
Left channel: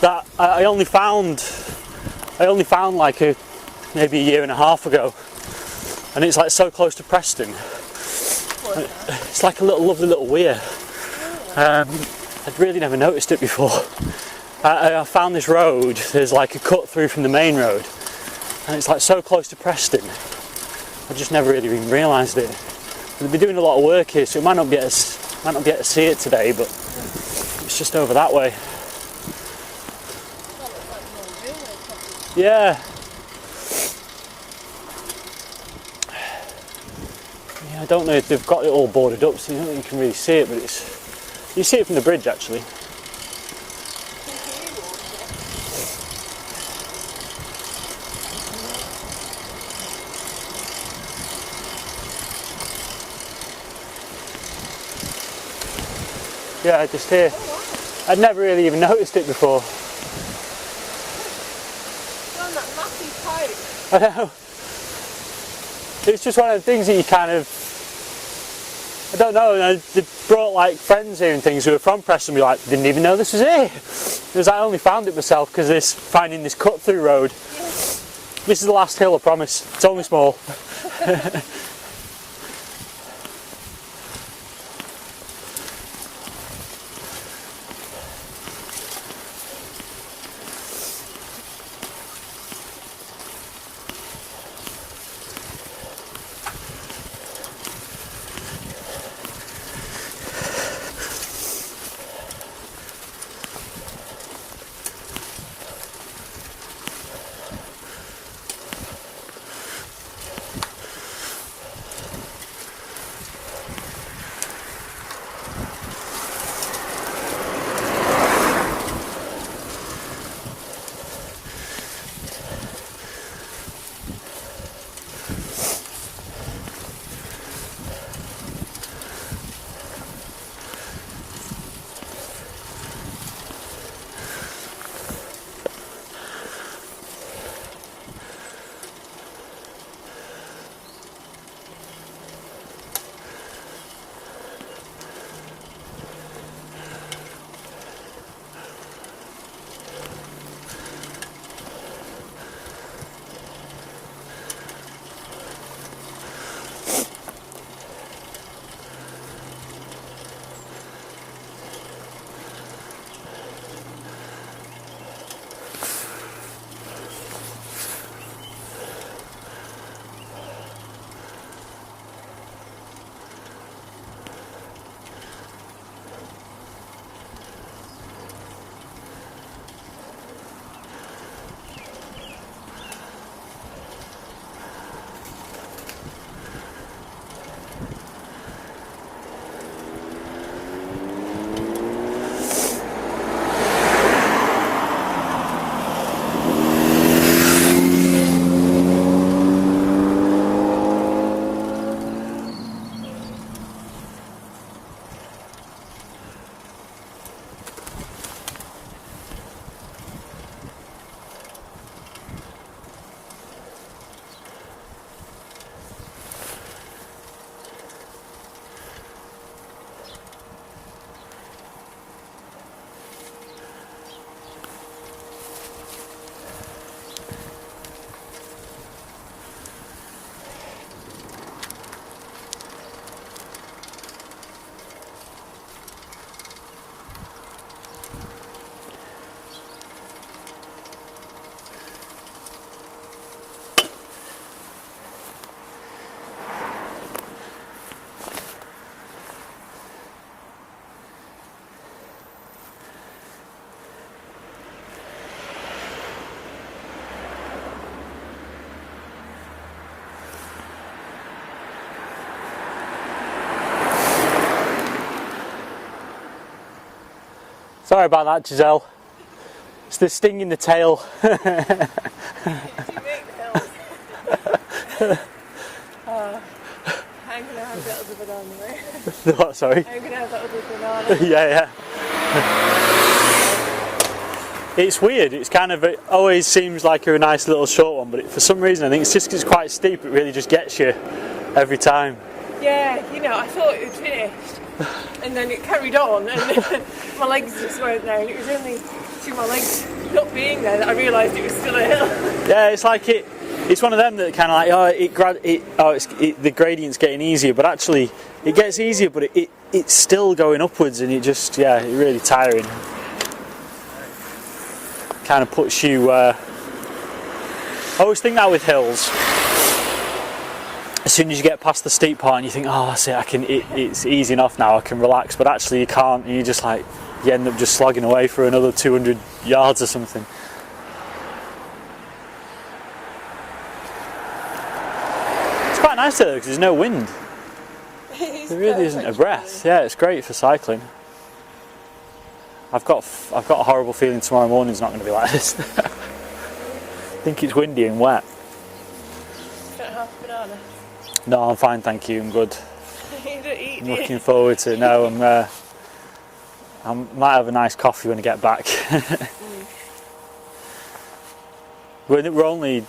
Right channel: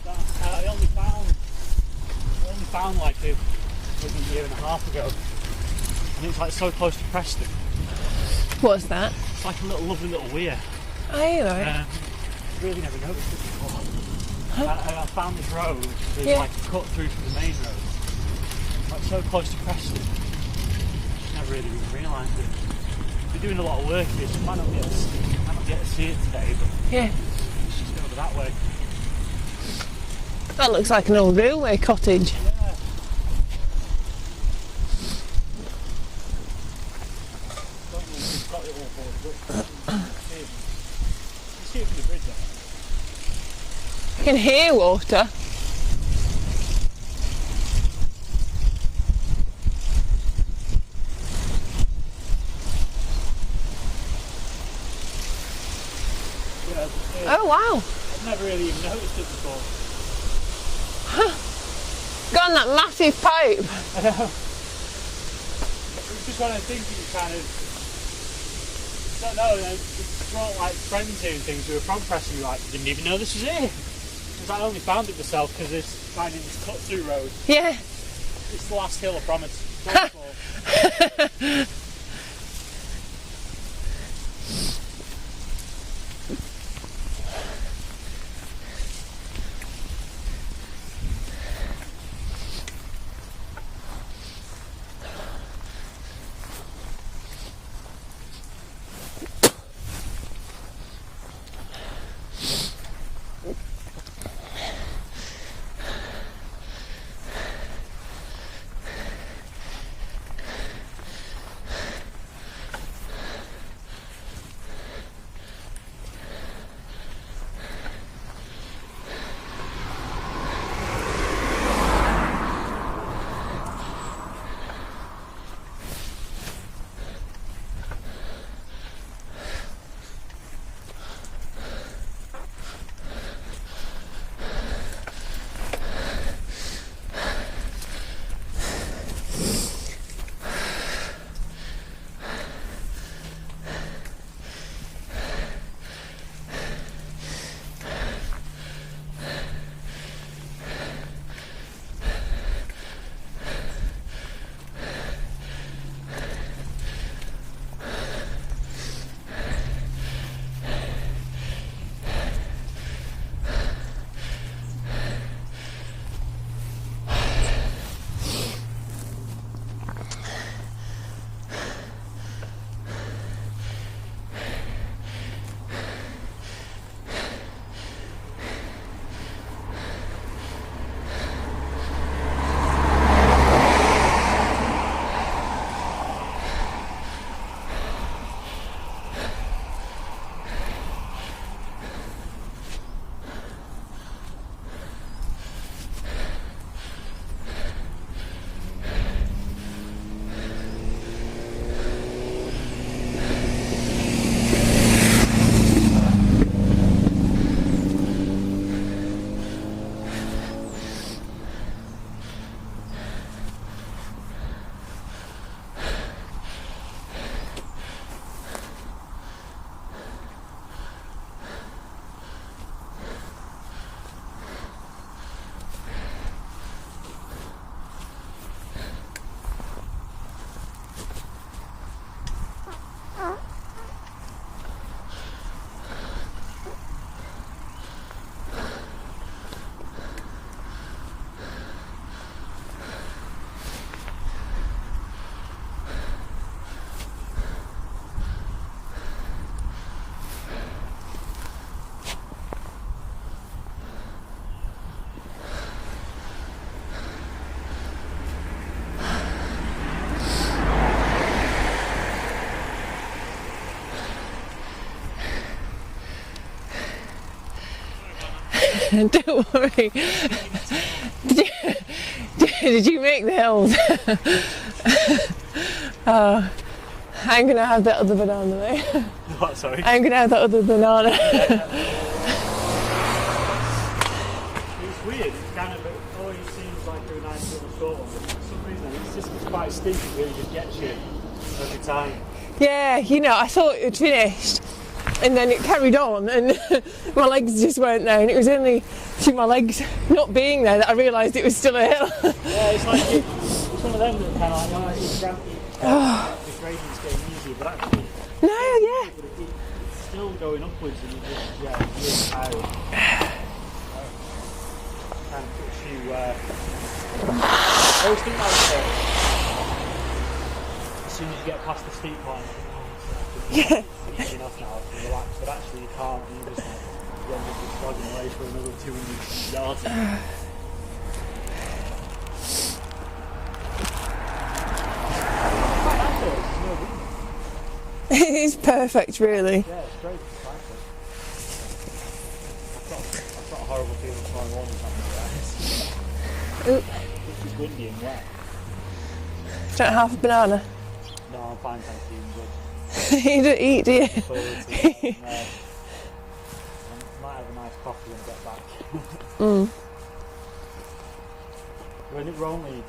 that I only found like maybe a year and a half ago, and it's like so close to Preston. What's that? It's like a lovely little weir. Oh, yeah. I'd really never noticed it before. I found this road. There's like a cut through from the main road, and it's like so close to Preston. I just never really even realised it. They've been doing a lot of work here, so we might not be able to see it today, but Yeah. it's just over that way. That looks like an old railway cottage. Yeah. Yeah, I don't know if they've got it all boarded up, so I don't think you can really see it, but you see it from the bridge actually. You can hear water. Yeah, just here. Oh, wow. I'd never really even noticed it before. Got on that massive pipe. I know. It's just one of the things that you kind of, I don't know, they brought like friends here and things who are from Preston and be like, didn't even know this was here. Because I only found it myself because finding this cut through road. Yeah. This is the last hill, I promise. It's only small. Sorry about that, Giselle. Don't worry. It's the sting in the tail. Did you make the hills? Oh, I'm going to have that other banana there. What, sorry? I'm going to have that other banana. Yeah. It's weird. It's kind of, it always seems like a nice little short one, but for some reason I think it's just 'cause it's quite steep, it really just gets you every time. Yeah, you know, I thought it had finished and then it carried on and my legs just weren't there, and it was only through my legs not being there that I realised it was still a hill. Yeah, it's like it's one of them that kind of like, the gradient's getting easier, but actually it gets easier, but it's still going upwards, and it's really tiring. Kind of puts you. I always think that with hills. As soon as you get past the steep part and you think, oh, that's it, it's easy enough now, I can relax, but actually you can't. You just like, you end up just slogging away for another 200 yards or something. It's quite nice though, because there's no wind. It is There really isn't perfect, a breath. really. Yeah, it's great for cycling. I've got a horrible feeling tomorrow morning's not going to be like this. I think it's windy and wet. Don't have a banana. No, I'm fine, thank you. I'm good. You don't eat, do you? Looking forward to it. No, I might have a nice coffee when I get back. We're only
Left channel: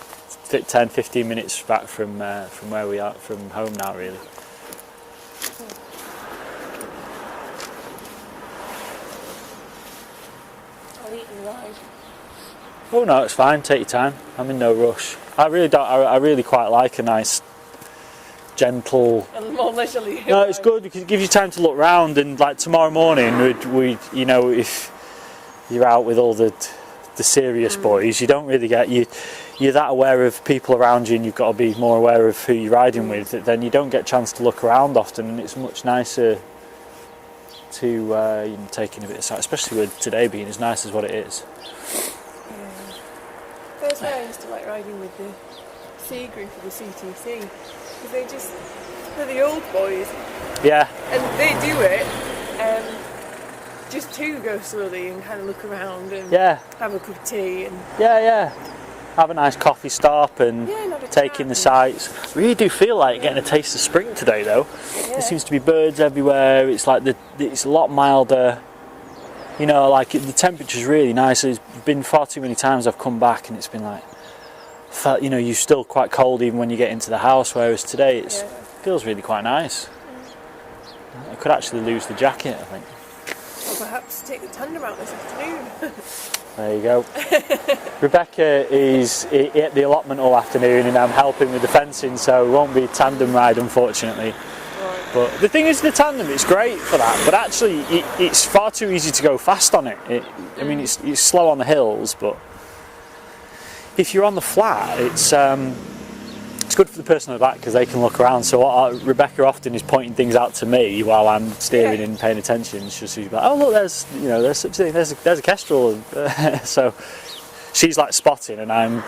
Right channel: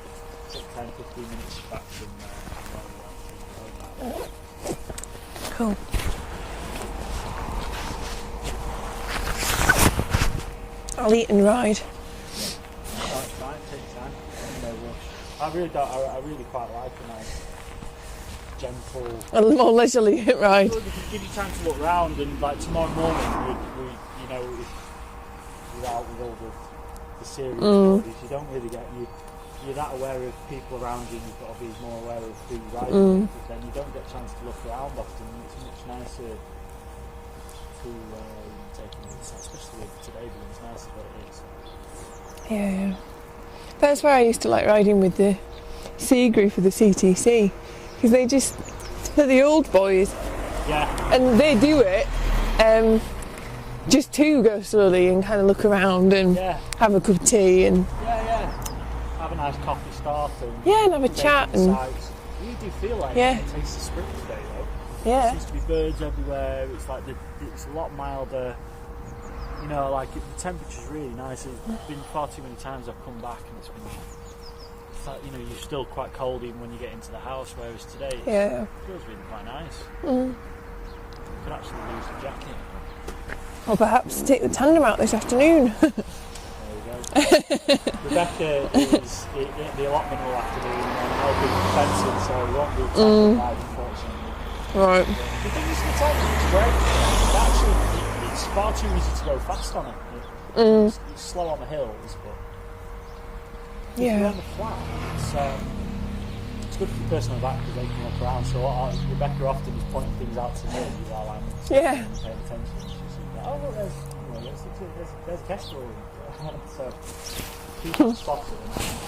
10-15 minutes back from where we are, from home now, really. Cool. I'll eat and ride. Oh no, it's fine. Take your time. I'm in no rush. I really don't. I really quite like a nice, gentle. A more leisurely No, ride. it's good because it gives you time to look round. And like tomorrow morning, we you know, if you're out with all the serious boys, you don't really get you're that aware of people around you, and you've got to be more aware of who you're riding with. Then you don't get a chance to look around often, and it's much nicer to taking a bit of sight, especially with today being as nice as what it is. Yeah. That's where I used to like riding with the C group of the CTC, because they're the old boys, Yeah. and they do it just to go slowly and kind of look around and Yeah. have a cup of tea and Have a nice coffee stop and and have a take chat in the and- sights. Really do feel like Yeah. getting a taste of spring today, though. Yeah. There seems to be birds everywhere. It's like it's a lot milder. You know, like the temperature's really nice. There's been far too many times I've come back and it's been like, you're still quite cold even when you get into the house. Whereas today it feels really quite nice. I could actually lose the jacket, I think. Or perhaps take the tandem out this afternoon. There you go. Rebecca is at the allotment all afternoon and I'm helping with the fencing, so it won't be a tandem ride, unfortunately. Right. But the thing is, the tandem is great for that, but actually it's far too easy to go fast on it. I mean, it's slow on the hills, but if you're on the flat, it's good for the person on the back because they can look around. So Rebecca often is pointing things out to me while I'm steering and paying attention. She's like, "Oh look, there's a kestrel," so she's like spotting, and I'm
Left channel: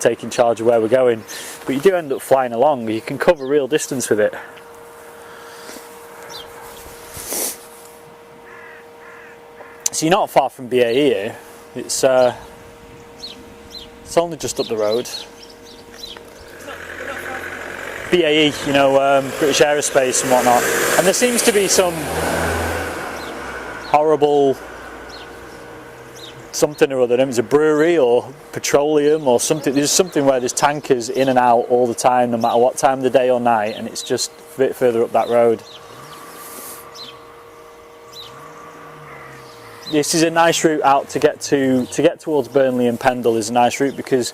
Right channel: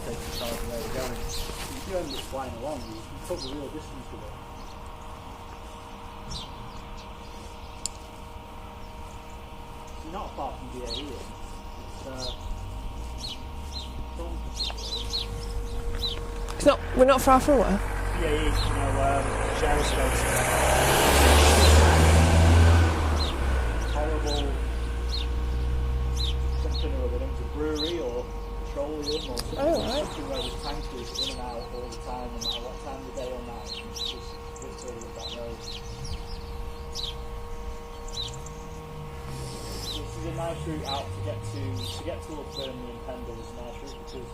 taking charge of where we're going. But you do end up flying along. You can cover real distance with it. So you're not far from BAE here. It's only just up the road. We're not far from one. BAE, British Aerospace and whatnot. And there seems to be some horrible something or other. There's a brewery or petroleum or something. There's something where there's tankers in and out all the time, no matter what time of the day or night, and it's just a bit further up that road. This is a nice route out to get towards Burnley and Pendle is a nice route because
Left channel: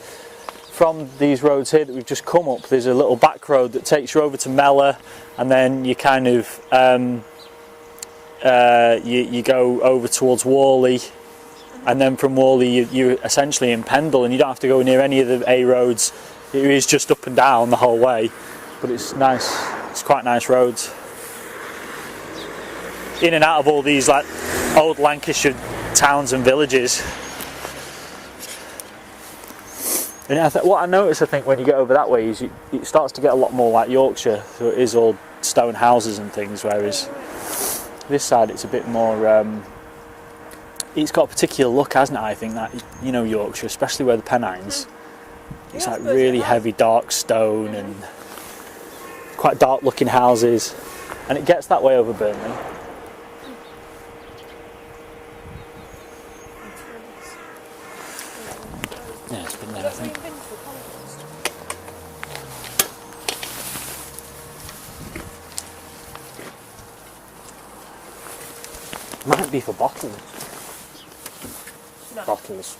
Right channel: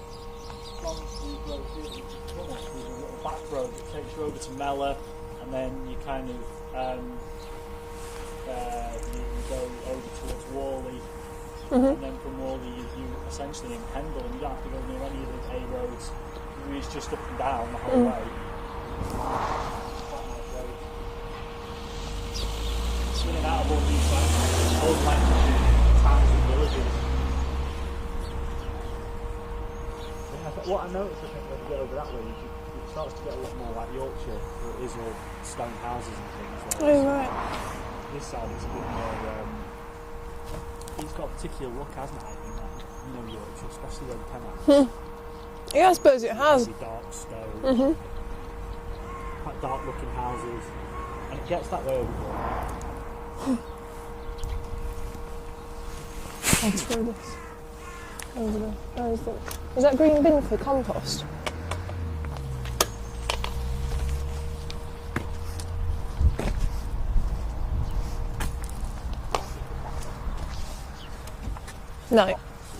from these roads here that we've just come up, there's a little back road that takes you over to Mellor, and then you kind of you go over towards Worley, and then from Worley you're essentially in Pendle, and you don't have to go near any of the A roads. It is just up and down the whole way, but it's nice. It's quite nice roads. In and out of all these like old Lancashire towns and villages. And what I notice, I think, when you get over that way is it starts to get a lot more like Yorkshire. So it is all stone houses and things, whereas this side it's a bit more it's got a particular look, hasn't it? I think that, you know, Yorkshire, especially where the Pennines, it's Yeah, I like suppose it really has. heavy dark stone and quite dark looking houses, and it gets that way over Burnley. I'll throw this over there. Where is Yeah, it's been Is that green bin for compost? Might be for bottles. No, Bottles.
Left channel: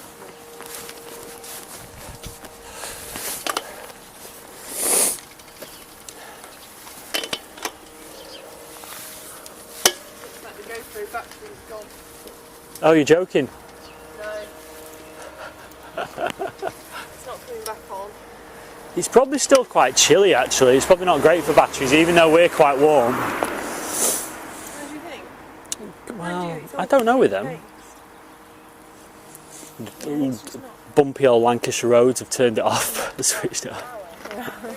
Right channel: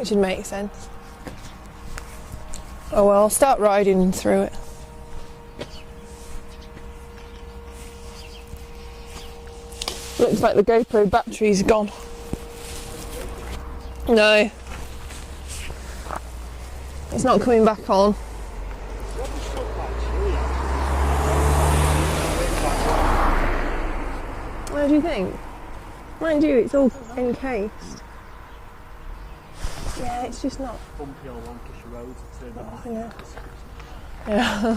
it should make sense. Oh well, I'll start riding through it. Looks like the GoPro battery's gone. Oh, you're joking? No. It's not coming back on. It's probably still quite chilly actually. It's probably not great for batteries, even though we're quite warm. What do you think? Mind you, it's all I don't know with them. paste. Yeah, it's just not. Bumpy old Lancashire roads have turned it off, switched it off. Yeah.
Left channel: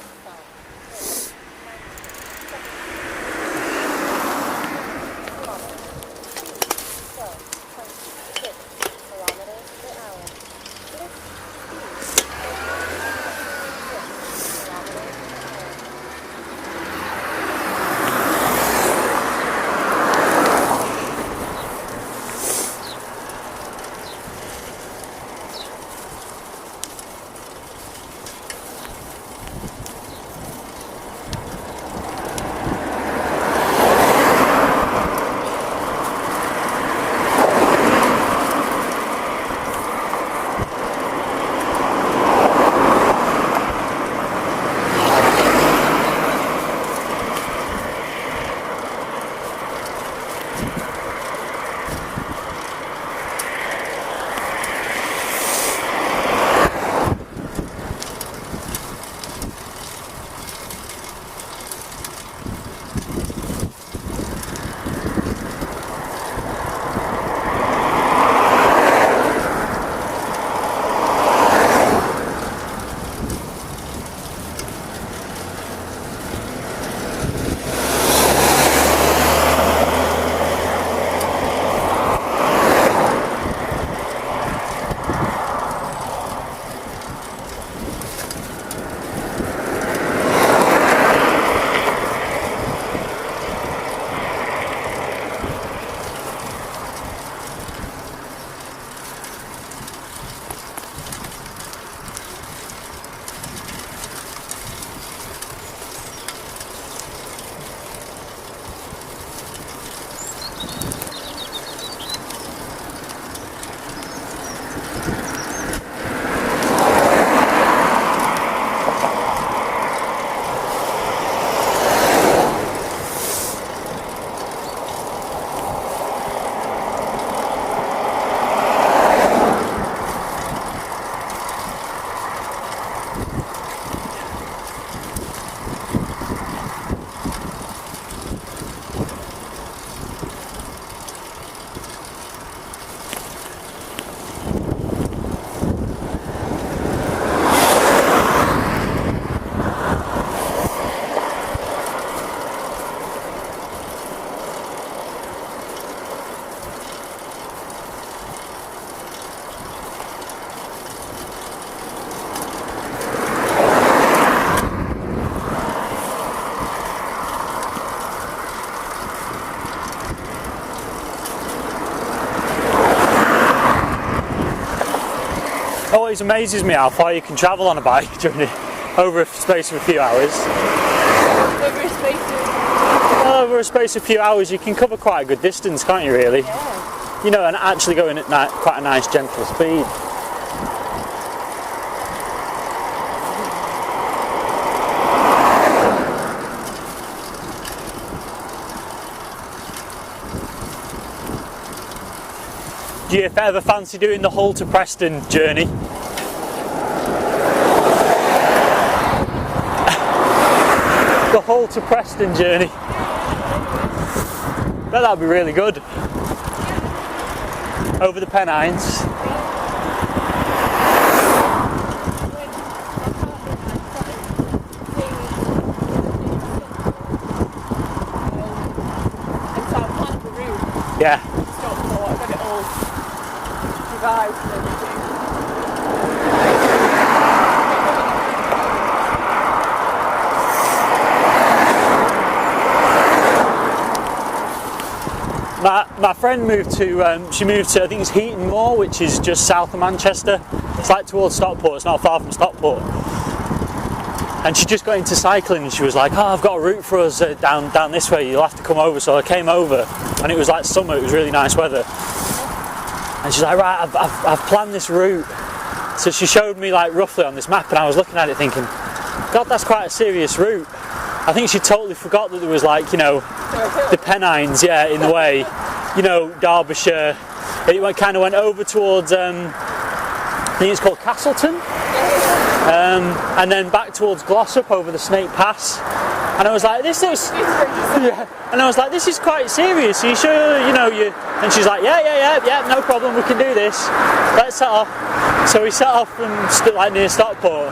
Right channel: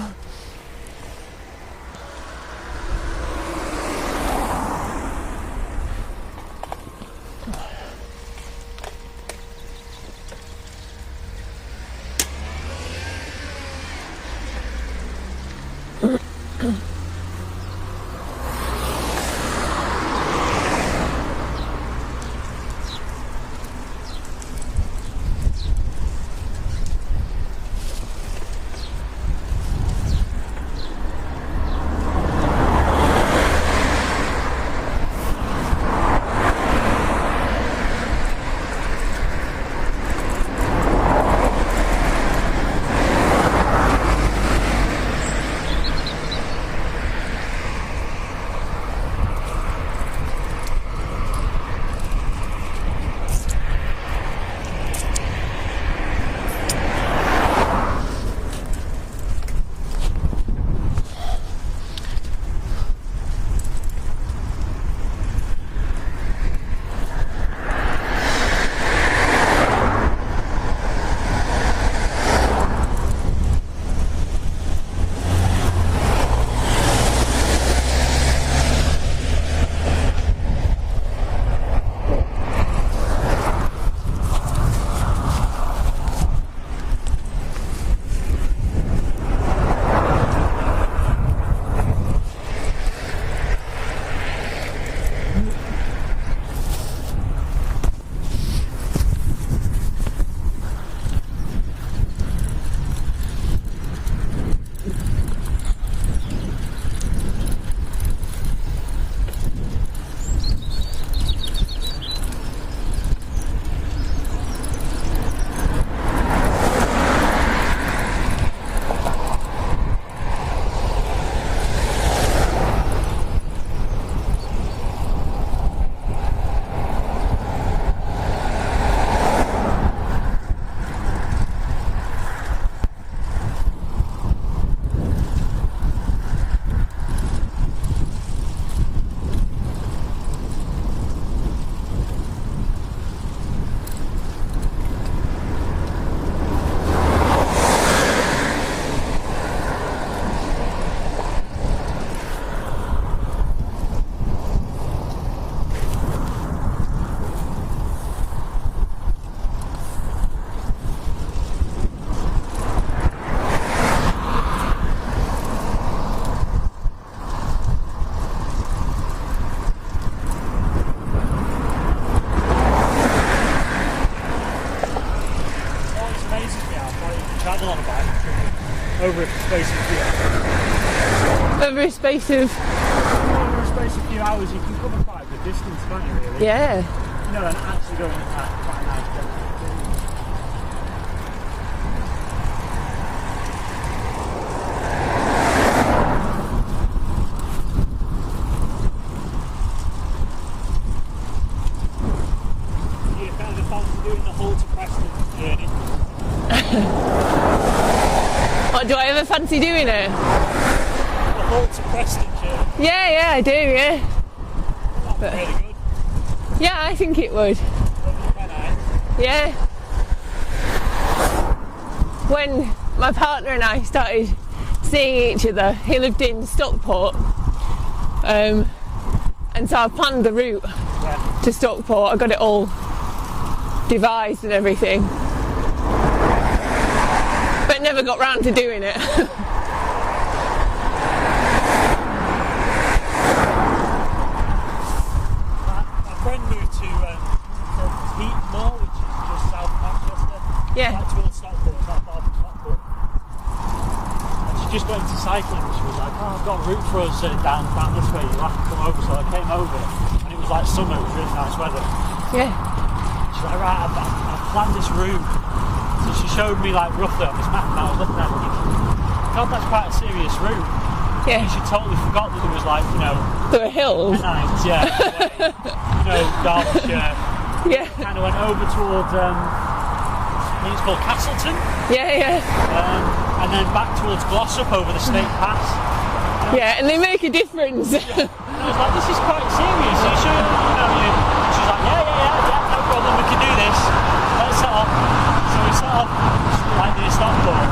Always amazes me how far you can travel on a bike journey over a space of a few hours. Over a space of. Well, over a space of a few hours you can cover quite a good distance, can't you really? Yeah. You know, and actually going at quite a nice gentle speed. Do you ever fancy doing the Hull to Preston journey? Do I ever fancy doing it? The Hull to Preston journey? Yeah, I do, yeah. Bet that'd be really good. Yeah, I think it would. Over the Pennines. Yeah. When my partner and I started seeing each other, he lived in Stockport. And so I planned the route Yeah. to Stockport. I got it all devised and everything, but never got round to doing it. My friend moved to, she moved to, I think it's Heaton Moor, which is just south of Manchester. Yeah. It's like towards Stockport, it's not far from Stockport. And she just got into cycling and she was like, oh, I've got a route for us down this way, you'll have to come over. So I came over and it was like summer, it was really nice weather. Yeah. And she's like, right, I've planned this route. So she showed me like roughly on this map and I was looking at it thinking, God, that's quite a serious route. I think she totally forgot that there was like, you know, the Pennines, yeah, in a way, you know, Derbyshire. It kind of went over towards, I think it's called Castleton. Yeah. And then back towards Glossop over the Snake Pass. And I was like, they make a difference. And I was like, this is quite serious. Are you sure, you know, you? And she's like, yeah, no problem, we can do this. Let's set off. So we set off and like near Stockport.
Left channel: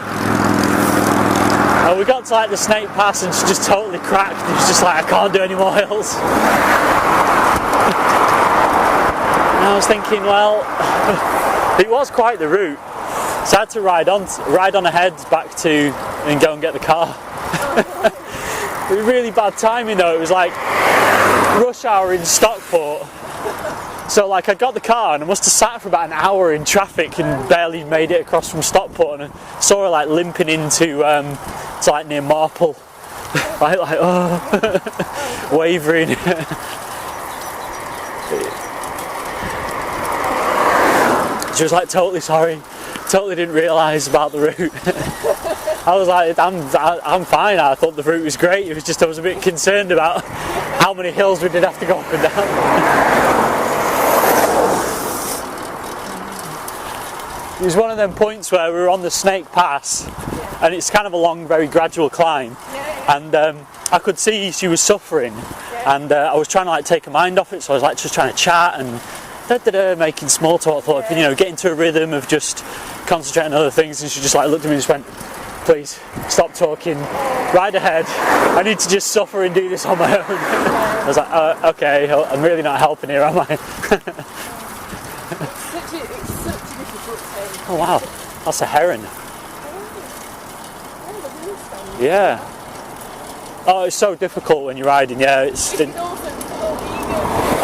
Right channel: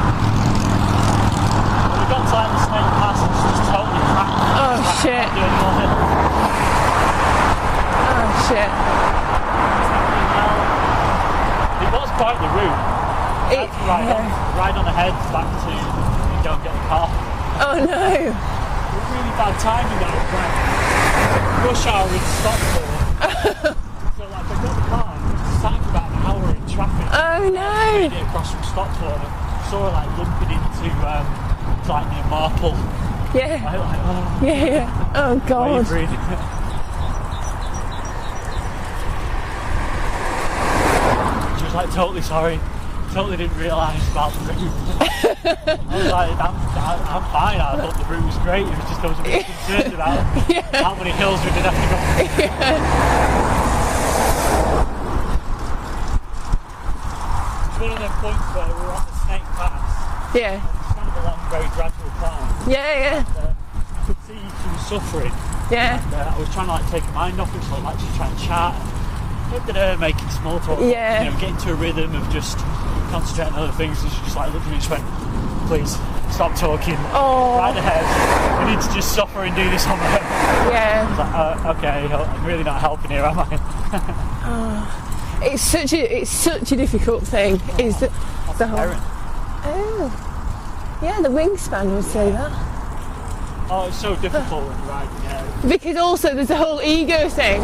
And we got to like the Snake Pass and she just totally cracked. It's just like, I can't do any more hills. Shit. And I was thinking, well, it was quite the route. So I had to ride on ahead back to and go and get the car. Oh no. It was really bad timing though. It was like rush hour in Stockport. So like I got the car and I must have sat for about an hour in traffic and barely made it across from Stockport. And I saw her like limping into to like near Marple. Yeah. Right, like Oh, God. wavering. She was like, totally sorry, totally didn't realise about the route. I was like, I'm fine, I thought the route was great, it was just I was a bit concerned about how many hills we did have to go up and down. It was one of them points where we were on the Snake Pass, and it's kind of a long, very gradual climb. And I could see she was suffering, and I was trying to like take her mind off it, so I was like just trying to chat and making small talk, you know, get into a rhythm of just concentrating on other things. And she just like looked at me and just went, "Please stop talking, ride ahead. I need to just suffer and do this on my own." I was like, okay, I'm really not helping here, am I? It's such a difficult thing. Oh, wow, that's a heron. Oh. Yeah, the wingspan was that. Oh, it's so difficult when you're riding, Because also there's a whole ego thing.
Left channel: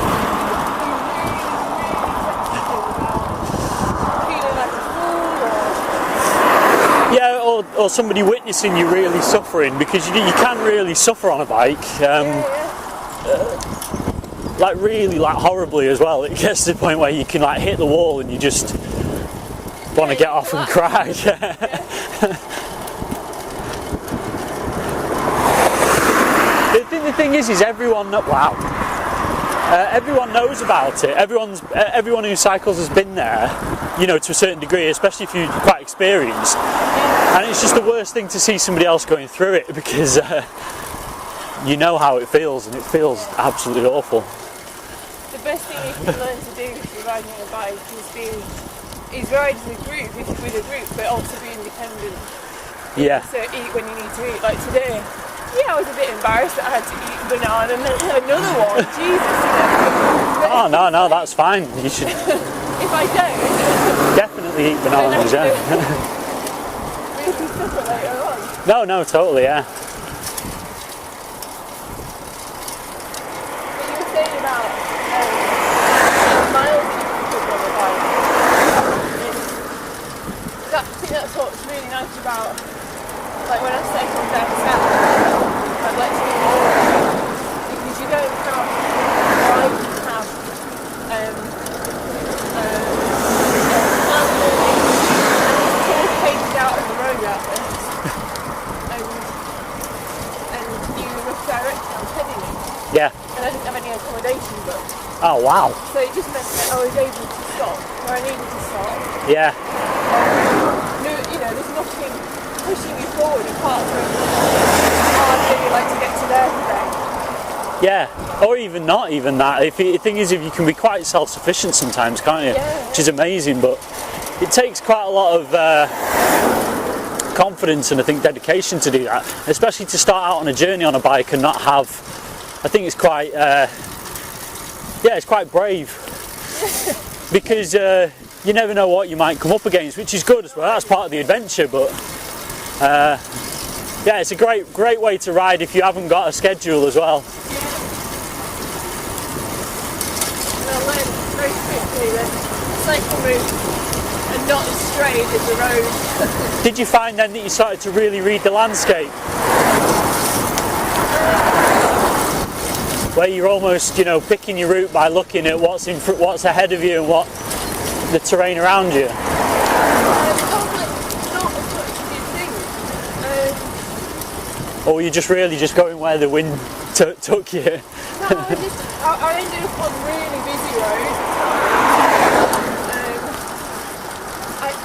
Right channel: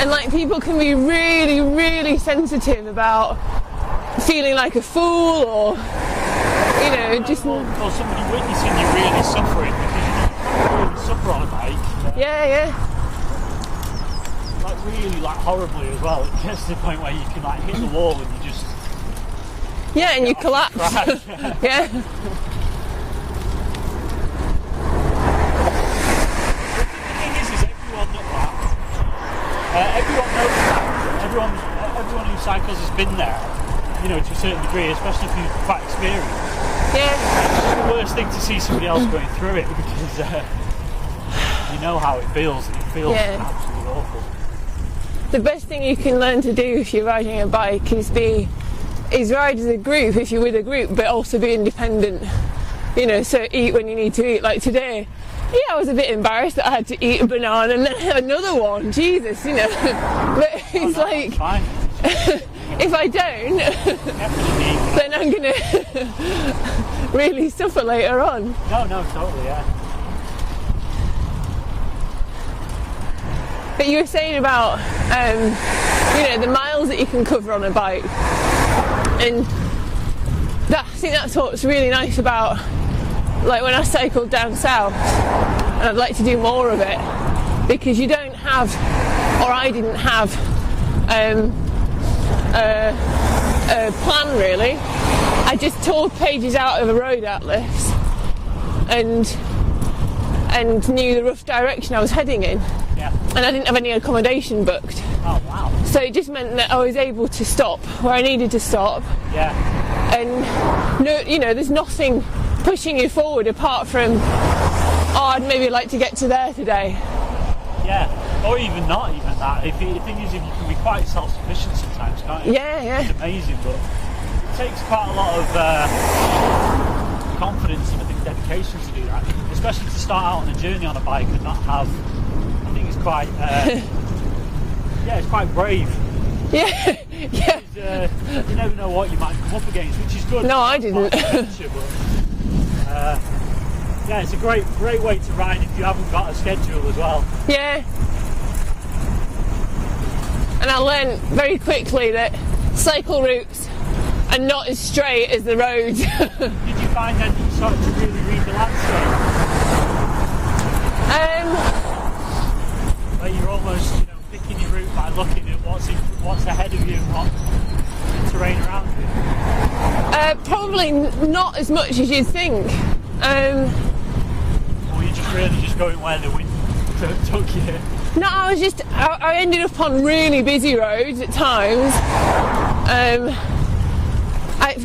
And like people can be really, really sensitive about feeling like a fool or, you know, or somebody witnessing you really suffering, because you can't really suffer on a bike. Like really like horribly as well. It gets to the point where you can like hit the wall and you just want to get off collapse. And cry. The thing is everyone knows about it. Everyone who cycles has been there, you know, to a certain degree, especially if you're quite experienced. And it's just the worst thing to see somebody else going through it, because you know how it feels, and it feels absolutely awful. The best thing you can learn to do if you're riding a bike is ride as a group if you're with a group, but also be independent. You know, so eat when you need to eat. Like today, I was a bit embarrassed that I had to eat a banana and another one. Jesus, you know. Oh no, like, that's fine. You should. If I don't, definitely eat bananas. Really suffer later on. No, totally, yeah. But you were saying about, you know, the miles that you can cover on a bike, and I think that's what's really nice about, like when I cycled down south, I'd like to do more of it, because you don't have, or I didn't have, a plan really. I just tore pages out of a road atlas, and knew the rough direction I was heading in. Yeah. And I didn't have any accommodation booked. Oh wow. So it just meant that I was able to stop where I needed to stop. Yeah. No, you know, there's nothing pushing you forward apart from, I'd maybe like to get to there today. Yeah. Or even not even that. The thing is, if you can be quite self-sufficient sometimes, can't you? Yeah. Which is amazing, but it takes quite a lot of confidence and I think dedication to do that, especially to start out on a journey on a bike and not have I think it's quite, it's quite brave. Yeah. Because you never know what you might come up against, which is good. No, that's part of the adventure. But it's a great way to ride if you haven't got a schedule as well. Yeah. And I learned very quickly that cycle routes are not as straight as the road. Did you find then that you started to really read the landscape? Where you're almost, picking your route by looking at what's ahead of you and what the terrain around you. Probably not as much as you'd think. Or were you just really just going where the wind took you? No, I ended up on really busy roads at times.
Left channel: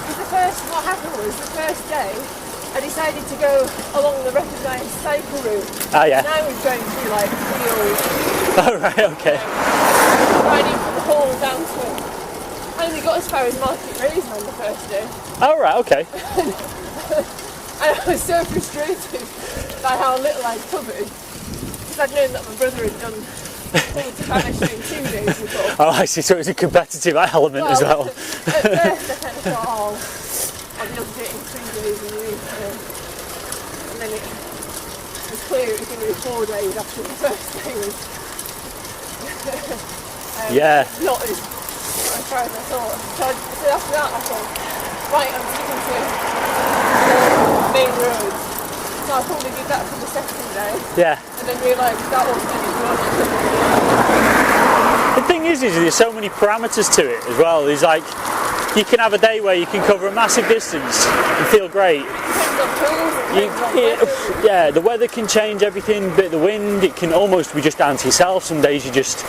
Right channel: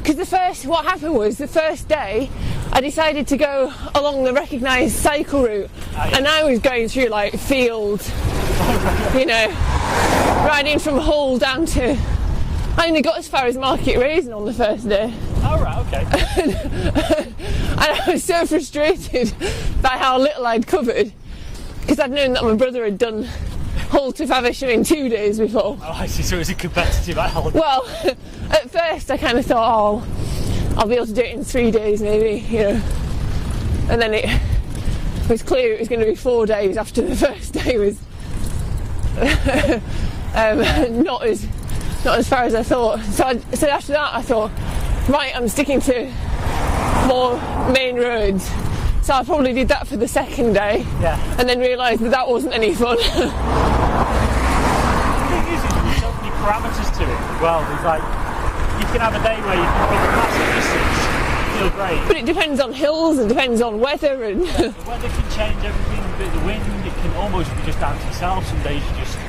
Because what happened was the first day I decided to go along the recognised cycle route, and I was going through like fields, riding from Hull down to. I only got as far as Market Raisin on the first day. Oh right, okay. And I was so frustrated by how little I'd covered, because I'd known that my brother had done Hull to Faversham in 2 days before. Oh, I see. So it was a competitive element as well. At first I kind of thought, I'll be able to do it in 3 days maybe, And then it was clear it was going to be 4 days after the first day was not as far as I thought. So after that I thought, right, I'm sticking to the main roads. So I probably did that for the second day. Yeah. And then realised that wasn't any fun. The thing is there's so many parameters to it as well. There's like, you can have a day where you can cover a massive distance and feel great. But it depends on hills, it depends on weather. Yeah, the weather can change everything, a bit of the wind, it can almost be just down to yourself. Some days you just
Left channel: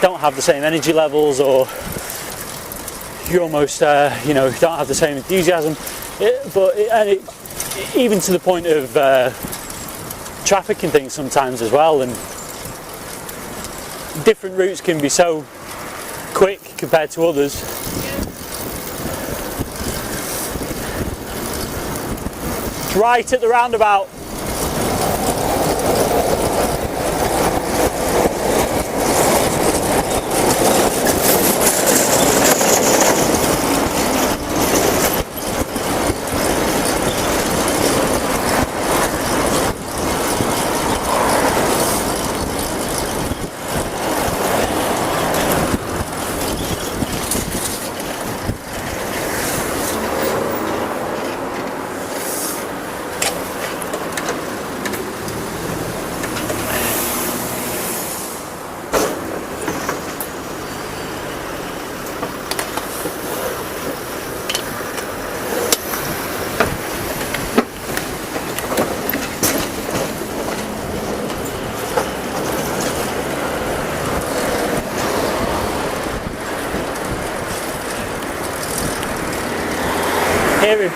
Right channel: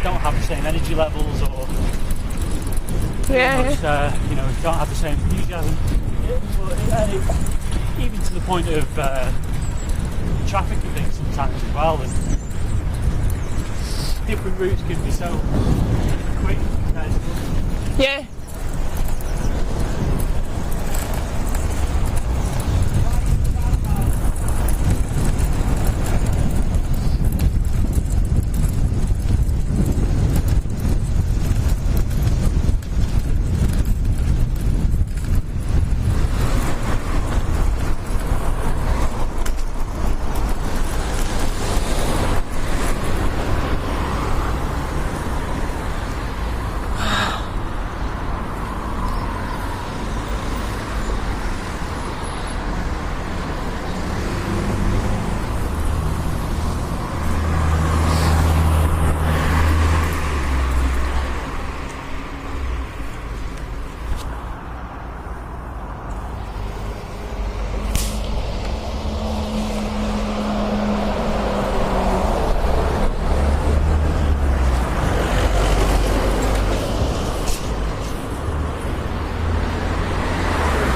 don't have the same energy levels, or you almost, don't have the same enthusiasm. Even to the point of traffic and things sometimes as well, and different routes can be so quick compared to others. Yeah. Right at the roundabout.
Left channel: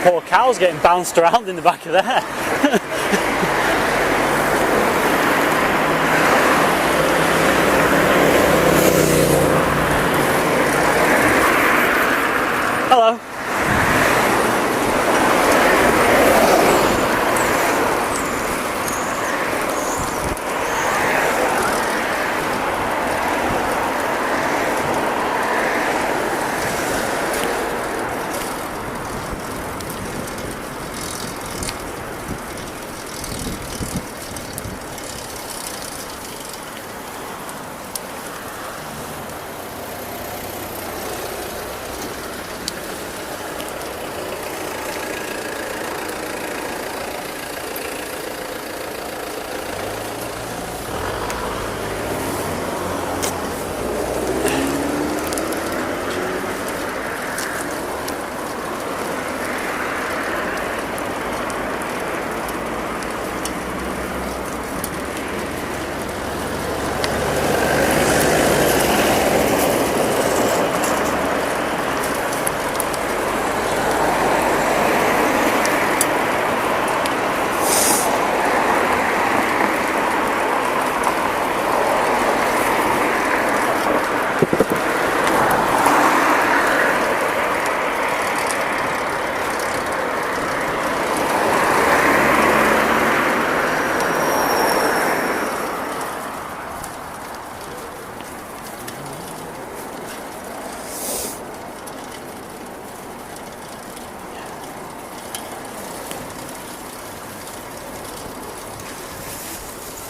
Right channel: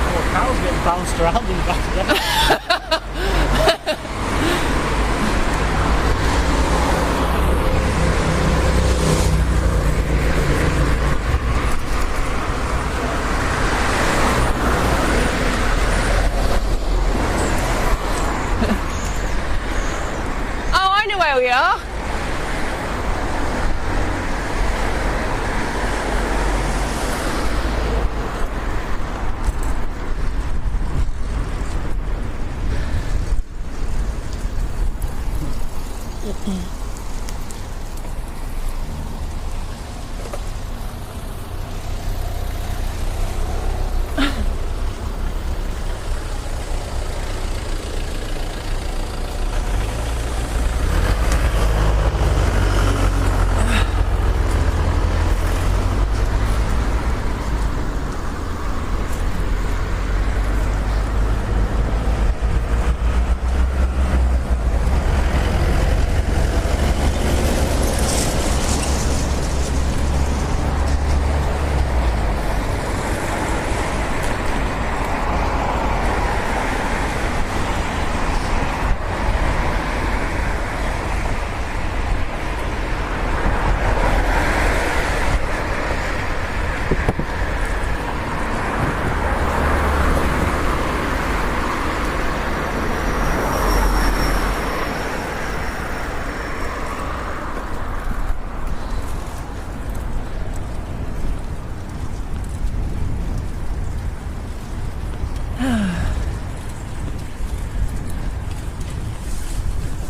Poor cows getting bounced around in the back of there. Hello. Oh, I know where we are.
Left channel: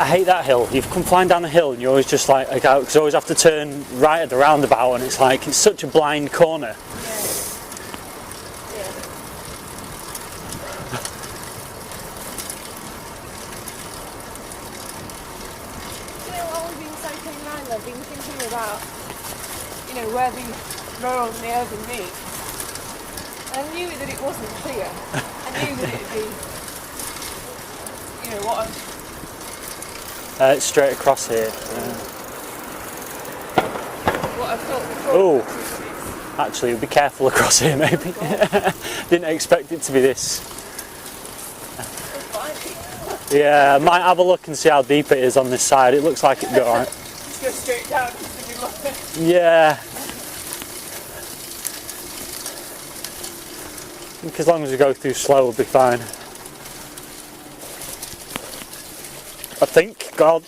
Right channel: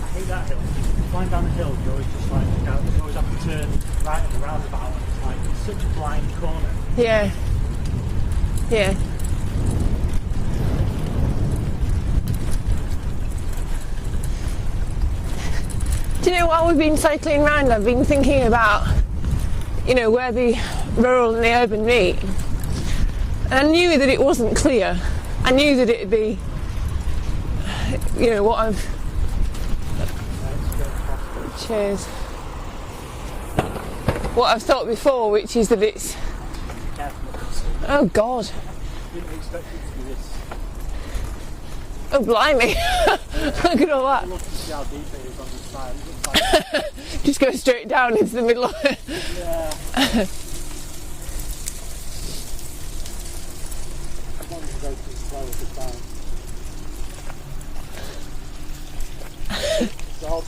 I hate that hill. You've come flying down the hill and you always just like, you always have to turn right at the roundabout, and it's like, it's such a blind corner. Yeah. Yeah. Do you know, while we've been cycling around, I've been thinking about, you know, where the rural and the urban meet. And I knew that it wasn't clear. I knew that it'd be, you know, what I've... Straight across here. Cheers. What I've thought before, which is that it's... Actually, be careful across here, maybe. Oh, God. Didn't expect it to be this. Oh, blimey. Yeah, I might have a look and see how deep it is on this side. It looks like it's alright. Just go straight down into the middle of it. Yeah. I think as long as we go through slow, we'll be fine. I think, God.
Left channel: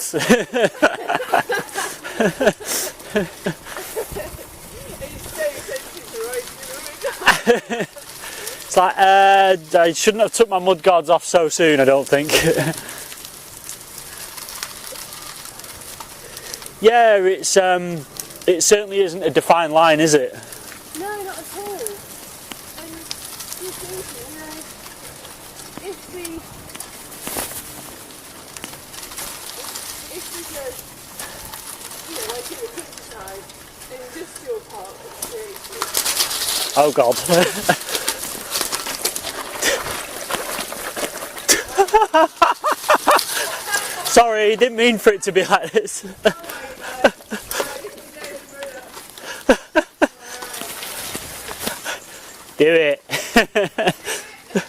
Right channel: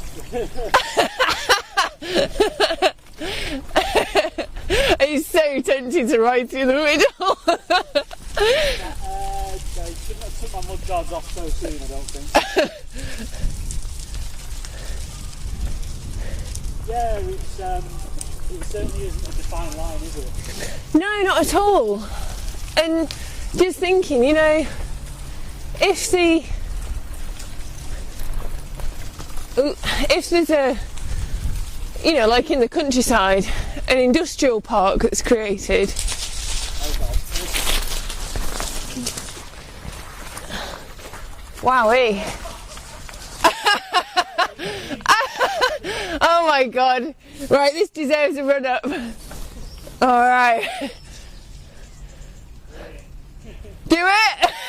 It's so tempting to ride through the middle. It's like, I shouldn't have took my mud guards off so soon, I don't think. Yeah, it certainly isn't a defined line, is it? No, not at all. And just thinking, you know, if there's a, you know, like in the countryside, an industrial park that's created. Oh God. Wowee. Sorry, didn't mean for it to be like this. Oh my God. Right, this deserves a run up. All right. Do it. Do it.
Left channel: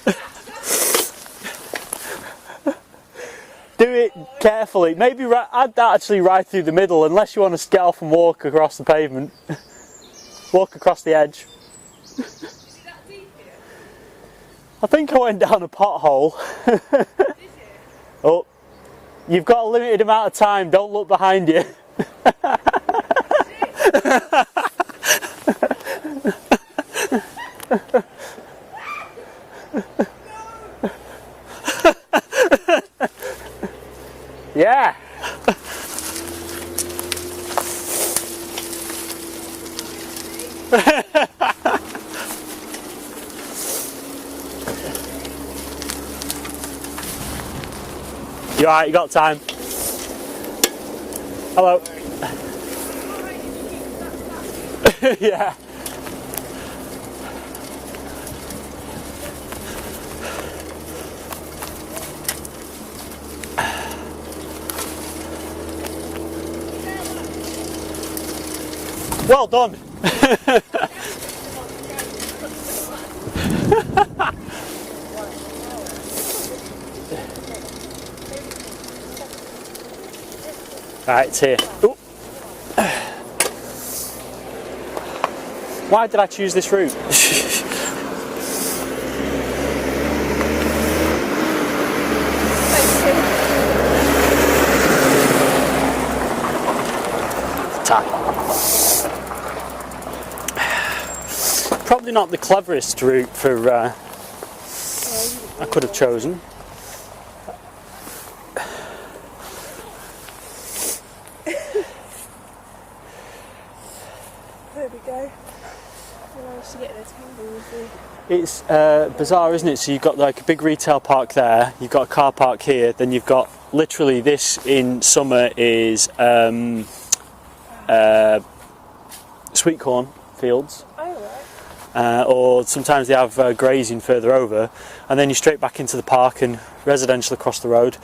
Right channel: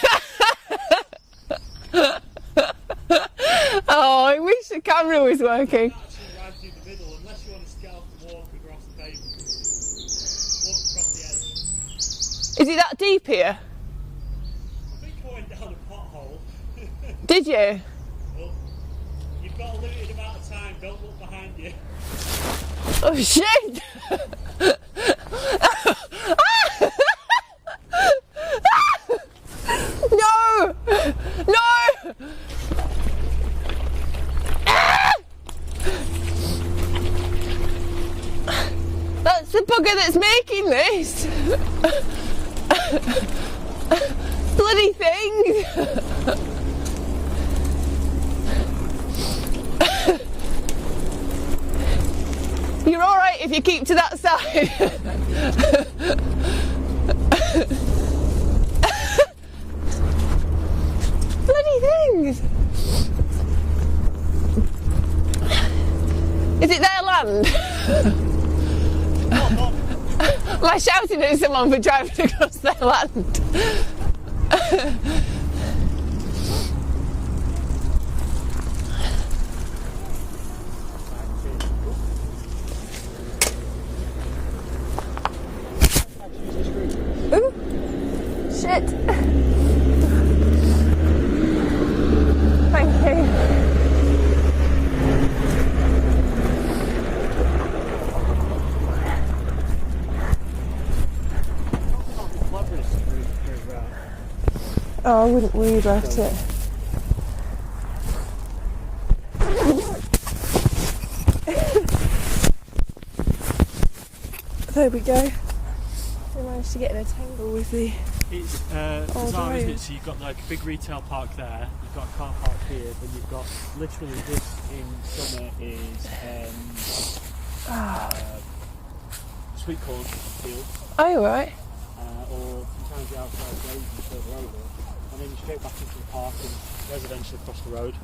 Do Oh, I it wish carefully. the camera Maybe was add working. that actually right through the middle, unless you want to get off and walk across the pavement. Walk across the edge. Is it that deep here? I think I went down a pothole. Did you? Oh, you've got a limited amount of time. Don't look behind you. Oh shit! No! No! Yeah. That's the bugger that's making this! Bloody thing! You alright? You got time? Hello. You're alright if you keep to that side. Yeah. Bloody thing! Is it their land? Well done. Am I shouting at someone for driving across their land? Right, it's here. Ooh. Why did I choose this route? Thank you. Time. Probably not the cleverest route for. Oh, I wouldn't I could have chosen. it. There we go. I managed to get in a tangle with the... It's bizarre, isn't it? So you've got like a big retail park there, you've got a car park here, then you've got literally this in summer is sweet corn fields. Oh, right. Or sometimes they have grazing further over, and then you're straight back into the park and residential across the road.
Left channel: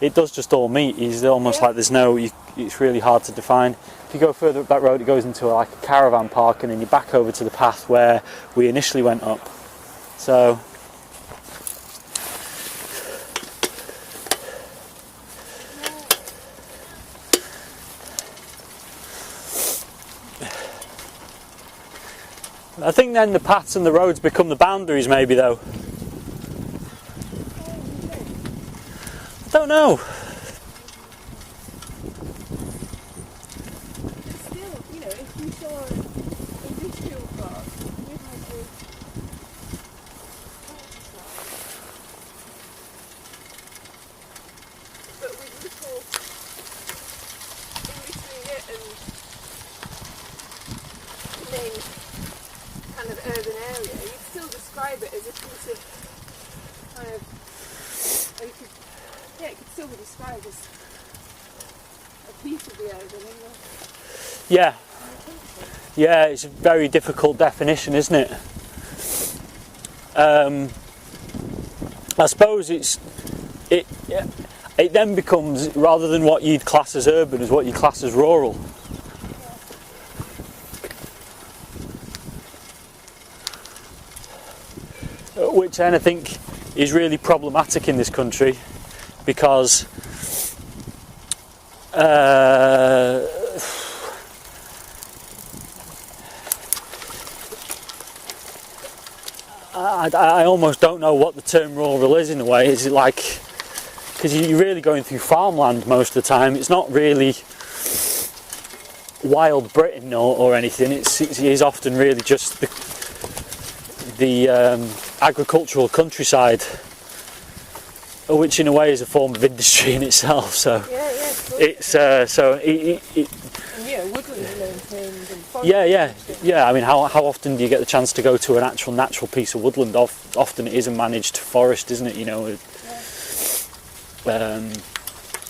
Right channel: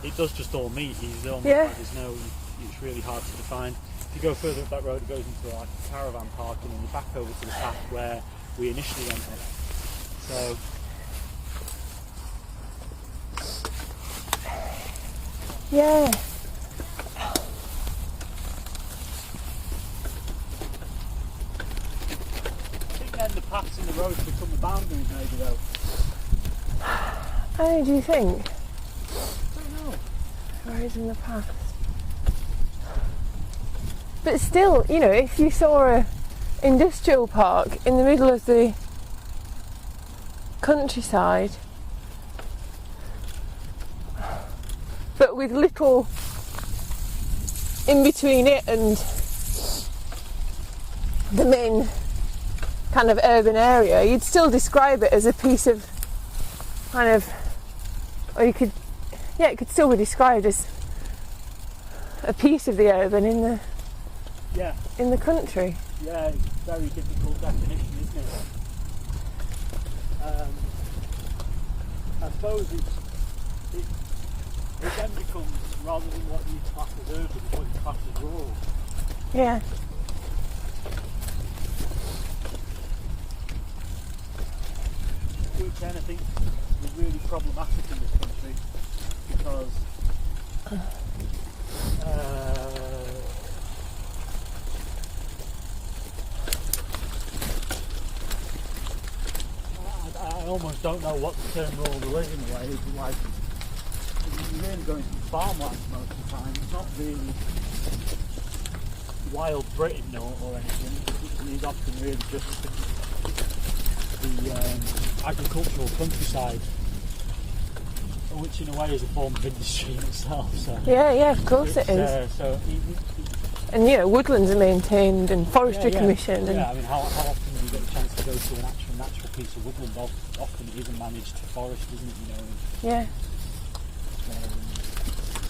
It does just all meet. It's almost like there's no. It's really hard to define. If you go further up that road, it goes into like a caravan park, and then you're back over to the path where we initially went up. So. Yeah. I think then the paths and the roads become the boundaries, maybe though. Oh, do you think? I don't know. Roads and the path. But still, you know, if you saw a industrial park in the middle of the countryside, but with little in between it and the main kind of urban area, you'd still describe it as a piece of kind of, or you could, yeah, it could still be described as a piece of the urban in the country. Yeah, it's a very difficult definition, isn't it? I suppose it then becomes, rather than what you'd class as urban, is what you class as rural. Yeah. Which then I think is really problematic in this country, because I almost don't know what the term rural is in a way. Is it like, because you're really going through farmland most of the time. It's not really wild Britain or anything. It is often really just the agricultural countryside, which in a way is a form of industry in itself. So yeah, of course it's and woodlands are maintained and forestry commission. Yeah, I mean, how often do you get the chance to go to an actual natural piece of woodland? Often it is a managed forest, isn't it? Yeah.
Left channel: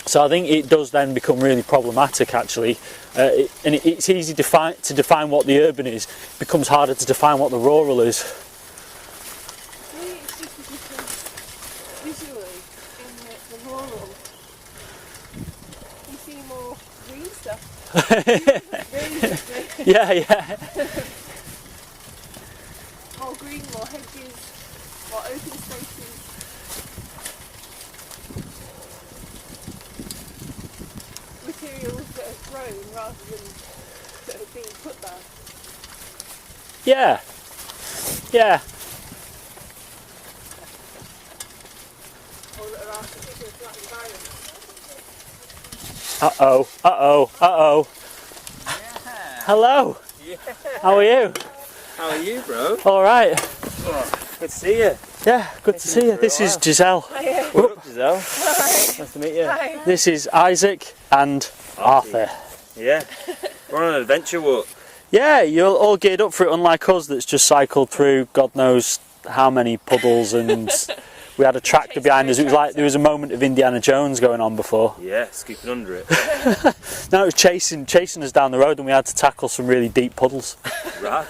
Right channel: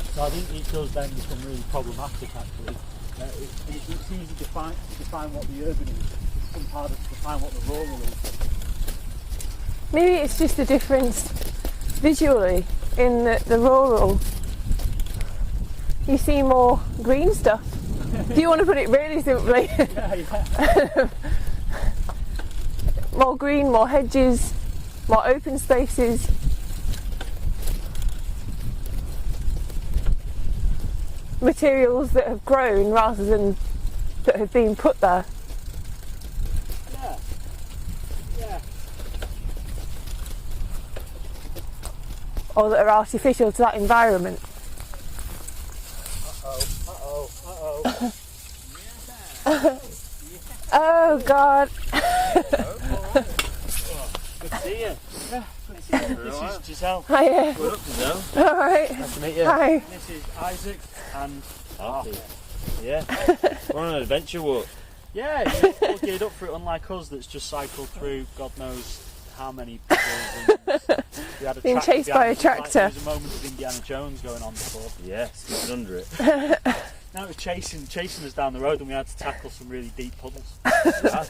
So I think it does then become really problematic, actually, and it's easy to define what the urban is. It becomes harder to define what the rural is. Maybe it's just a difference visually in the rural. You see more green stuff. Do you want to put it really simply? Yeah. More green, more hedges, more open spaces. Materials that have grown rather than that have been put there. Yeah. Or that are artificial to that environment. Uh-oh. Hello. How are you? Oh God. How are you, bro? All right. Good to see you. Yeah, good to see you. This is Giselle. Hiya. Hello. All right. Nice to meet you. Hi. This is Isaac and Arthur. Yeah. We're on an adventure walk. Yeah, you're all geared up for it, unlike us that's just cycled through God knows how many puddles, and we had a tractor chased by behind a us. It was like tractor. there was a moment of Indiana Jones going on before. Yeah, skipping under it. No, it was chasing us down the road, and we had to tackle some really deep puddles. Right.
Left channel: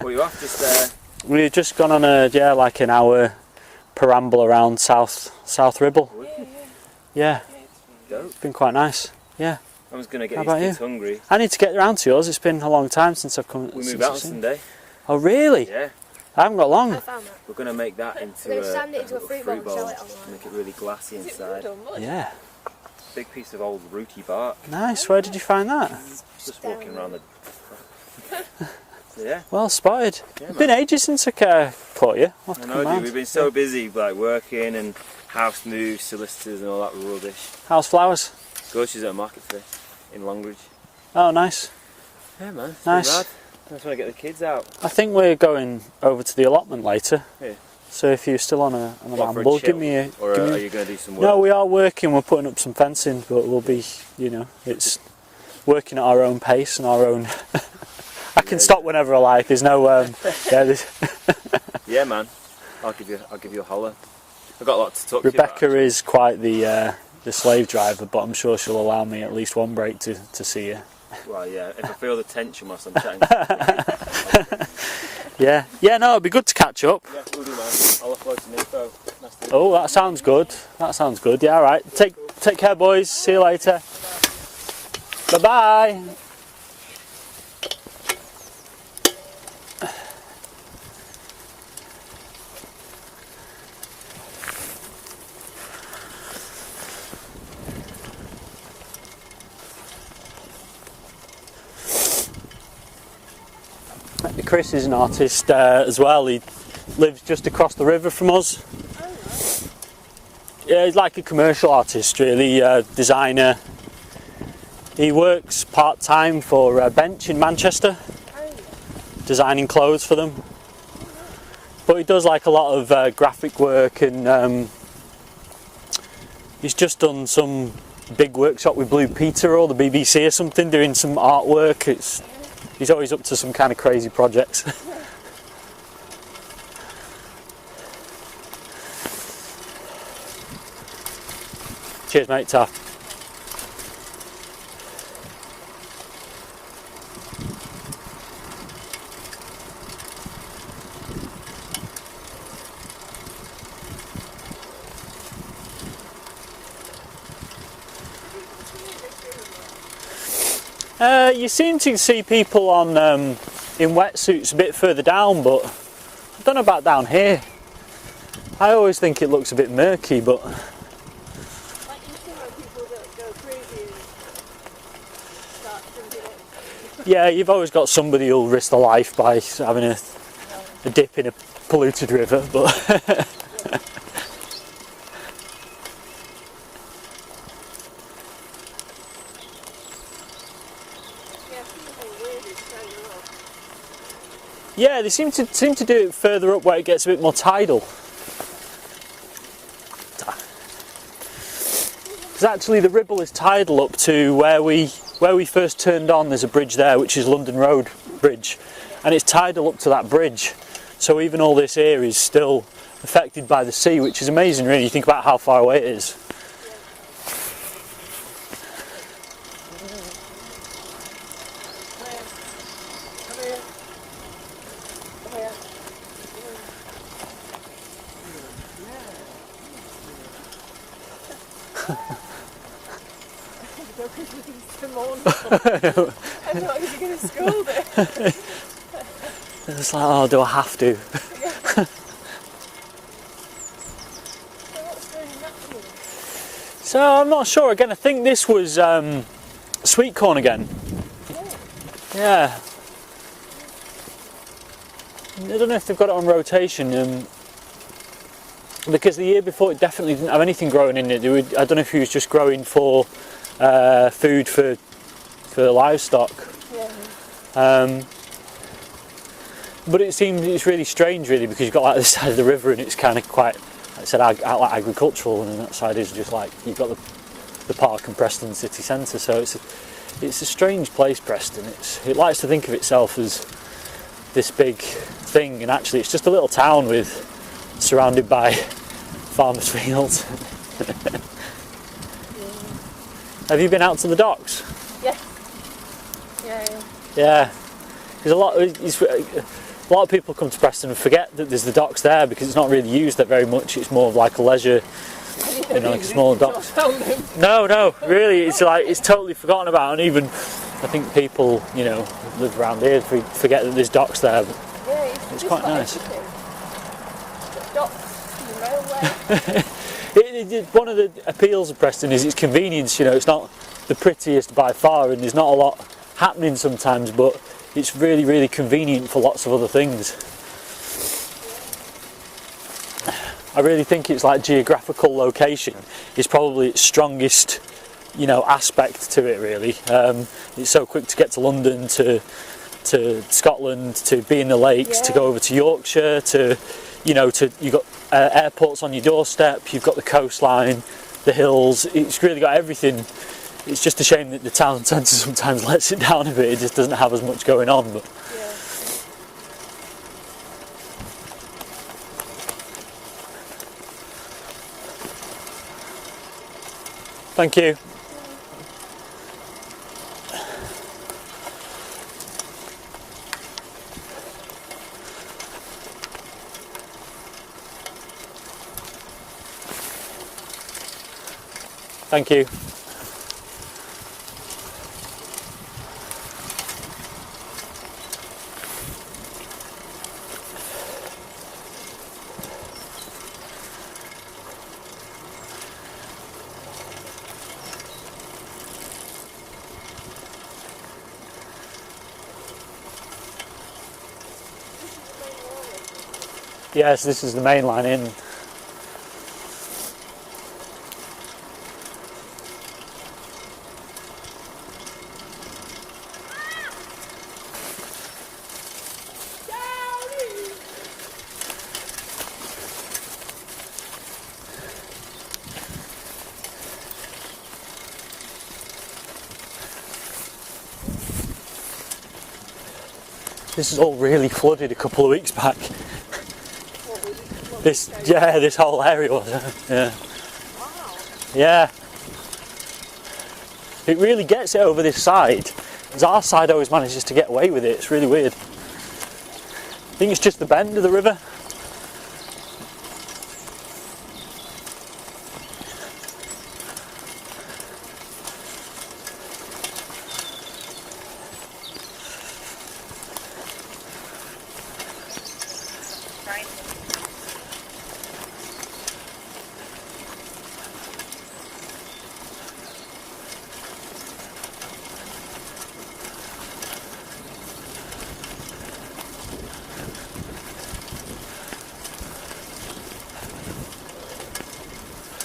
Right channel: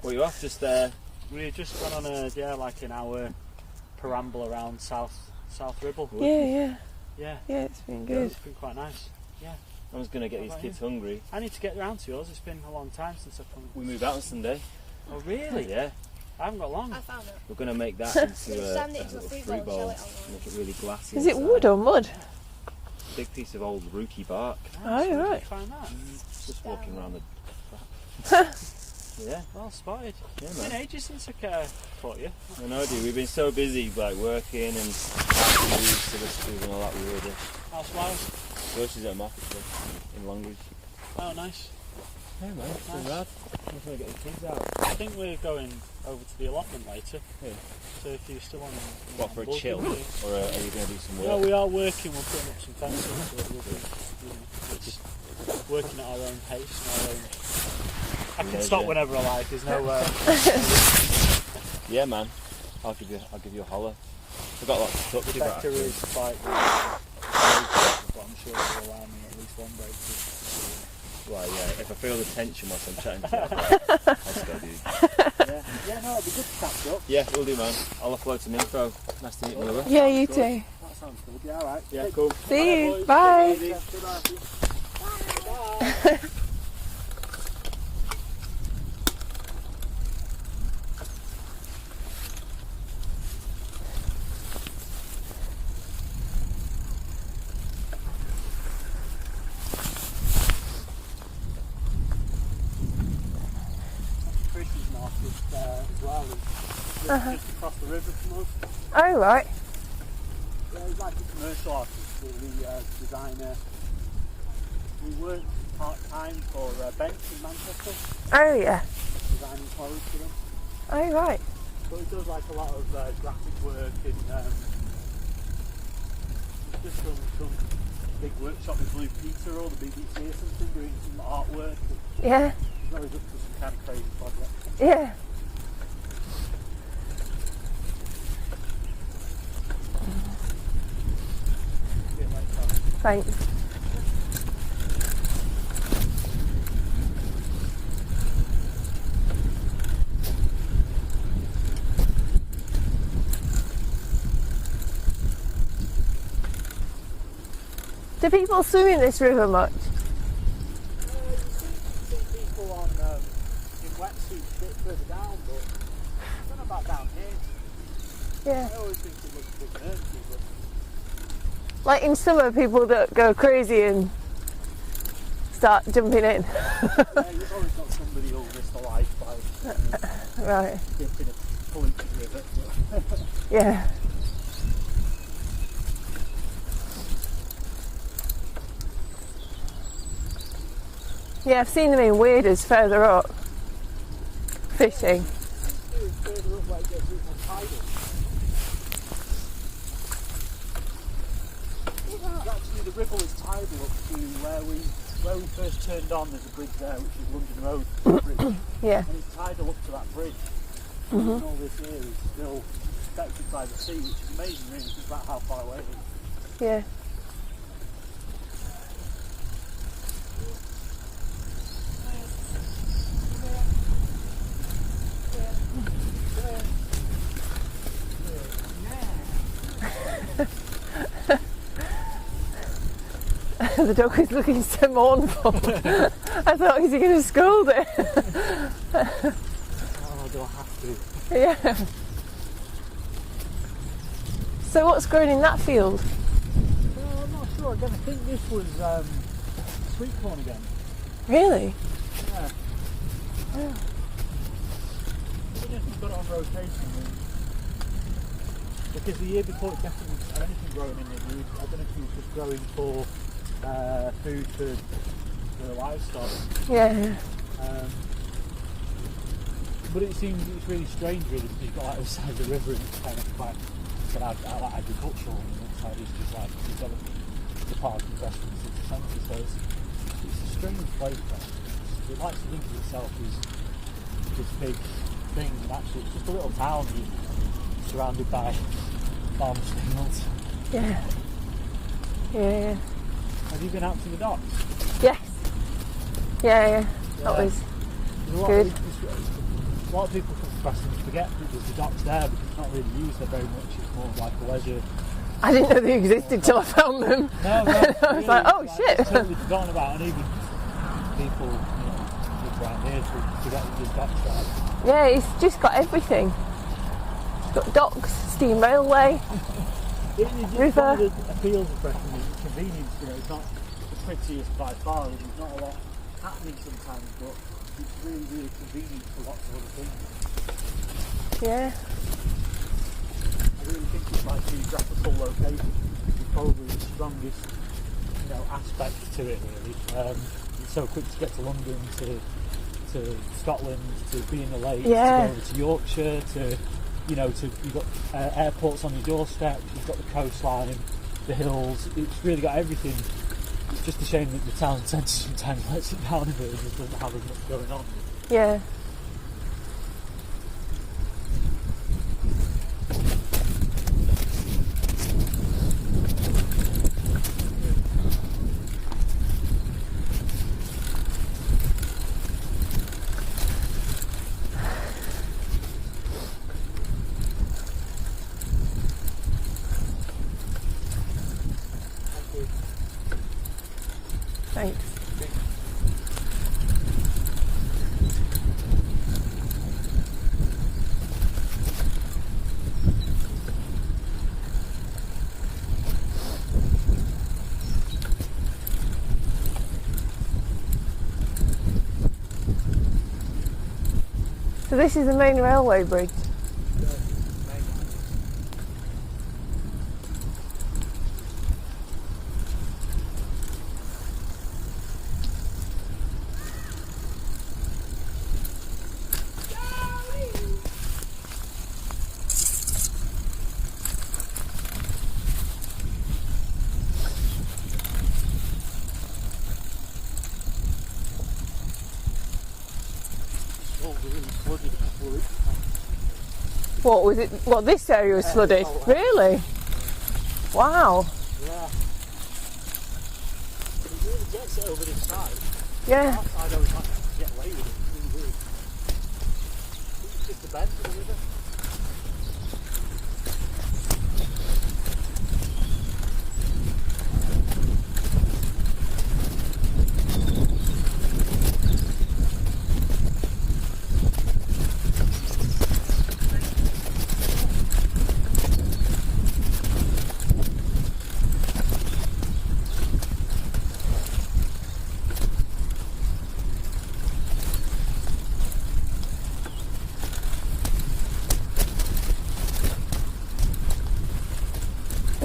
What you off? Just We had just gone on like an hour peramble around South Ribble. Yeah. Yeah, It's been good. it's been quite nice. Yeah, I was going to How get about these kids hungry. I need to get round to yours. It's been a long time since I've come. We since move out I've seen- Sunday. Oh really? Yeah. I haven't got long. I found that. We're going to make that into Then sand it into a fruit bowl and sell it online. Make it really glassy. Is it inside. wood or mud? Yeah, Big piece of old rooty bark. nice. Oh, Where did right. you find that? Just walking around the. Yeah. Well spotted. Yeah, It's been ages since I caught you. I'll have I to know, come dude. round. We've been so busy, like working and how to move solicitors and all that rubbish. How's flowers? So she's at market today in Longridge. Oh, nice. Yeah, man. it's Nice. not bad. I just want to get the kids out. I think we're going over to the allotment later. Yeah. So if you're still on an What, for a amble, give chill? me a. Or give are me- you going to do some work? No, we are working. We're putting up some fencing, but we'll be, it's working at our own pace and our own. I can stop whenever I like. There's no. Yeah, man. I'll give you a holler. I've got a lot to talk to you Rebecca about. is quite the slave driver, but I'm sure she'll allow me at least one break to see you. Well, yeah. If I feel the tension whilst I'm chatting to you, Yeah. No, it'd be good to catch up. yeah, we'll do, man. I'll upload some info. Nice to meet Oh, you. that Yeah, sounds you good. too. That sounds good. Yeah, all right. Take cool. take See care, you. boys. See you Bye. later. Bye bye. Chris is an artist as well. He lives just across the river from us. Oh right. Yeah, he's like a commercial artist, really, designer. He works part-time for Bench in Manchester, Oh yeah. designing clothes for them. Oh right. But he does like a lot of graphic work, and he's just done some big workshop with Blue Peter or the BBC or something, doing some artwork. Yeah. He's always up to some kind of crazy projects. Yeah. Cheers, mate. Ta. Thanks. Do people swim in this river much? You seem to see people on in wetsuits a bit further down, but I don't know about down here. Yeah. I always think it looks a bit murky, but Like in summer, people that go crazy and start jumping in. yeah, you've always got somebody who'll risk their life by having Right. a dip in a polluted river, but Yeah. Yeah, I've seen them in waders further up. yeah, they Fishing. seem to do it further up where it gets a bit more tidal. Because actually the Ribble is tidal up to where we first turned on. There's a bridge there, which is London Road Bridge, Yeah. and it's tidal up to that bridge. So even all this area is still affected by the sea, which is amazing, really. You think about how far away it is. Yeah. The dog is looking so mournful. I thought, is he going to scold it? It's like, oh, do I have to? Yeah. So what's growing in that field? So I'm not sure. Again, I think this was sweet corn again. Really? Yeah. I don't know if they've got it on rotation, because the year before it definitely didn't have anything growing in it. I don't know if he was just growing for food for livestock. Yeah. But it's really strange, really, because you've got like this side of the river and it's kind of quite, like I said, like agricultural, and then that side is just like you've got the park and Preston city centre. So it's a strange place, Preston. It likes to think of itself as this big thing, and actually it's just a little town surrounded by farmers' fields. Yeah. Yeah. Have you been out to the docks? Yeah. Yeah. Yeah. There's a lot. Good. A lot of people come to Preston and forget that there's the docks there because it's not really used there very much. It's more of like a leisure. I didn't know they small existed till I docks. found them. No, really, it's Oh, like shit. it's totally forgotten about, and even I think people, that live around here forget that there's docks there. Yeah, it's just quite got nice. everything. It's got docks, steam railway. One of the appeals of Preston is its convenience. It's not the prettiest by far, and there's not a lot happening sometimes, but it's really, really convenient for lots of other things. Yeah. I really think it's like geographical location is probably its strongest, aspect to it. Really, it's so quick to get to London, to Scotland, to be in the lakes, to Yeah. go over to Yorkshire, you've got airports on your doorstep, you've got the coastline, the hills. It's really got everything. It's just a shame that the town centre sometimes lets it down a bit. It just doesn't have as much going on. But Yeah. thank you. Thank you. Thanks. So this is the main railway bridge. Yes, this is the main line in. this is all really flooded a couple of weeks back. What was it? What, this area was Yeah, flooded? this whole area. Really? Yeah. Wow. Yeah. It really gets it over this side. Because Yeah. our side always manages to get away with it. It's really weird. I think it's just the bend of the river.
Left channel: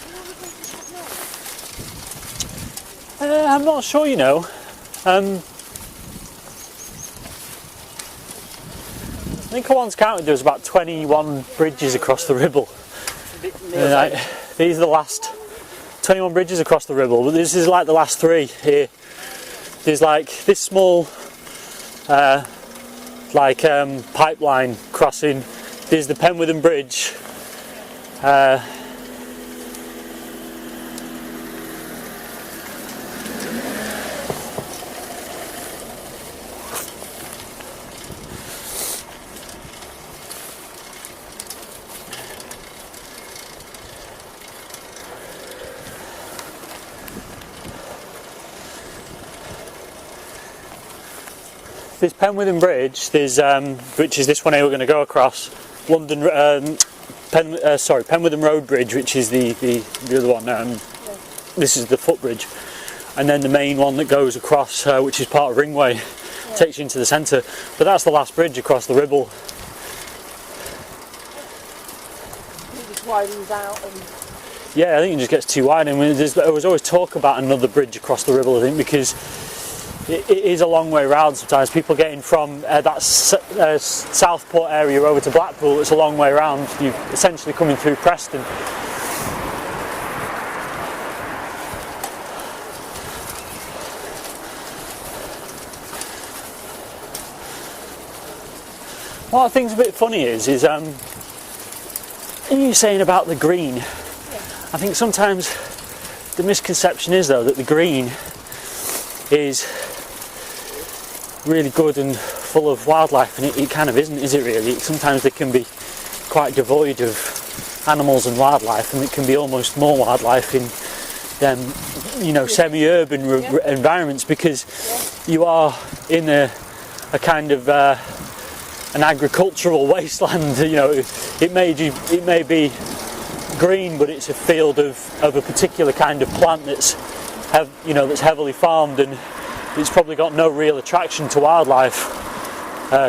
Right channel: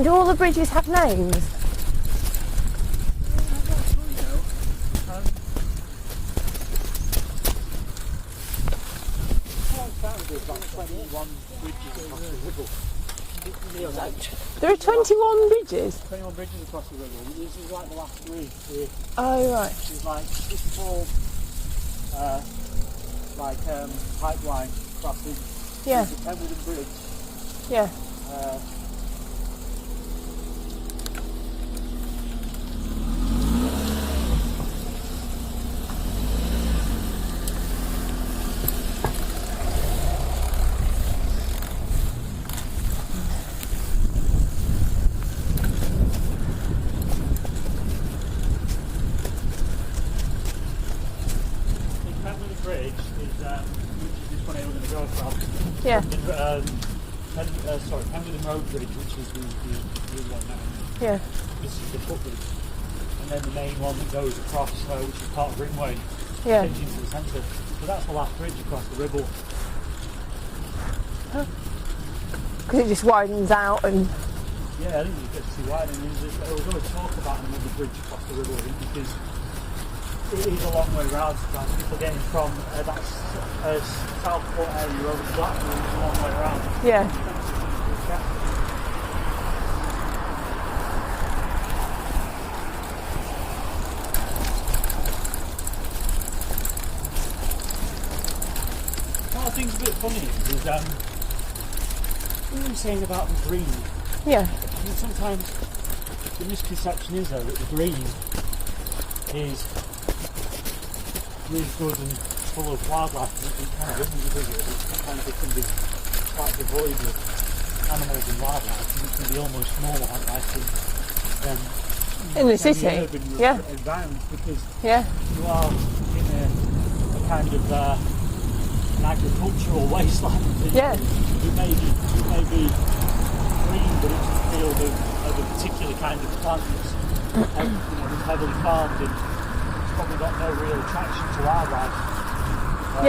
Do all the bridges have names? I'm not sure, you know. I think I once counted there was about 21 bridges across the Ribble. These are the last 21 bridges? 21 bridges across the Ribble, but this is like the last 3 here. Oh, right. There's like this small pipeline crossing. There's the Penwitham Bridge. Yeah. There's Penwitham Bridge, there's which is this one here we're going to go across. Yeah. Penwitham Road Bridge, which is the other one. Yeah. This is the footbridge, and then the main one that goes across, which is part of Ringway, Yeah. takes you into the centre. But that's the last bridge across the Ribble. Because it just widens out and... Yeah, I think it just gets too wide. And there was always talk about another bridge across the Ribble, I think, because it is a long way round sometimes. People getting from that Southport area over to Blackpool, it's a long way round. You're essentially coming through Preston. What I think's a bit funny is you're saying about the green. Yeah. I think sometimes the misconception is, though, that the green is really good and full of wildlife, and it kind of isn't, is it really? Sometimes they can be quite devoid of animals and wildlife, and it can be almost more wildlife in them, In the semi-urban city. environments, because Yeah. you are in a kind of an agricultural wasteland. It may be green, but it's a field of a particular kind of plant that's that's heavily farmed, and it's probably got no real attraction to wildlife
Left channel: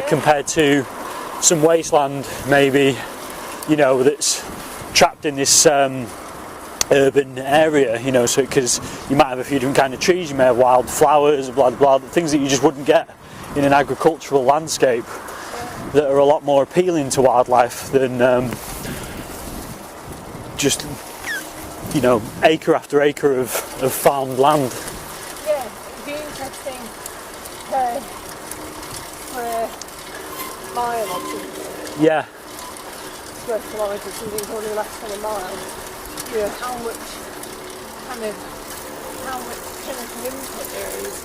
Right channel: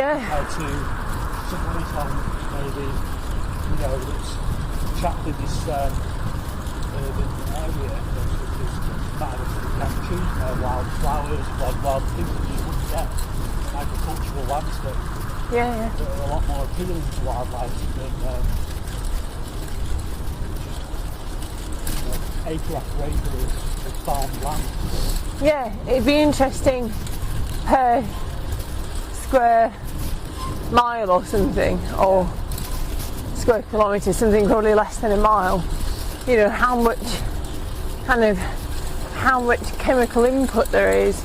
compared to some wasteland maybe that's trapped in this urban area, so because you might have a few different kind of trees, you may have wild flowers, blah blah, things that you just wouldn't get in an agricultural landscape that are a lot more appealing to wildlife than just acre after acre of farmed land. Yeah, it'd be interesting per square mile or something, or square kilometre, something probably less than a mile. How much chemical input there is,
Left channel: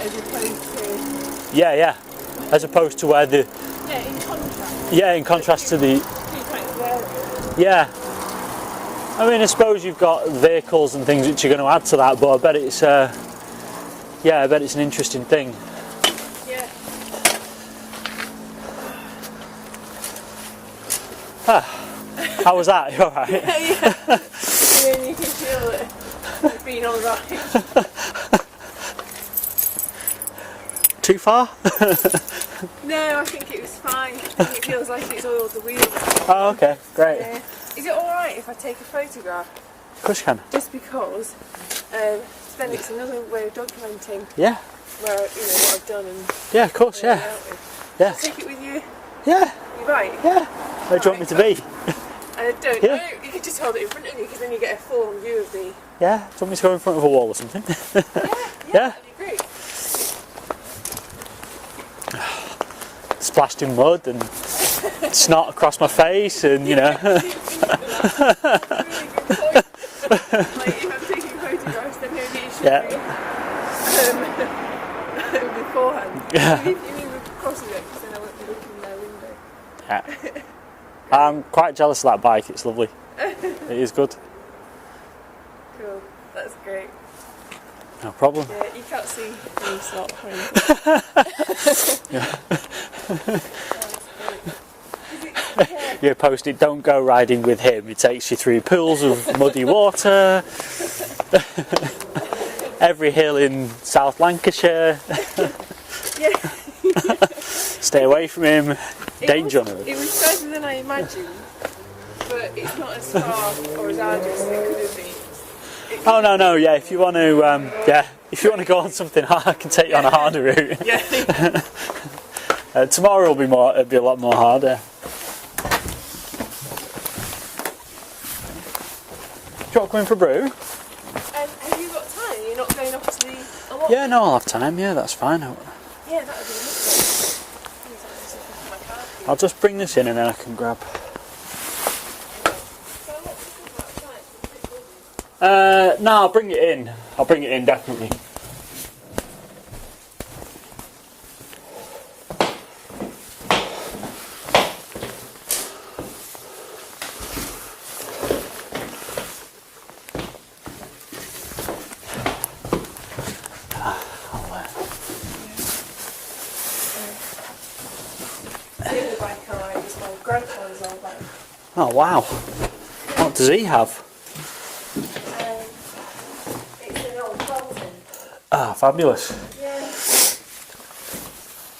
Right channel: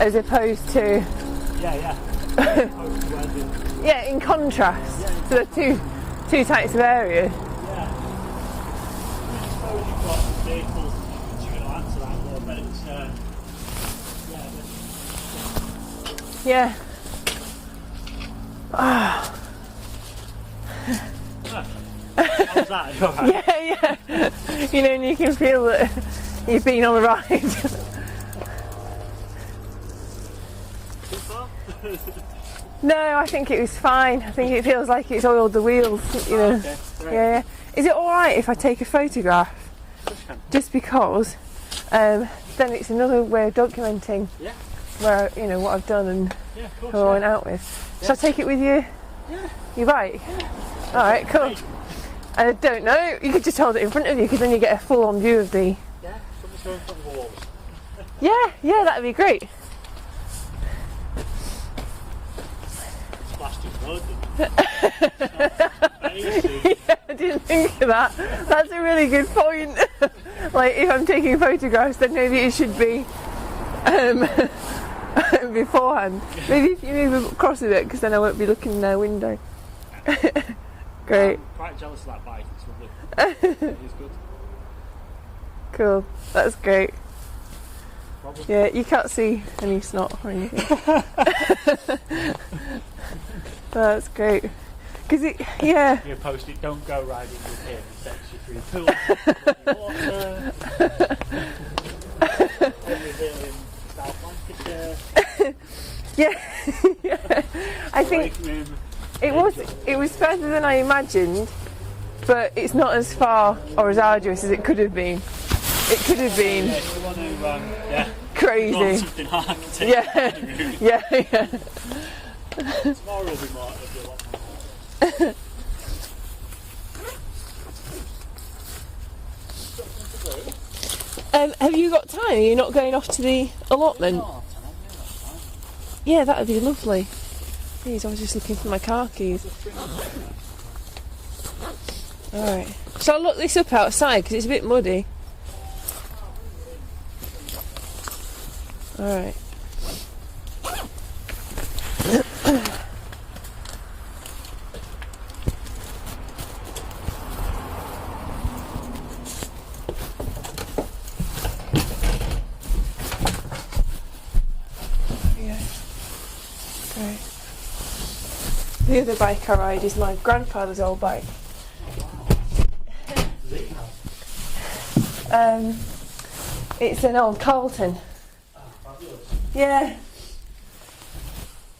as opposed to as opposed to where the in contrast. in contrast to the two types of areas. I mean, I suppose you've got vehicles and things which are going to add to that, but I bet it's I bet it's an interesting thing. Yeah. How was that? You all right? You can feel that you've been on the ride. Too far? No, I think it was fine. I think it feels like it's oiled the wheels. Oh, okay, great. Yeah. Is it alright if I take a photograph? Of course you can. Just because then it's another way of documenting where what I've done and of course, who I went out with. Yeah. Shall I take it with you? Yeah. You right? Yeah. Where do you want me to be? I don't know. You could just hold it in front of you, because then you get a full-on view of the... Yeah. Do you want me to go in front of a wall or something? Yeah, that'd be great. splashed in mud and snot across my face, and you know. I didn't think of that. That's a really good point. Like if I'm taking photographs, then maybe it should be beforehand. Maybe if you move across a bit, because then I won't be looking in their window. Yeah. Great. I'm quite jealous of that bike. It's lovely. It is good. Cool. That's great. No problem. Yeah, you can't see any snot or anything. That's great. Yeah. You posted, don't go riding with him. He takes you through pools of muddy water, every hill in South Lancashire. Yeah. Stay away from him. Danger on him. It was further than I imagined, but it's not as far or as arduous as it could have been. Oh no, yeah. If you want to, if you want to go on Crazy. something hard, I can take you on a harder route. Yeah. Tomorrow will be it'll be a lot more harder. Do you want to come in for a brew? Have you got time? Are you not going off to the allotment? Yeah, no, I'll have time. Yeah, that's fine. Yeah, that would be lovely. Please, I was just looking for my car keys. I'll just bring this in and then I can grab. Alright. Shall I look this up outside because it's a bit muddy? No, I'll bring it in. I'll bring it in definitely. Alright. The other bike I ride is my grandfather's old bike. Oh wow! What does he have? It's an old Carlton. Ah, fabulous. Yeah.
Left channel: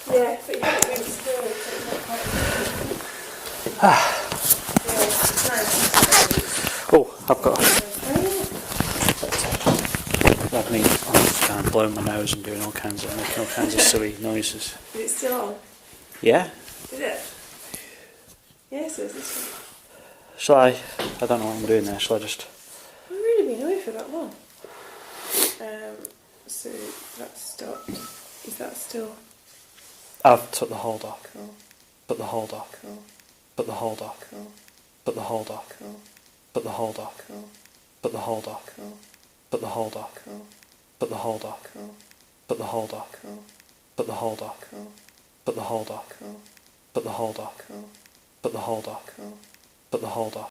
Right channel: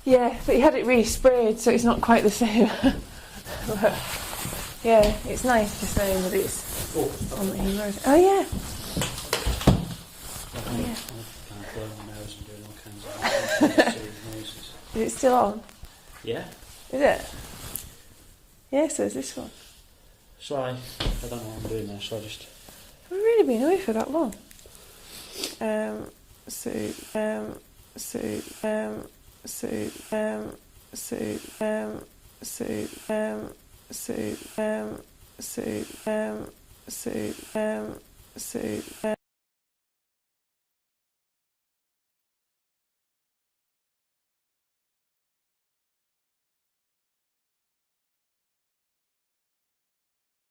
Yeah, but you have it re-sprayed, so it's not quite the same. Yeah, it's nice. It's Oh, I've got. oh yeah. Let me. I'm just kind of blowing my nose and doing all kinds of silly noises. Is it still on? Yeah. Is it? Yeah, so is this one. Shall I? I don't know what I'm doing there. Shall I just? We've really been away for that long. I've took the hold off. Put the hold off. Put the hold off. Put the hold off. Put the hold off. Put the hold off. Put the hold off. Put the hold off. Put the hold off. Put the hold off. Put the hold off. Put the hold off. Put the hold off. Put the hold off.